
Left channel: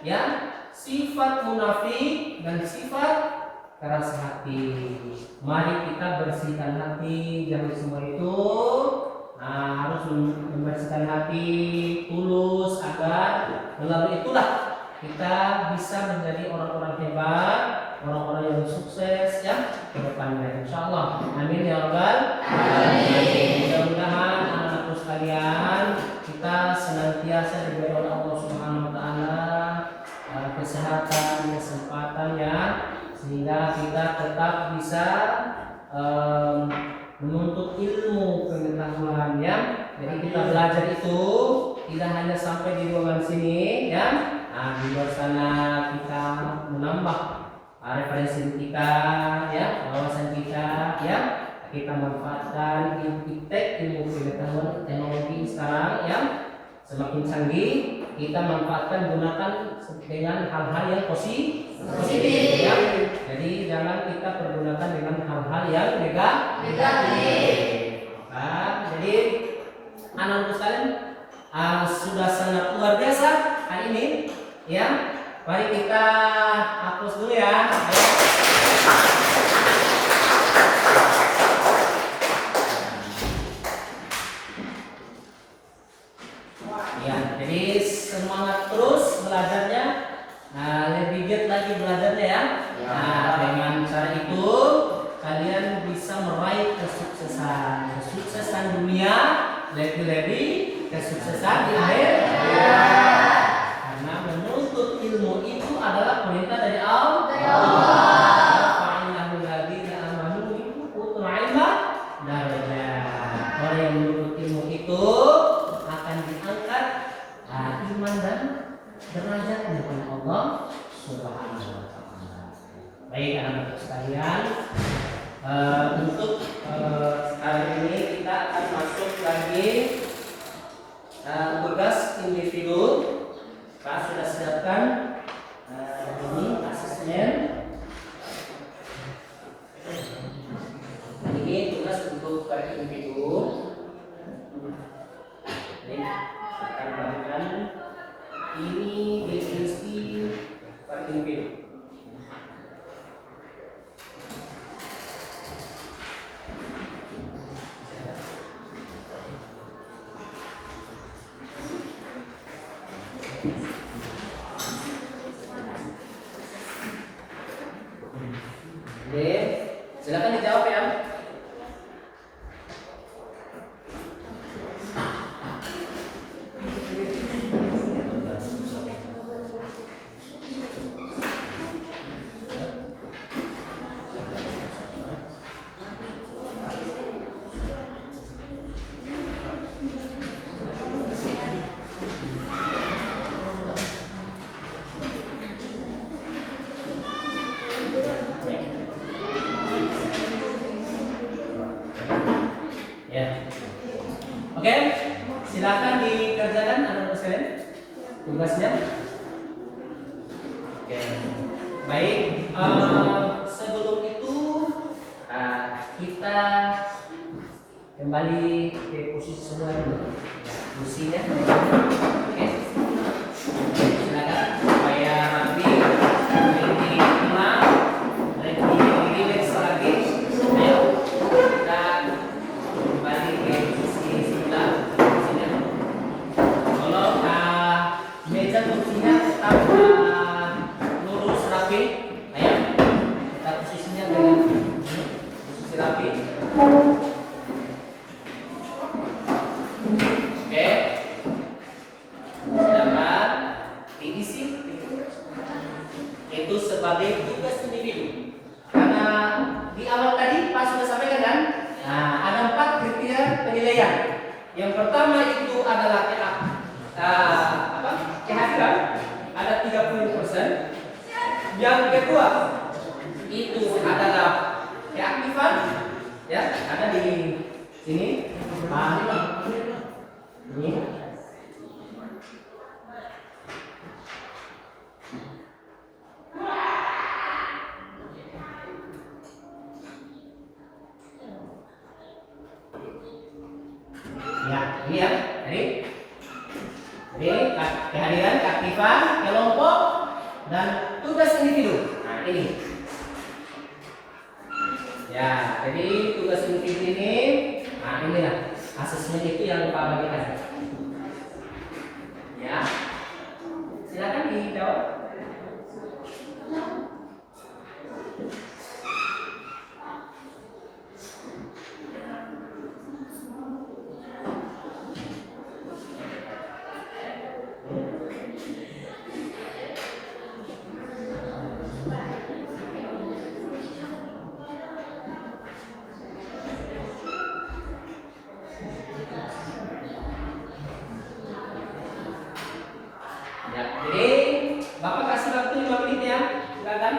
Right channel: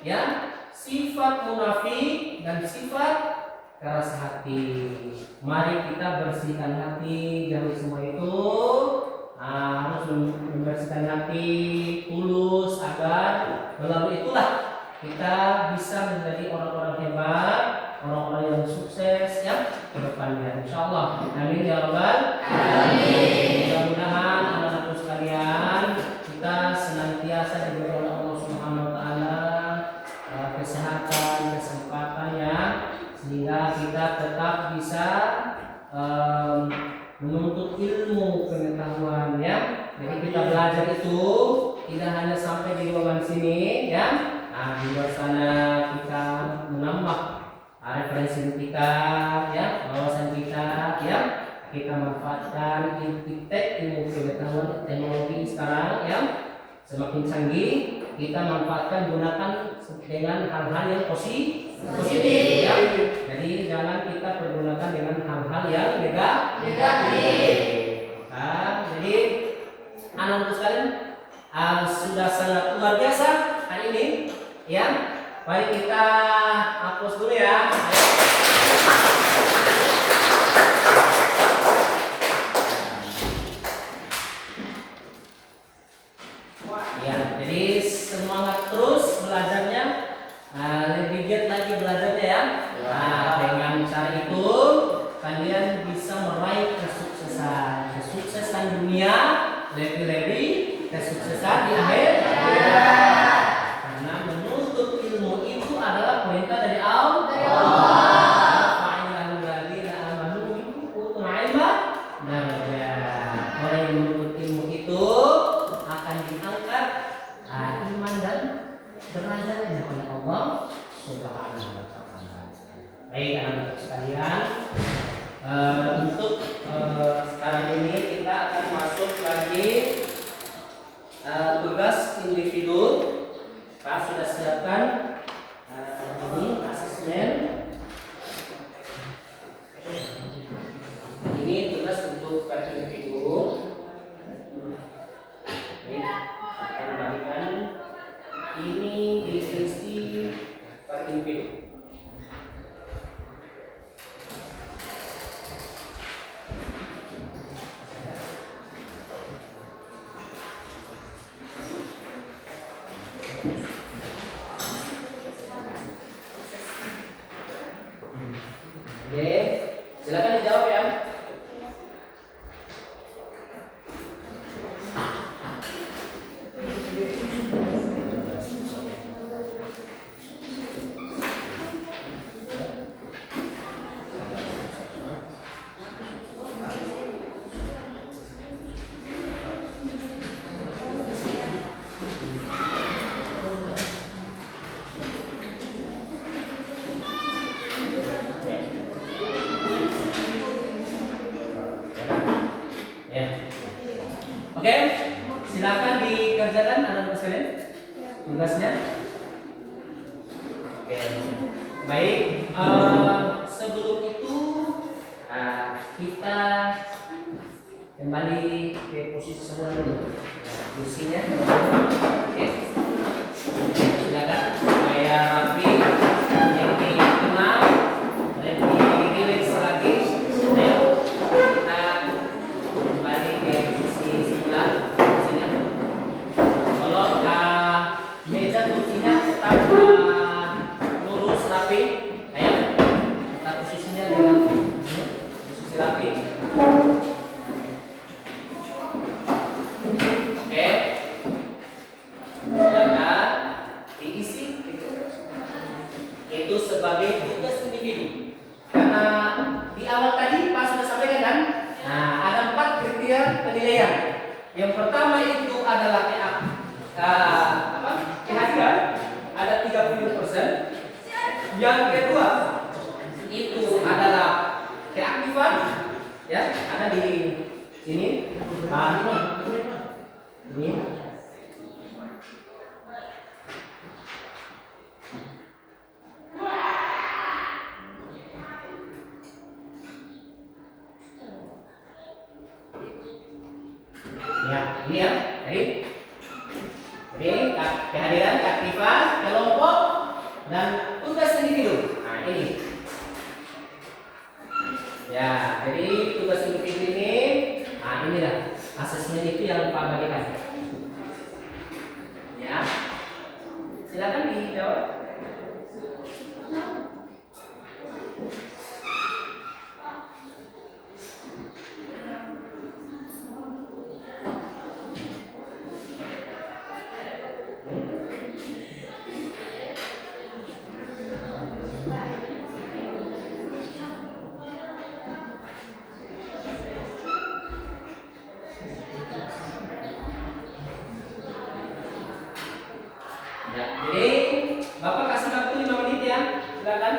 ya sifat munafik dan sifat keras hati. Mari kita bersihkan hati dari semua itu. Harus membersihkan hati tulus agar melalui itulah kita bisa menjadi orang-orang hebat, orang-orang yang sukses ya ke depannya, insyaallah. Amin ya rabbal alamin. Mudah-mudahan anak-anakku sekalian kita senantiasa diberi oleh Allah Subhanahu wa taala kesehatan, kesempatan ya, sehingga kita tetap bisa menuntut ilmu pengetahuan ya. Jadi kita belajar itu tidak hanya sampai di ruangan sini ya. Di luar sana kita menambah referensi kita ya, wawasan kita ya. Kita manfaatkan ilmu pengetahuan teknologi sekarang ya semakin canggih. Kita manfaatkan, gunakan dengan hal-hal yang positif ya. Jadi jangan kita pergunakan dengan hal-hal yang negatif. Jadi anak-anak sekalian sudah sangat luar biasa hari ini ya. Mari kita hapus dulu ya. Ayo. Ya, jadi semangat terus belajarnya, lebih giat lagi belajarnya ya. Dengan cara itu kalian bisa meraih kesuksesan dunia, lebih kesuksesan di akhir. Karena menuntut ilmu itu adalah perintah dari Allah. Orang yang menuntut ilmu itu akan diangkat iman dan derajatnya kepada Allah Subhanahu wa taala. Baik anak-anak sekalian, untuk kali ini kita akan masuk lagi tugas individu. Pak sudah siapkan ini asesmen. Ini tugas untuk per individu. Ini akan bagikan ini definisi per individu. Oke, silakan dijawab ya. tugasnya. Oke. Baik, sebelum itu kita kembali ke posisi semua dulu. Kursinya. Oke. Silakan supaya rapi, lebih tenang, lebih rileks lagi. Ayo kita kembali ke posisi sebelah. Kursinya. Kalau meja kursinya tetap lurus rapi. Ayo kita posisinya dengan posisi rapi. Oke, silakan diisi itu sebagai tugas individu. Karena di awal tadi Pak sudah sampaikan kan, ada 4 kriteria penilaian. Yang pertama itu adalah kehadiran, ada 30%. Yang kedua itu adalah keaktifan, ya ada di sini. Ini ya, ini ya, jadi kehadiran, keaktifan, kelompok, dan tugas individu. Nah ini, ya, jadi tugas individu ini, inilah asesmen itu yang Pak bagikan. Ya, silakan dijawab. Ya, jadi Bapak kasih waktu 5 menit ya, silakan.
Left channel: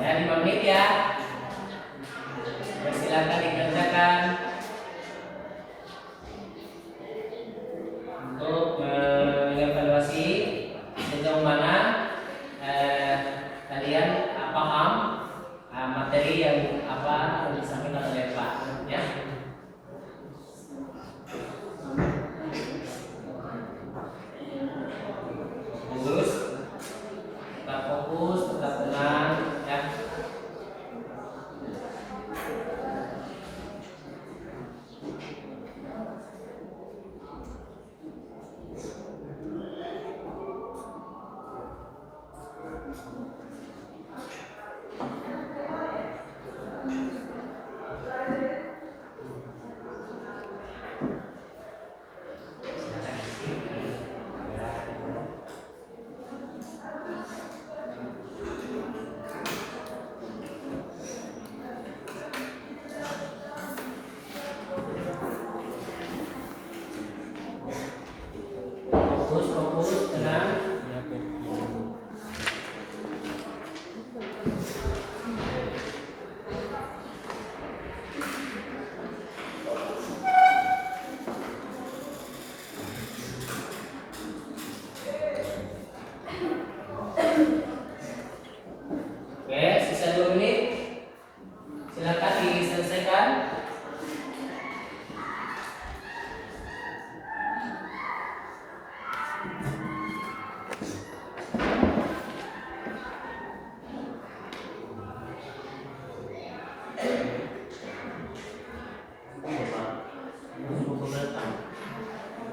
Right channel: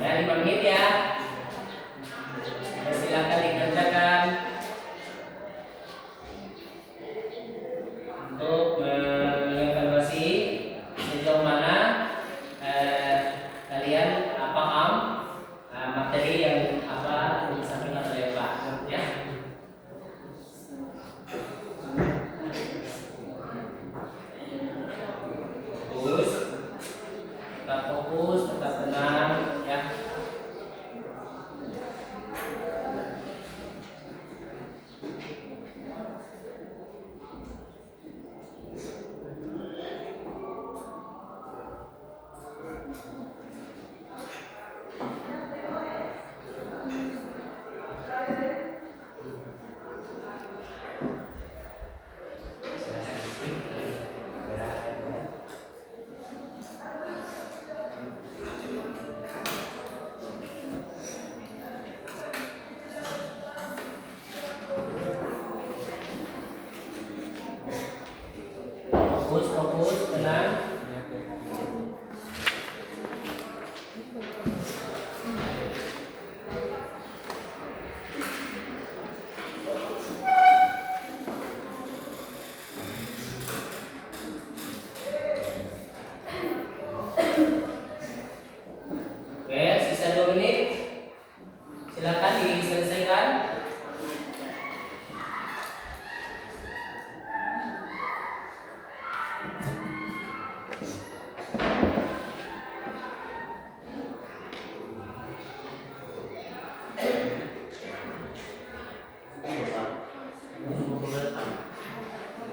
Ya, 5 menit ya. Silakan dikerjakan untuk mengevaluasi sejauh mana kalian paham materi yang disampaikan oleh Pak, ya. Fokus, tetap tenang, ya. Fokus, tenang. Oke, sisa 2 menit. Silakan diselesaikan.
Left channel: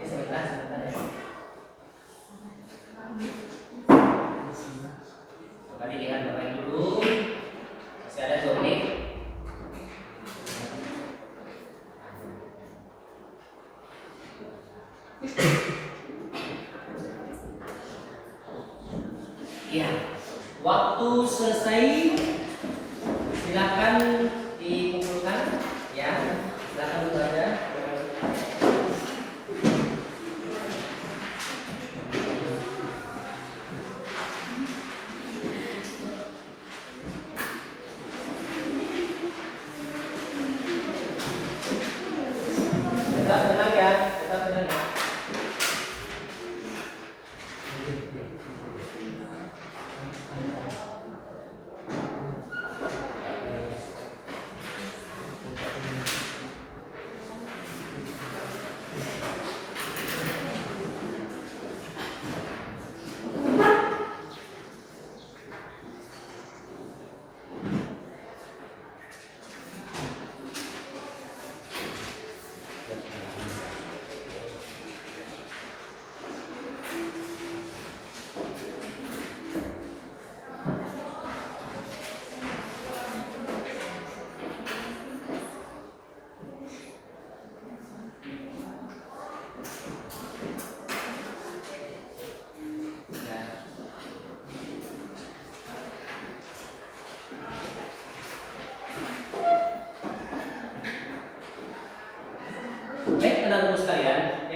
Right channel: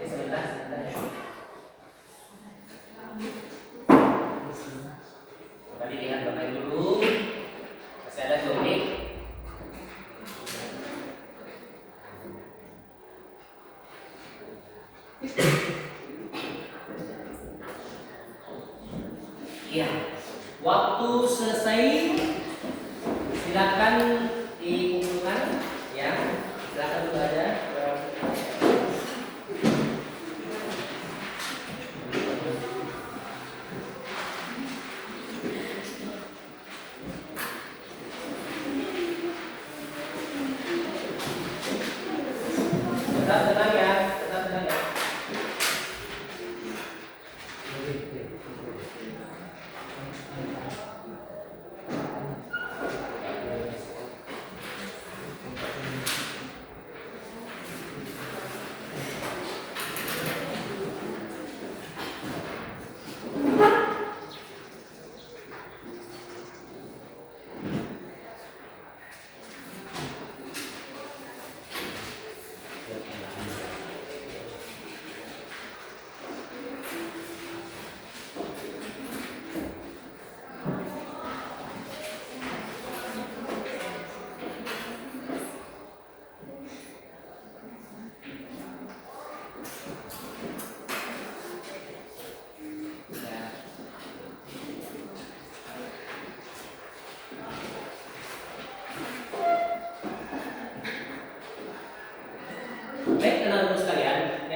Sebentar ya. Kembali dengan Bapak dulu. Masih ada 2 menit. Ya, waktu selesai. Silakan dikumpulkan, ya. Silakan dulu aja.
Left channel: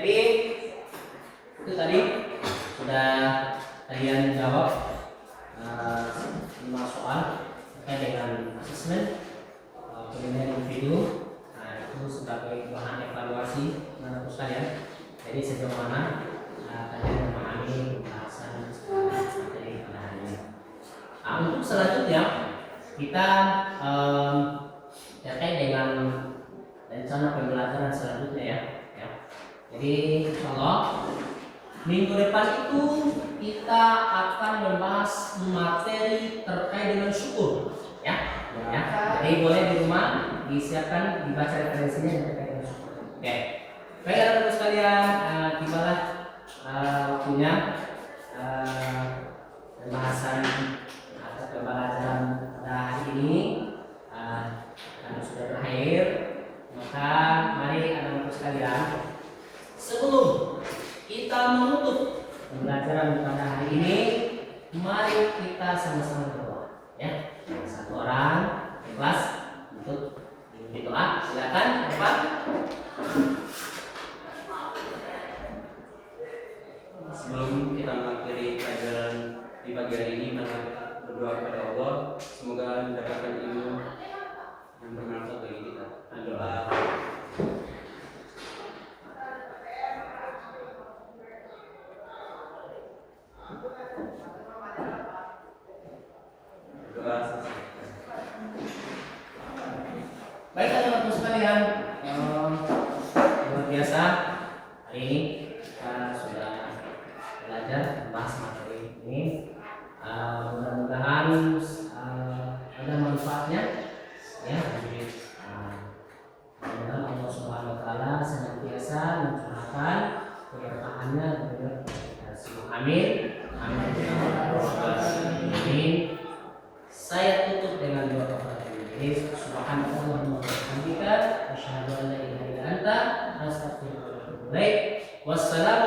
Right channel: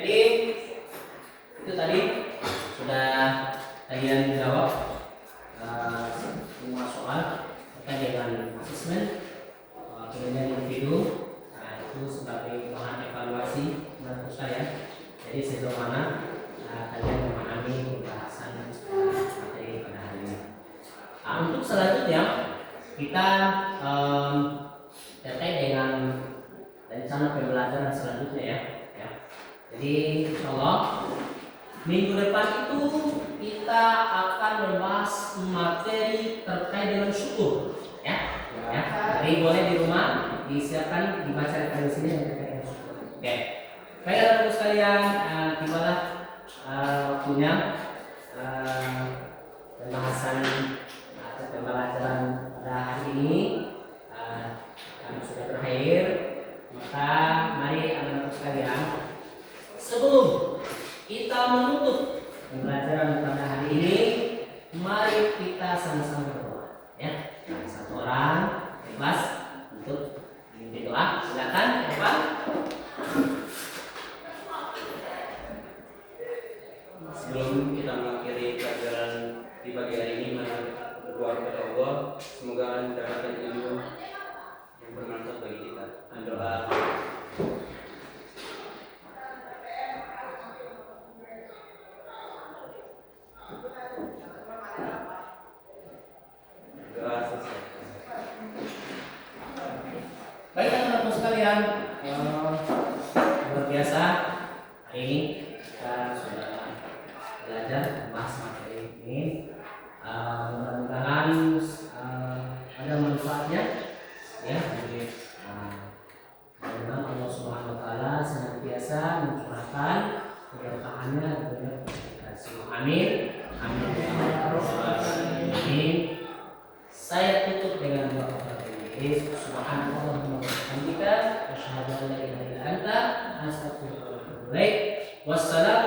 Jadi itu tadi sudah kalian jawab 5 soal terkait dengan asesmen penilaian individu. Nah, itu sebagai bahan evaluasi menurut saya. Jadi sejauh mana kalian memahami pembahasan materi pada hari ini. Nah, untuk selanjutnya kita terkait dengan rencana pembelajaran selanjutnya ya. Jadi insyaallah minggu depan itu kita akan membahas materi terkait dengan syukur ya. Jadi boleh di rumah disiapkan dibaca referensinya yang terkait dengan syukur. Oke. Baik teman-teman sekalian, tibalah waktunya pembahasan atau pembelajaran pada hari ini karena sudah berakhir. Maka mari anak-anak sekalian, sebelum kita menutup pembelajaran pada hari ini, mari kita sama-sama berdoa ya. Satu orang ikhlas untuk memimpin doa. Silakan Pak. Sebelum kita mengakhiri pelajaran di pagi hari ini, mari berdoa kepada Allah semoga mendapatkan ilmu yang bermanfaat bagi kita. Doa. Doa selesai. Baik teman-teman sekalian, luar biasa hari ini kita sudah belajar membahas materi ini. Mudah-mudahan ada manfaatnya ya. Mudah-mudahan Allah Subhanahu Wa Taala senantiasa mencurahkan keberkahannya kepada kita semua. Amin. Amin. Amin. Saya tutup dengan doa kepada Allah. Subhanallah wa bihamdika asyhadu an la ilaha illa anta astaghfiruka wa atubu ilaik. Wassalam